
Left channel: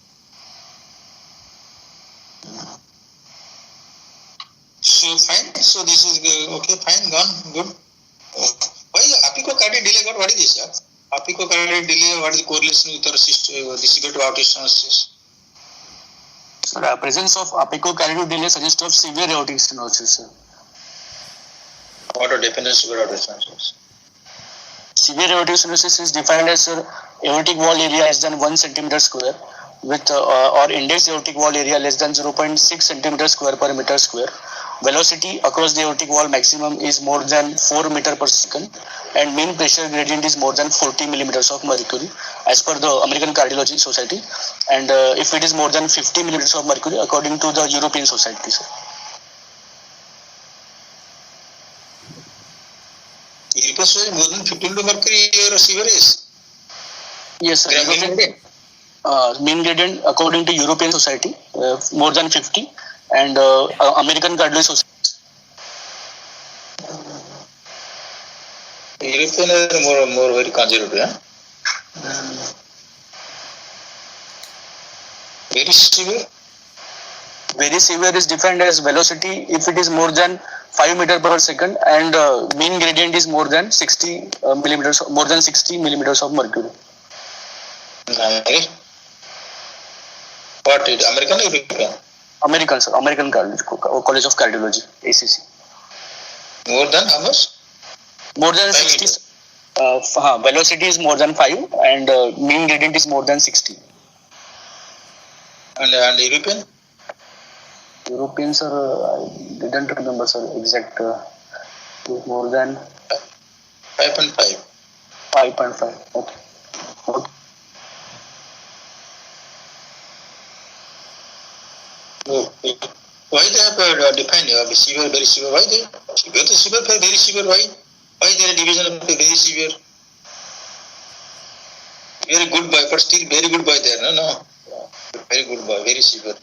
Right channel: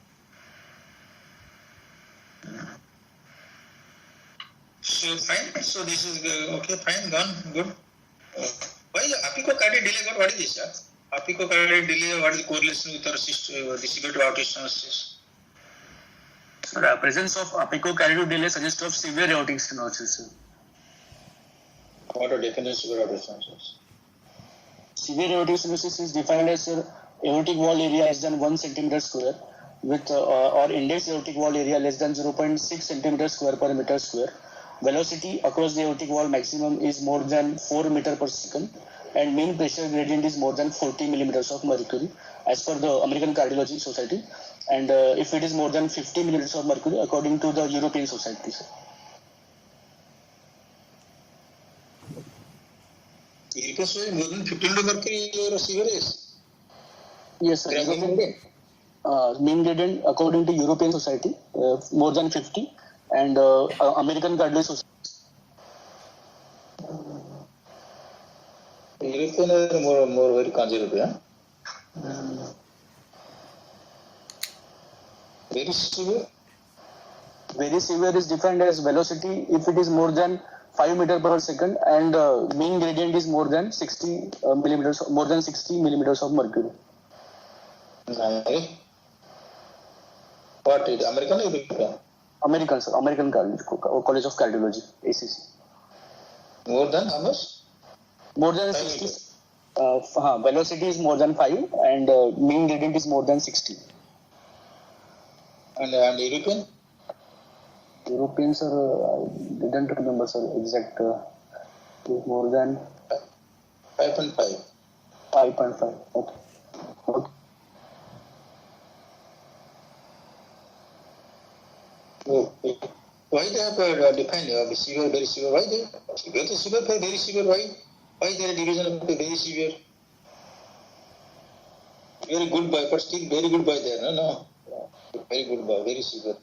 So fine. So this is okay. Fine. Gone. Good. Why apicocardial delay got? What is this? Yeah? Apicocardial delay. What is the correlation with our severe to outage stenosis? Sir, presence of apicocardial delay suggests of severe aortic stenosis, sir. What are definitions of severe outage stenosis? Severe aortic stenosis is defined as aortic wall area less than 1 centimeter square with or index aortic wall area less than 0.6 centimeter square per meter square. Velocity across the aortic wall maximum is more than 4 meter per second and mean pressure gradient is more than 40 millimeters of mercury as per the American Cardiology Society, and if it is more than 50 millimeters of mercury according to the European Society, sir. European Society more than 15 to mercury or severe is? Yes, sir. Mean gradient according to European Society more than 50 and American Cardiology Society. European are more very conservative. Very severe. Very severe is defined as velocity if it is more than 5 meter per second and mean gradient is more than 60 millimeters of mercury. Nice. What is American or European? American, sir. American College of Cardiology, ACC. More than how much? More than 60. Velocity is more than 5 and mean gradient is more than 60. And European? European, sir, I didn't remember, sir, exact. More than 5.5. 5.5. Okay. Why they have defined severe, very severe? Why they severe to severe, very severe? Why there is division of very severe? Very good boy, but still very good boy there. No. Very good boy, very severe.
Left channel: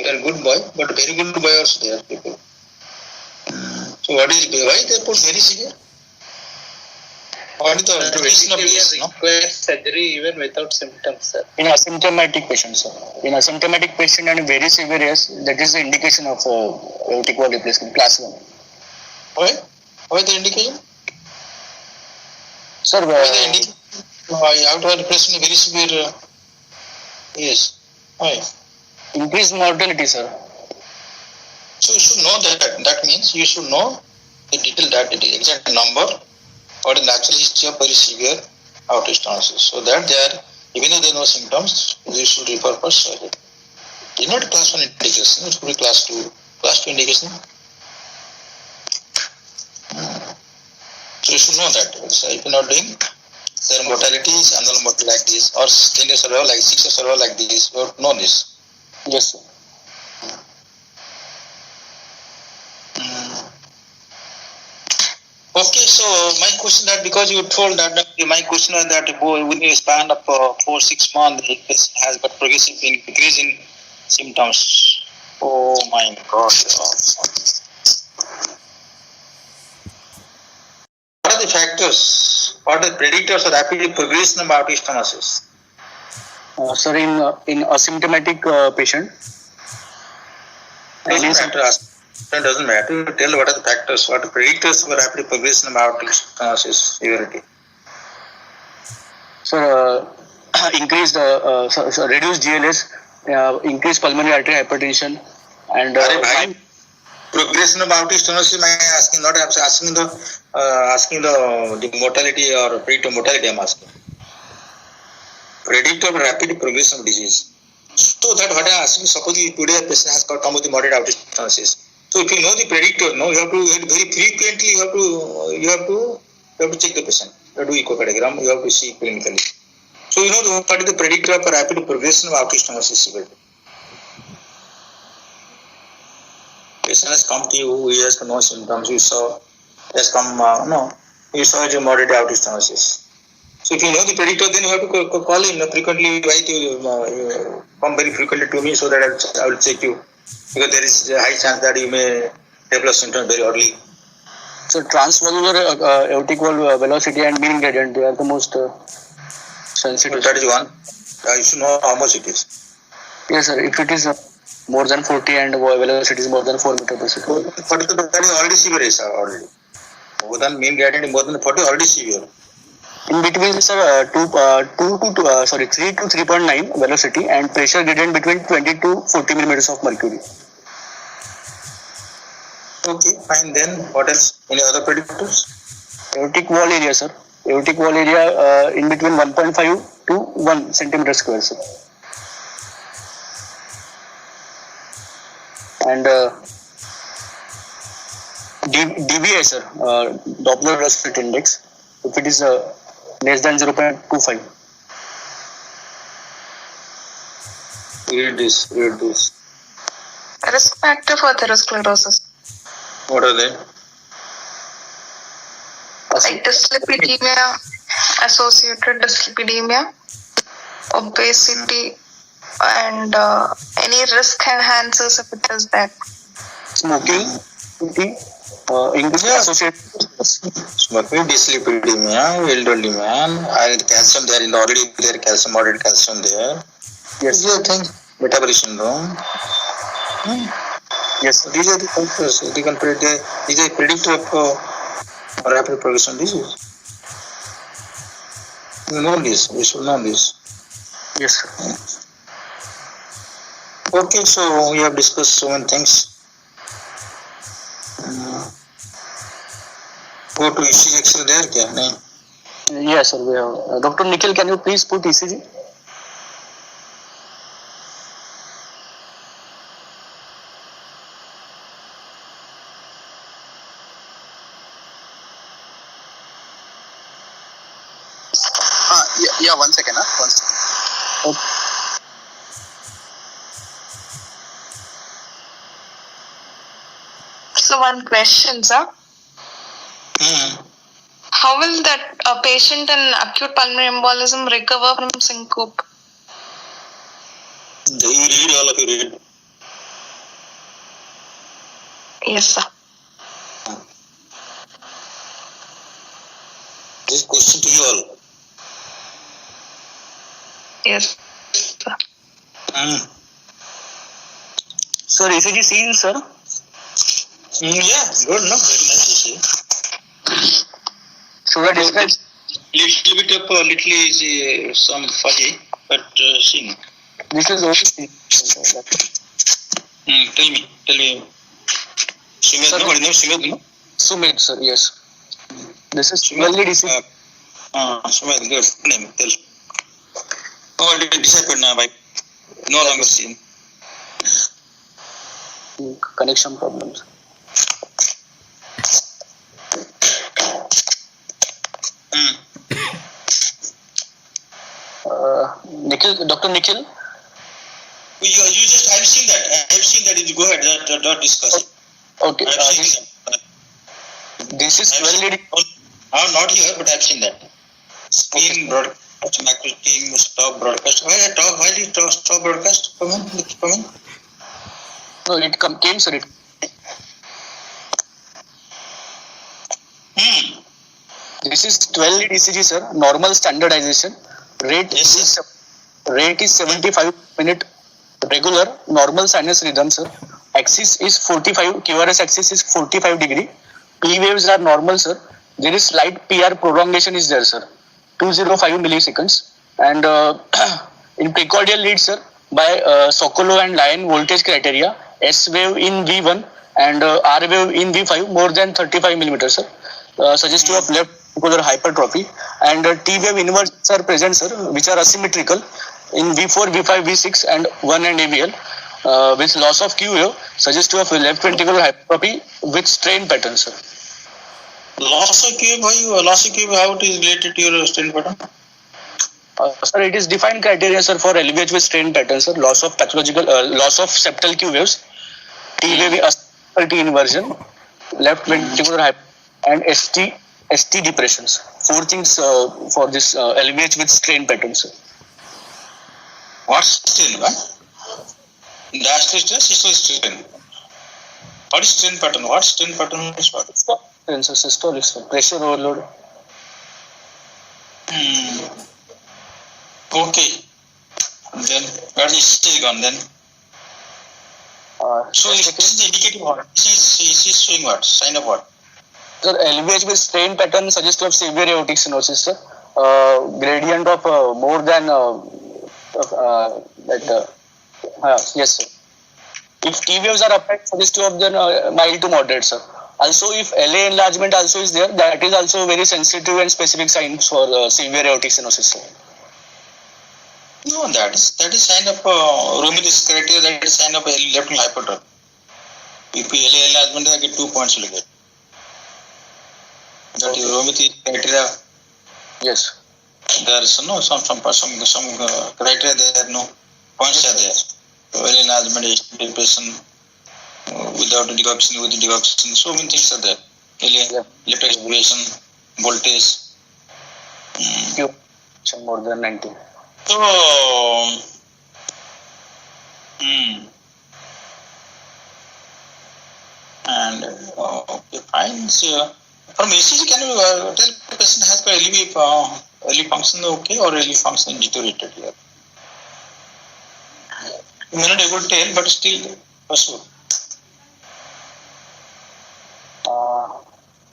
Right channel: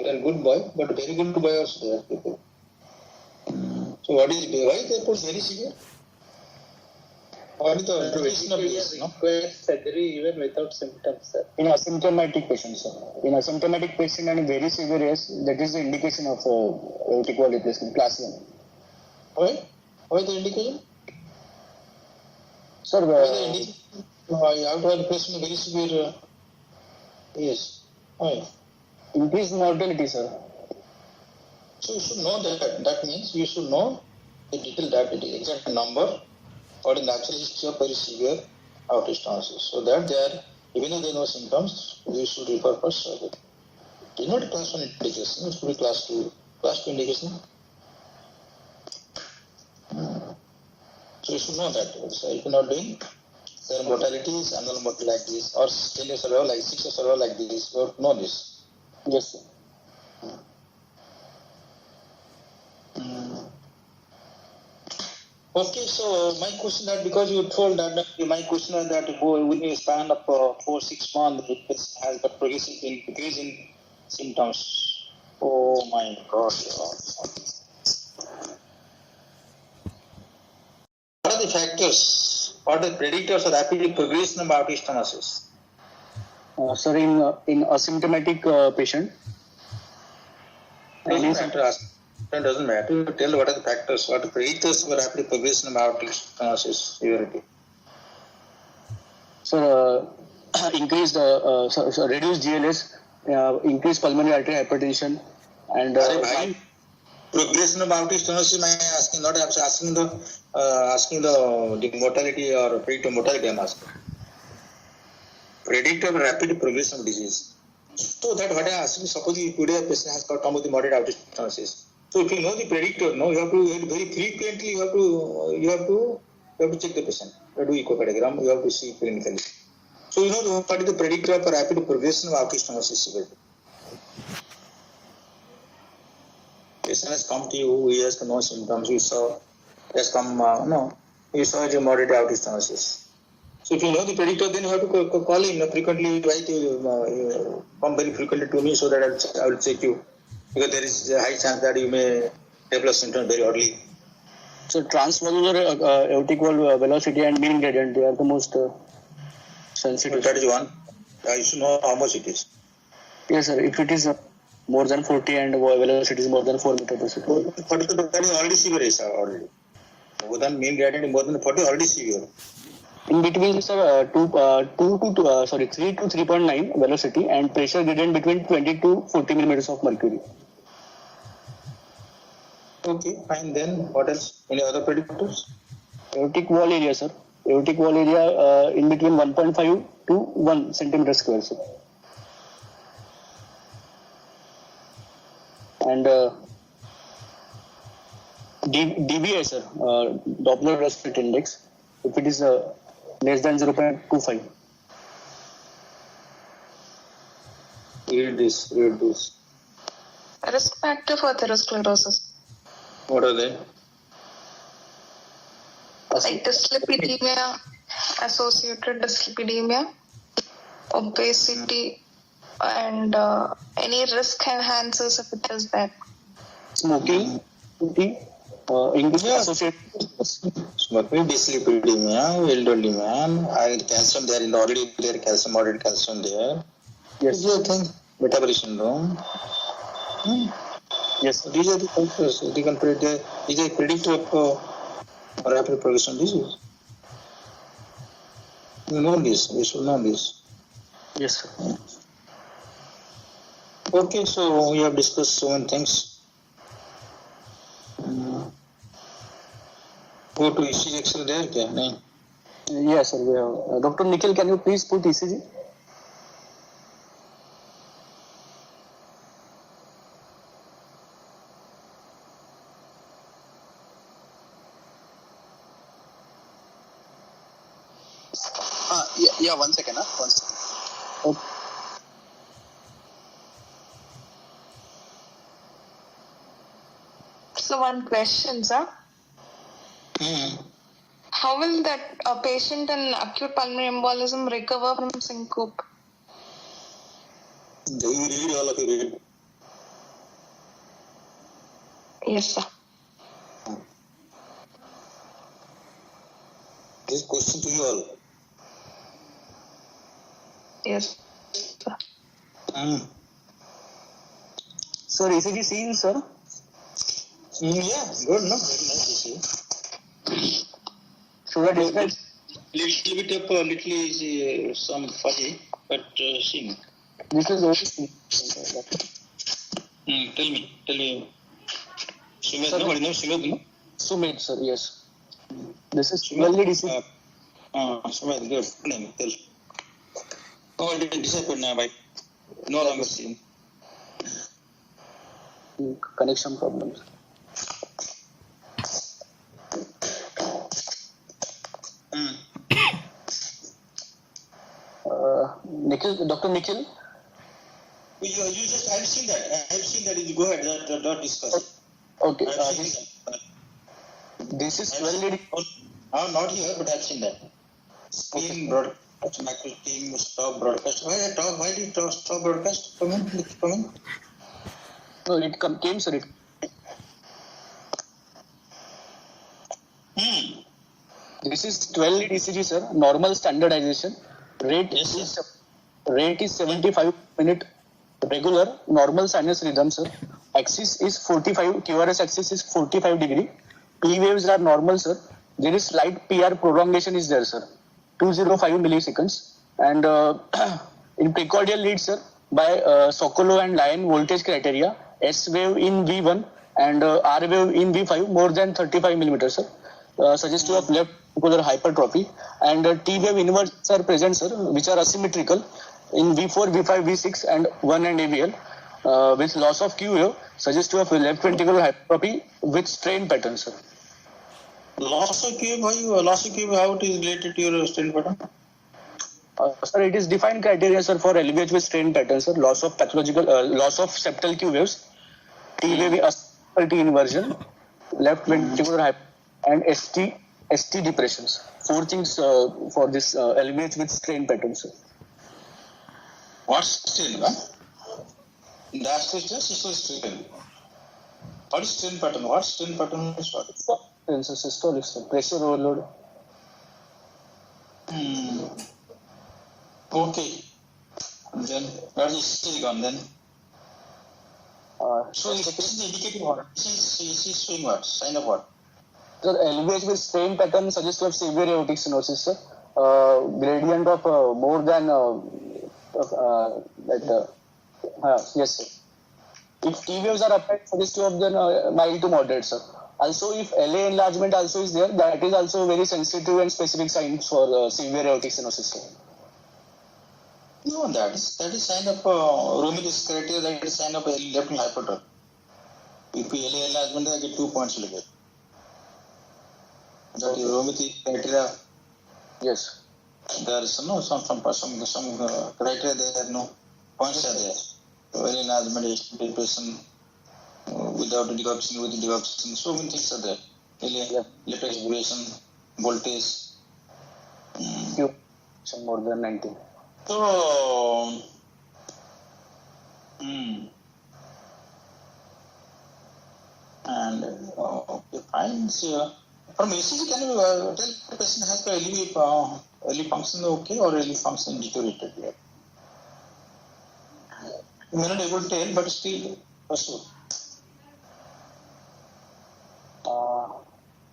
You are a good boy, but very good boy also there, people. So why they put very severe? What is the observation of this? Require surgery even without symptoms, sir. In asymptomatic patient, sir. In asymptomatic patient and very severe, yes, that is the indication of aortic wall replacement, class 1. Why? Why the indication? Sir, Why the indication? Aortic wall replacement very severe. Yes. Why? Increased mortality, sir. So you should know that. That means you should know the detail, that the exact number or the natural history of very severe outage stenosis. So that they are, even if there are no symptoms, they should refer for surgery. It's not class 1 indication, it should be class 2. Class 2 indication. So you should know that. So if you are not doing, their mortality is annual mortality like this, or 10 years survival like 6 years survival like this. You have to know this. Yes, sir. Okay, so my question that because you told that my question was that within a span of 4-6 months, it has got progressive increase in symptoms. Oh my God! What are the factors? What are the predictors of rapid progression of aortic stenosis? Sir, in asymptomatic patient. Doesn't matter. Tell what are the factors, what are the predictors for rapid progression of aortic stenosis severity. Sir, increased, reduced GLS, increased pulmonary artery hypertension, and progression of aortic stenosis. I am asking, not asking the mortality or predictor mortality. I am asking. predictor of rapid progression of disease. So that what I am asking, suppose today a patient has come with moderate aortic stenosis. So if you know the predictor, no, you have to very frequently you have to check the patient. You have to do echocardiogram. You have to see clinically. So you know what is the predictor of rapid progression of aortic stenosis? Patient has come to you, he has no symptoms. You saw has come you saw a moderate aortic stenosis. So if you know the predictor, then you have to call in frequently. Write you come very frequently to me so that I will check you, because there is a high chance that you may develop symptoms very early. So transvalvular aortic wall velocity and mean gradient, they are the most sensitive. So that is one. You should know how much it is. Yes, sir. If it is more than 40 and velocity is more than 4 meters per second. But that is already severe, sir. Already. More than mean gradient, more than 40, already severe. In between, sir, 3 to 3.9 velocity and pressure gradient between 20 to 40 millimeters of mercury. Okay, fine. Then what else? Any other predictors? Aortic wall area, sir. Aortic wall area in between 1.5 to 1 centimeter square, sir. And DVI, sir, Doppler velocity index, if it is less than 0.25. Read this. Risk factor for atherosclerosis, What are they? like dyslipidemia, associated dyslipidemia, obesity, and any risk enhancers if it is that. Smoking, increase associated. Smoking, dyslipidemia, elderly man, iron calcium there in already there calcium, moderate calcium there. Yes. These are things. Metabolic syndrome. Yes. These are the factors. These are predictor of rapid progression disease. You know this. We should know this. Yes, sir. Okay, so we have discussed so many things. Go to ECG X-ray there, kya? Nahin. Yes, sir. We have. Dr. Nikhil, can you please put ECG? Yeah, 1 second. 1 second. Okay. So one question, sir. How will that a patient in acute pulmonary embolism recover from syncope? You read, all of you read. Yes, sir. This question to you all. Yes, sir. Sir, ECG seen, sir? Yeah, good, no? Very nice to see. Should I describe? Little bit of some fuzzy, but seen. This is OCC. Tell me. Sumit, no? What is name? Sumit, no? Sumit, sir, yes. This is 12 lead ECG. Sumit, good name. Tell. Already disappeared now, bye. No longer seen. Connection problems. Nikhil, Dr. Nikhil? You just, I've seen that. You go ahead, don't discuss it. Okay. I've seen that. This is 12 lead. I'm not here, but I've seen that. Screen broadcast, macro team, stop broadcast. Why did you stop broadcast? Come in. No, it came, sir. This is 12 lead ECG, sir. Normal standardization. Rate is 75 minute regular normal sinus rhythm, sir. Axis is 45. QRS axis is 45 degree. P waves are normal, sir. There is slight PR prolongation is there, sir. 205 milliseconds. And in precordial lead, sir, by Sokolow and Lyon voltage criteria, S wave in V1 and R wave in V5 more than 35 millimeters, sir. Suggestive of left ventricular hypertrophy, and T-wave inversions are present, sir, which are asymmetrical in V4, V5, V6, and 1 and AVL, with loss of Q wave suggestive of left ventricular hypertrophy with strain pattern, sir. Loss of Q wave, how it is related to your strain pattern? Sir, it is defined criteria, sir, for LVH with strain pattern, sir. Loss of pathological, loss of septal Q waves, T-wave T inversion, left ventricular hypertrophy, and ST depressions. 4 things for this LVH with strain pattern, sir. What strain? Diastolic strain, systolic strain. What is strain pattern? What strain pattern is what? Strain, sir, systolic, sir. Pressure overload. Okay. Then where is still gone then? So this is indicating what? This is showing what? Sign of what? Sir, LVH with strain pattern suggests of severe aortic stenosis, sir. Gradient of more than yes, sir. If T waves are applied, suggestive of then mild to moderate, sir. Also, if LA enlargement also is there, that is also very sensitive and specific signs for severe aortic stenosis, sir. No, that is sign of Rome's criteria. That is sign of left hypertrophy. If LA enlargement, I get 2 points. Look at that. Is Rome's criteria. Yes. There is some criteria there. No points are there. LA enlargement, depression, without decoction, with decoction. So many things are there. LA, left expiration, voltage. More than 90. So, and okay, fine. So, from ECG, can you tell the patient has got LV function okay or LV function deteriorated here? You may not able to tell, but still possible. So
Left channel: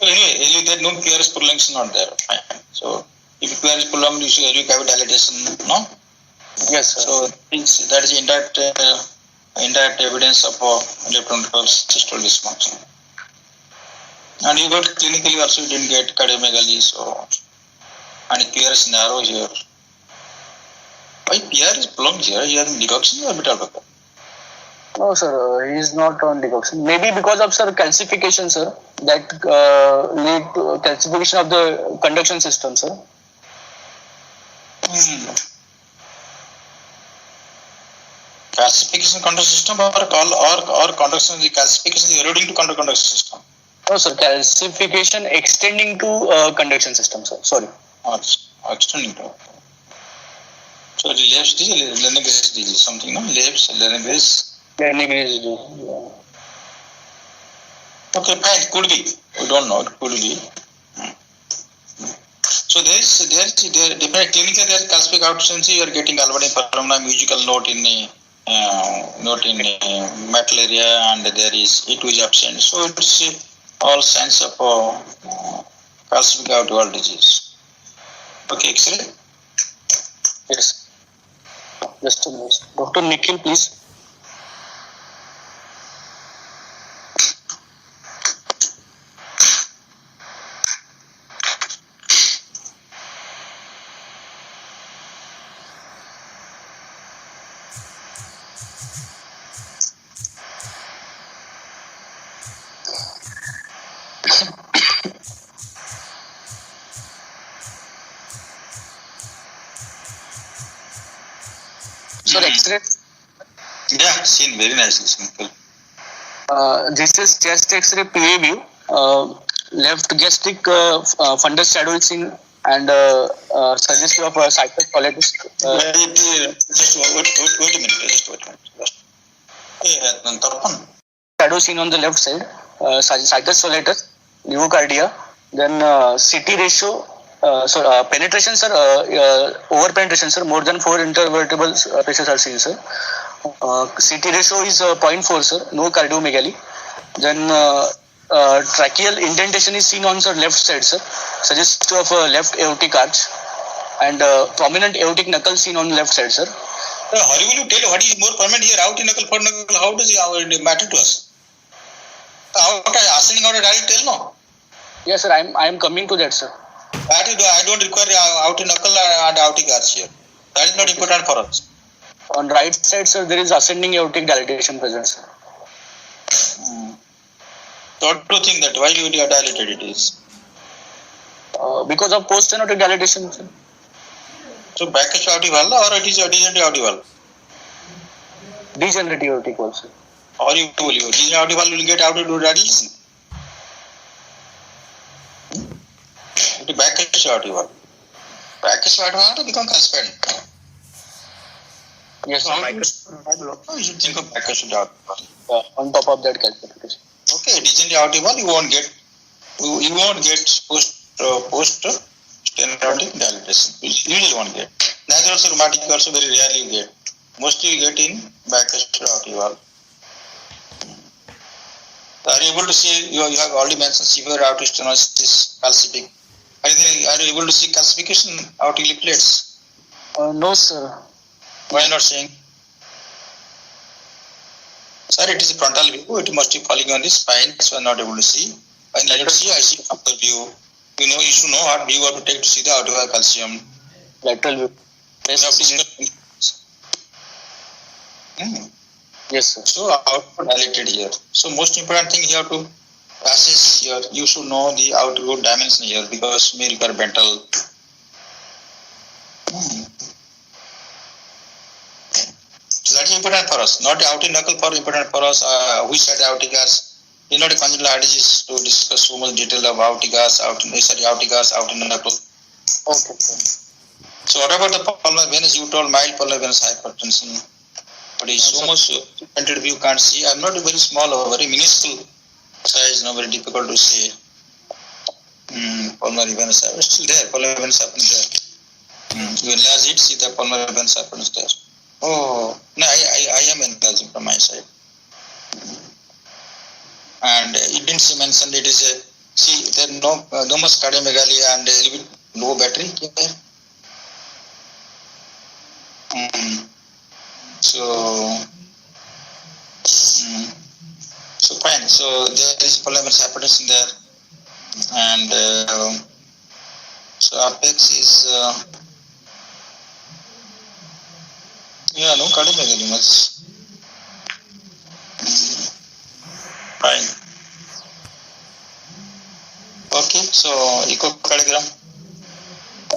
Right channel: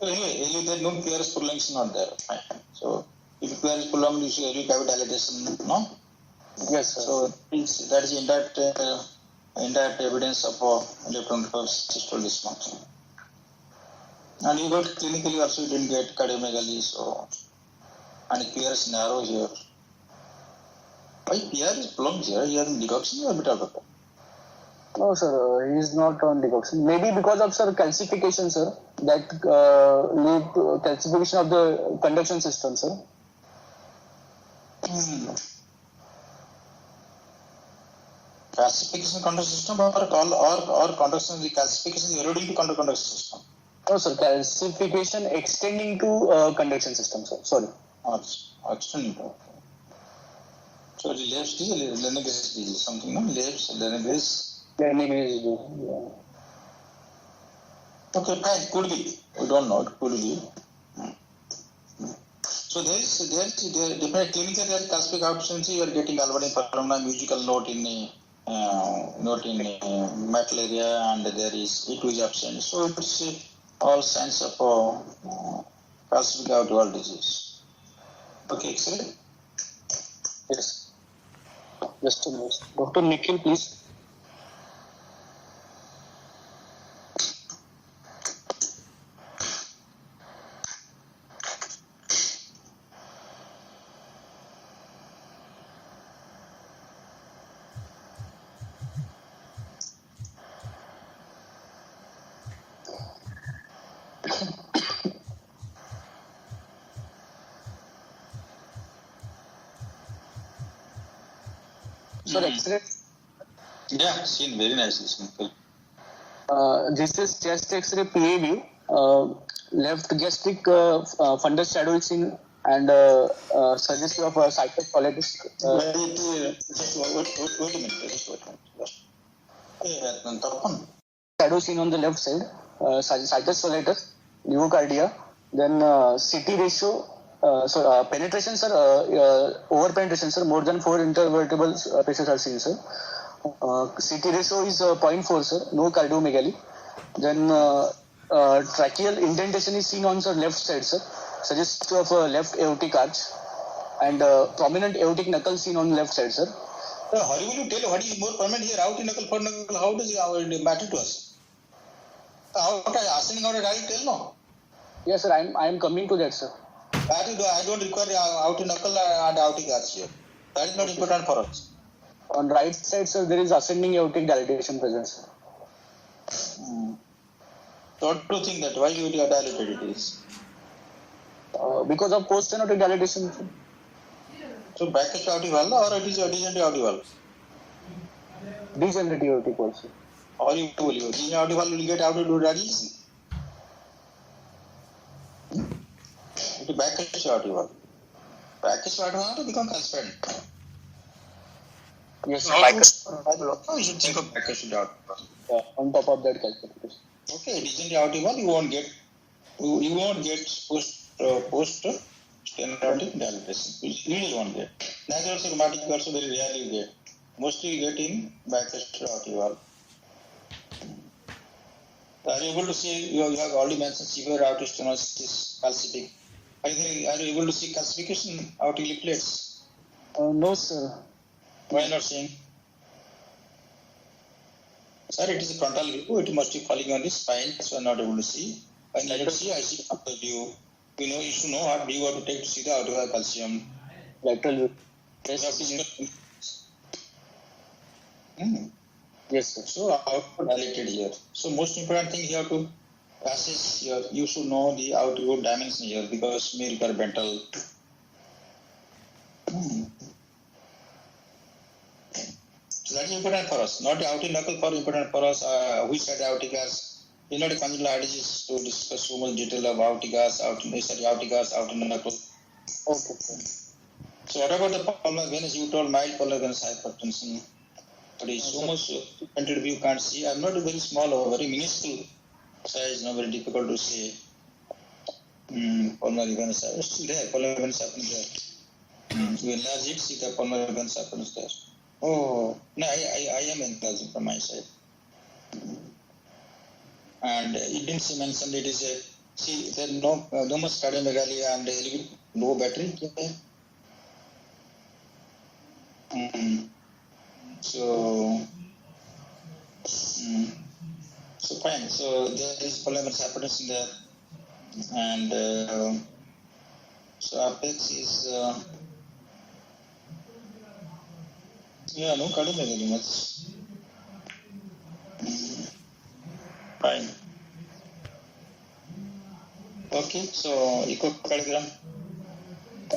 anyway, LV there no QRS prolongation not there. Fine. So if QRS prolonged, you see LV cavity dilatation, no? Yes, sir. So that is indirect evidence of left ventricular systolic dysfunction. And you got clinically also you didn't get cardiomegaly, so and QRS narrow here. Why PR is prolonged here? He has decoction or beta blocker? No, sir, he is not on decoction. Maybe because of, sir, calcification, sir, that lead to calcification of the conduction system, sir. Calcification conduction system or conduction, the calcification is eroding to conduction system. No, sir, calcification extending to conduction system, sir. Sorry. Extending to. So the left is Lennox disease, something, no? Left, Lennox. Okay, fine, could be. We don't know, it could be. So there different clinical there calcific outsensity, you are getting Alvordine phenomena, musical note in metal area, and there is it is absent. So it's all signs of calcific outward disease. Okay, X-ray? Yes. Just a minute. Dr. Nikhil, please. So X-ray. Yeah, seen very nicely, simple. This is chest X-ray PA view. Left gastric fundus shadow is seen and suggestive of cytocolitis. Just wait a minute. Shadow seen on the left side. Cytocolitis, pneumocardia. Then CT ratio. Penetration, sir, over penetration, sir, more than 4 intervertebral pressures are seen, sir. CT ratio is 0.4, sir, no cardiomegaly. Then tracheal indentation is seen on the left side, sir, suggestive of left aortic arch, and prominent aortic knuckle seen on the left side, sir. How will you tell what is more permanent here, out in knuckle, for knuckle? How does it matter to us? How ascending out, I'll tell no. Yes, sir, I am coming to that, sir. I don't require outer knuckle and outer arch here. That is not important for us. On right side, sir, there is ascending aortic dilatation present, sir. Don't you think that why you are dilated it is? Because of post-stenotic dilatation, sir. So back aortic valve or it is a degenerative aortic valve? Degenerative aortic valve, sir. Or you told you degenerative aortic valve will get out to dilation. It is back aortic valve. Back aortic valve become calcified. Yes, So sir. you should think of back aortic valve. On top of that calcification. Okay, degenerative aortic valve you won't get post stenotic dilatation. You usually won't get. Natural rheumatic also very rarely you get. Mostly you get in back aortic valve. Are you able to see? You have already mentioned severe aortic stenosis, calcific. Are you able to see calcification aortic leaflets? No, sir. Why not seeing? Sir, it is a frontal view. It must be falling on the spine, so I'm not able to see. I need to see. I see frontal view. You should know what view you have to take to see the aortic valve calcium. Lateral view. Yes, sir. So outward dilated here. So most important thing you have to assess here. You should know the outward dimension here because may require ventral. So that is important for us. Not the aortic knuckle for important for us. Which side aortic arch? It's not a congenital heart disease to discuss so much detail of aortic arch, aortic knuckle. Okay, sir. So what about the pulmonary venous? You told mild pulmonary venous hypertension. But it's so much printed view can't see. I'm not very small or very minuscule size, very difficult to say. Pulmonary venous hypertension still there. Pulmonary venous hypertension there. You enlarge it, see the pulmonary venous hypertension there. Oh, no, I am enlarging from my side. And it didn't mention it is a, see, there no much cardiomegaly and a little bit low battery here. So fine. So there is pulmonary hypertension there, and so apex is no cardiomegaly much. Fine. Okay. So echocardiogram.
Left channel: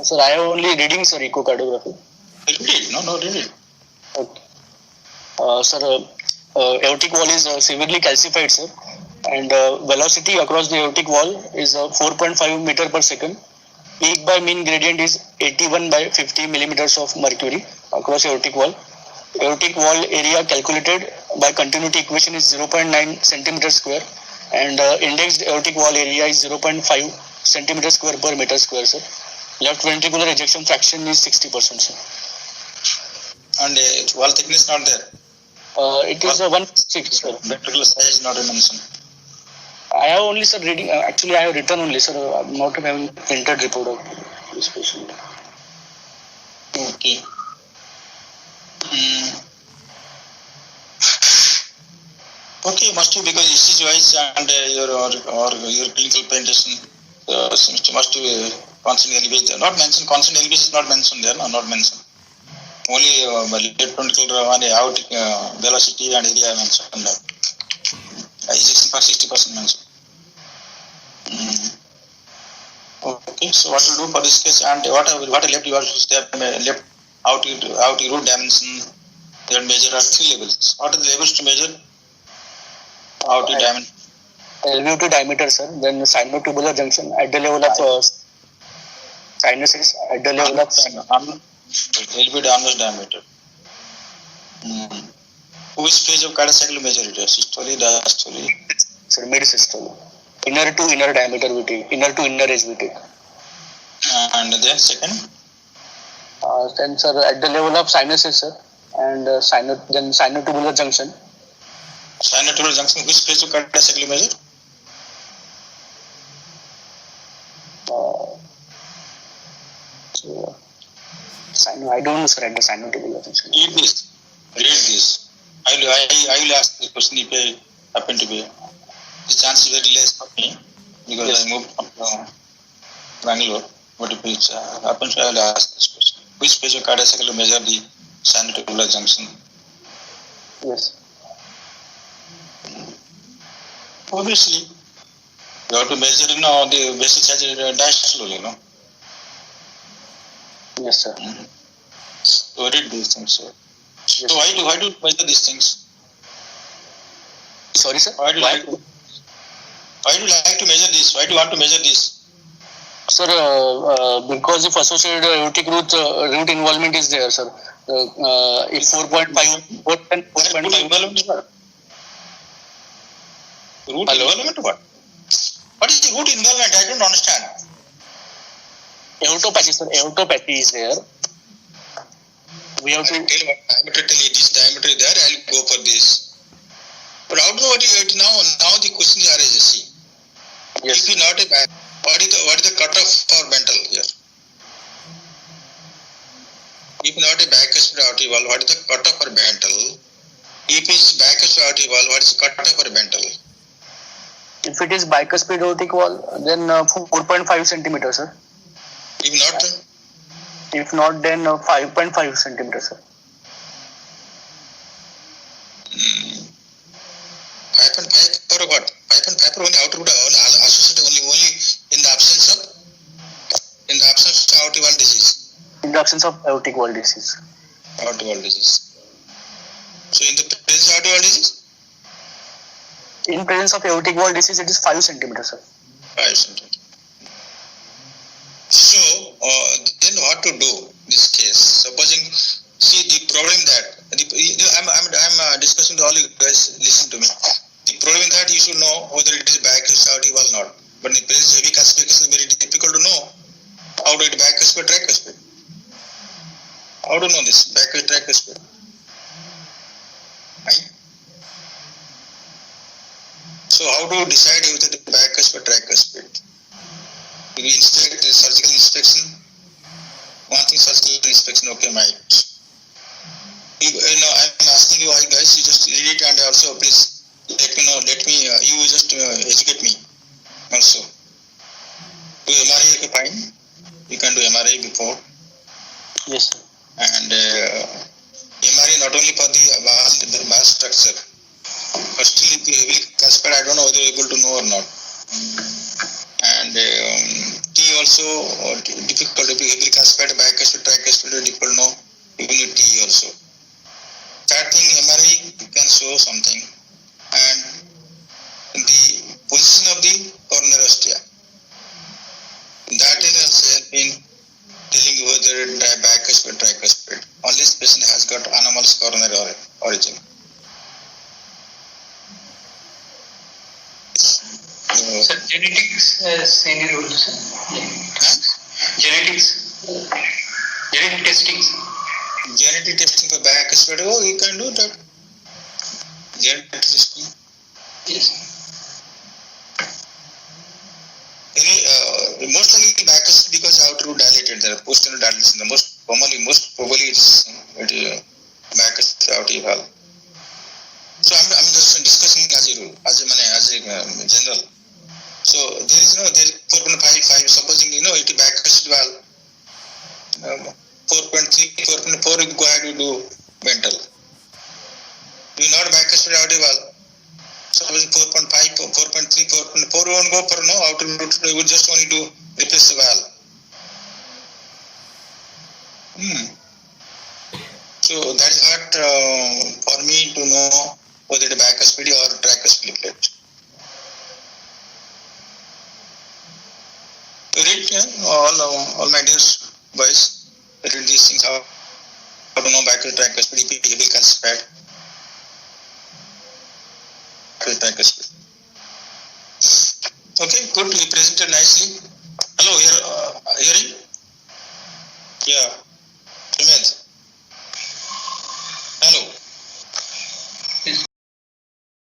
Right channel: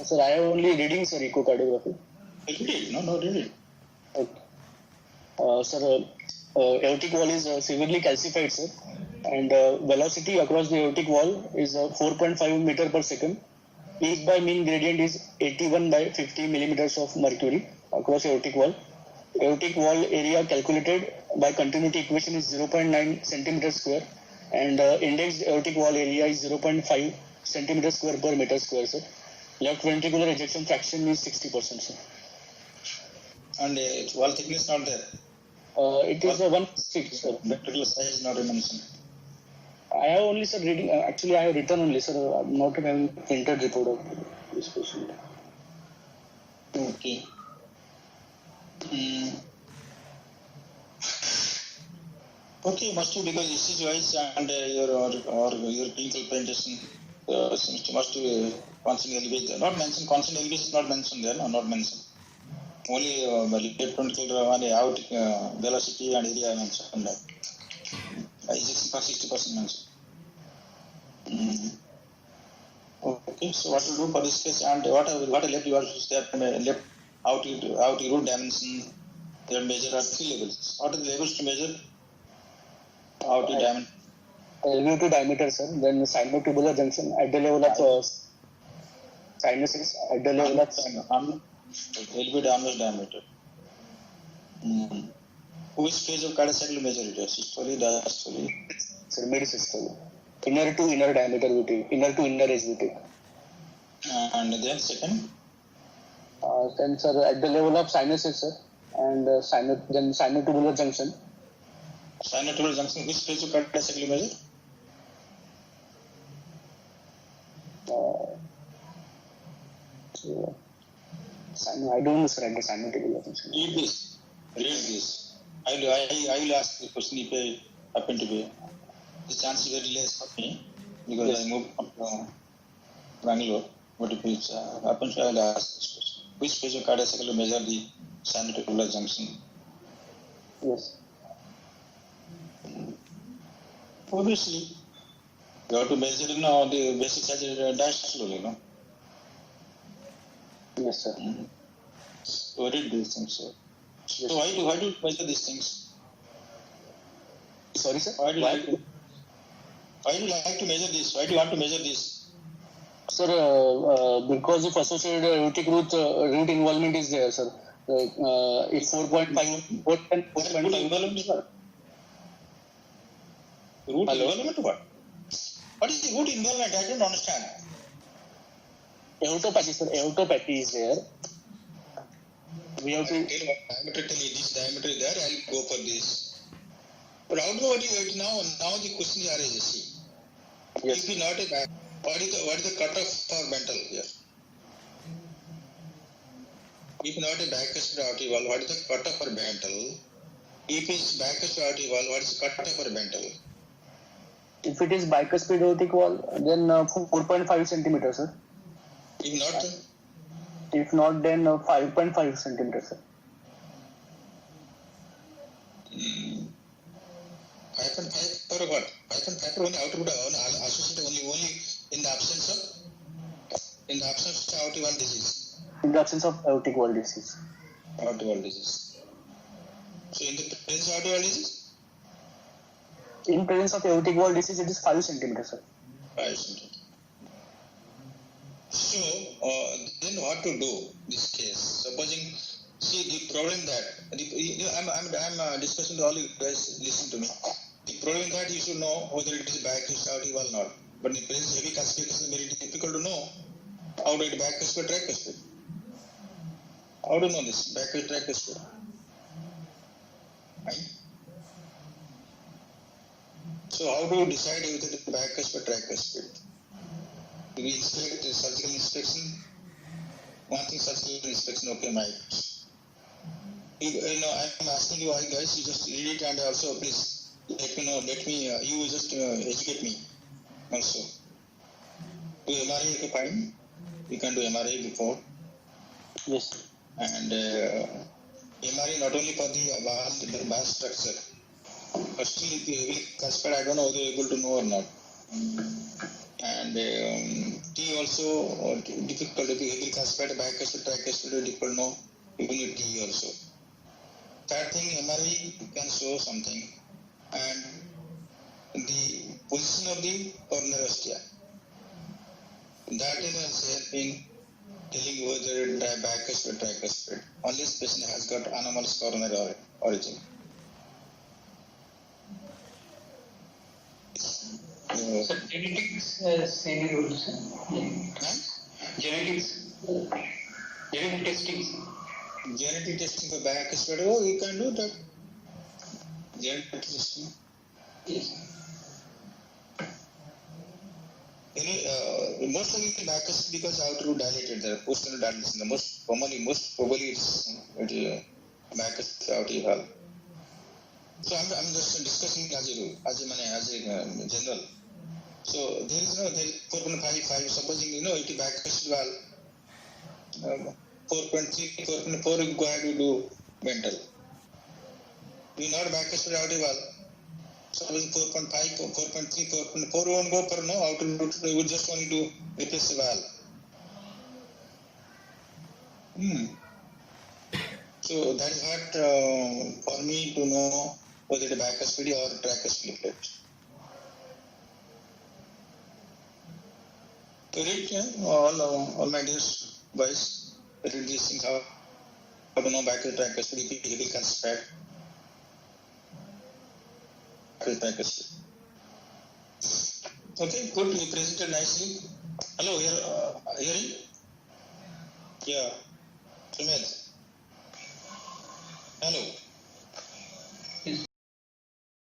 Sir, I have only reading, sir, echocardiography. Read it. No, read it. Okay. Sir, aortic wall is severely calcified, sir, and velocity across the aortic wall is 4.5 meter per second. Peak by mean gradient is 81 by 50 millimeters of mercury across aortic wall. Aortic wall area calculated by continuity equation is 0.9 centimeter square, and indexed aortic wall area is 0.5 centimeter square per meter square, sir. Left ventricular ejection fraction is 60%, sir. And wall thickness not there. It is 1.6, sir. Ventricular size not mentioned. I have only, sir, reading. Actually, I have written only, sir. I'm not having printed report of this patient. Okay. Okay, must be because ECG wise and your clinical presentation must be constant elevation. Not mentioned. Constant elevation is not mentioned there. No, not mentioned. Only left ventricular aortic velocity and area mentioned. Ejection for 60% mentioned. Okay, so what to do for this case and what left you have to step left aortic root dimension. They measure at 3 levels. What are the levels to measure aortic dimension? LV2 diameter, sir. Then sinotubular junction at the level of sinuses, at the level of LV downwards diameter. Which phase of cardiac cycle measure it? Systole, diastole? Sir, mid systole. Inner to inner diameter we take. Inner to inner edge we take. And then second? Then, sir, at the level of sinuses, sir, and then sinotubular junction. Sinotubular junction, which phase of cardiac cycle measure? I don't know, sir, at the sinotubular junction. Read this. I will ask the question if I happen to be. The chance is very less for me because I moved from Bangalore. What if it happens? I will ask this question. Which piezocardiac cycle to measure the sinotubular junction? Yes. Obviously, you have to measure, the vessel size diastole, Yes, sir. So read these things, sir. Yes. So why do you measure these things? Sorry, sir. Why do you like to measure this? Why do you want to measure this? Sir, because if associated aortic root involvement is there, sir. If 4.5, 4.5. Involvement is what? Root Hello? involvement what? What is the root involvement? I don't understand. Aortopathy, sir. Aortopathy is there. We have to. Tell you what, diameter, tell you this diameter is there, I'll go for this. But how do you now? Now the question arises. See, Yes. if you not a what is the cutoff for mental here? If not a bicuspid aortic valve, what is the cutoff for mental? If it's bicuspid aortic valve, what is the cutoff for mental? If it is bicuspid aortic wall, then 4.5 centimeters, sir. If not, If not, then 5.5 centimeters, sir. 5.5 for what? 5.5 for only outer root, associated only in the absence of aortic valve disease. In the absence of aortic wall disease. Aortic valve disease. So in the presence of aortic valve disease, In presence of aortic wall disease, it is 5 centimeters, sir. 5 centimeters. So then what to do in this case? Supposing, see the problem that I'm discussing to all you guys. Listen to me. The problem that you should know whether it is bicuspid aortic valve or not. But in presence of heavy calcification, very difficult to know how to it bicuspid tricuspid. How to know this bicuspid tricuspid? Right? So how do you decide whether it is bicuspid tricuspid? Do you inspect the surgical inspection? One thing, surgical inspection, okay, might. I'm asking you, guys, you just read it and also please let me know. You just educate me also. Do MRI, okay, fine. You can do MRI before. Yes, sir. And MRI not only for the vast structure, but still if you heavily calcified, I don't know whether you're able to know or not. And T also difficult, if you heavily calcified, bicuspid, tricuspid, difficult to know, even with T also. Third thing, MRI can show something. And the position of the coronary ostia. That is also helping telling you whether bicuspid, tricuspid. Only this patient has got anomalous coronary origin. Sir, genetics has any role, sir? Genetic testing. Genetic testing for bicuspid, you can do that. Genetic testing. Yes. Most likely bicuspid because outer root dilated, there are posterior dilation. The most probably it's bicuspid aortic valve. So I'm just discussing as a rule, as a general. So there is 4.5, supposing it is bicuspid valve, 4.3, 4.4 you go ahead and do mental. You not bicuspid aortic valve. Supposing 4.5, 4.3, 4.4 won't go for outer root, you would just only do replace the valve. So that is what for me to know whether it is bicuspid or tricuspid plate. Read all my dear boys, read these things, how to know bicuspid, tricuspid, if it is calcified. Tricuspid. Okay, good. You presented nicely. Hello, hearing? Yeah. Sumit.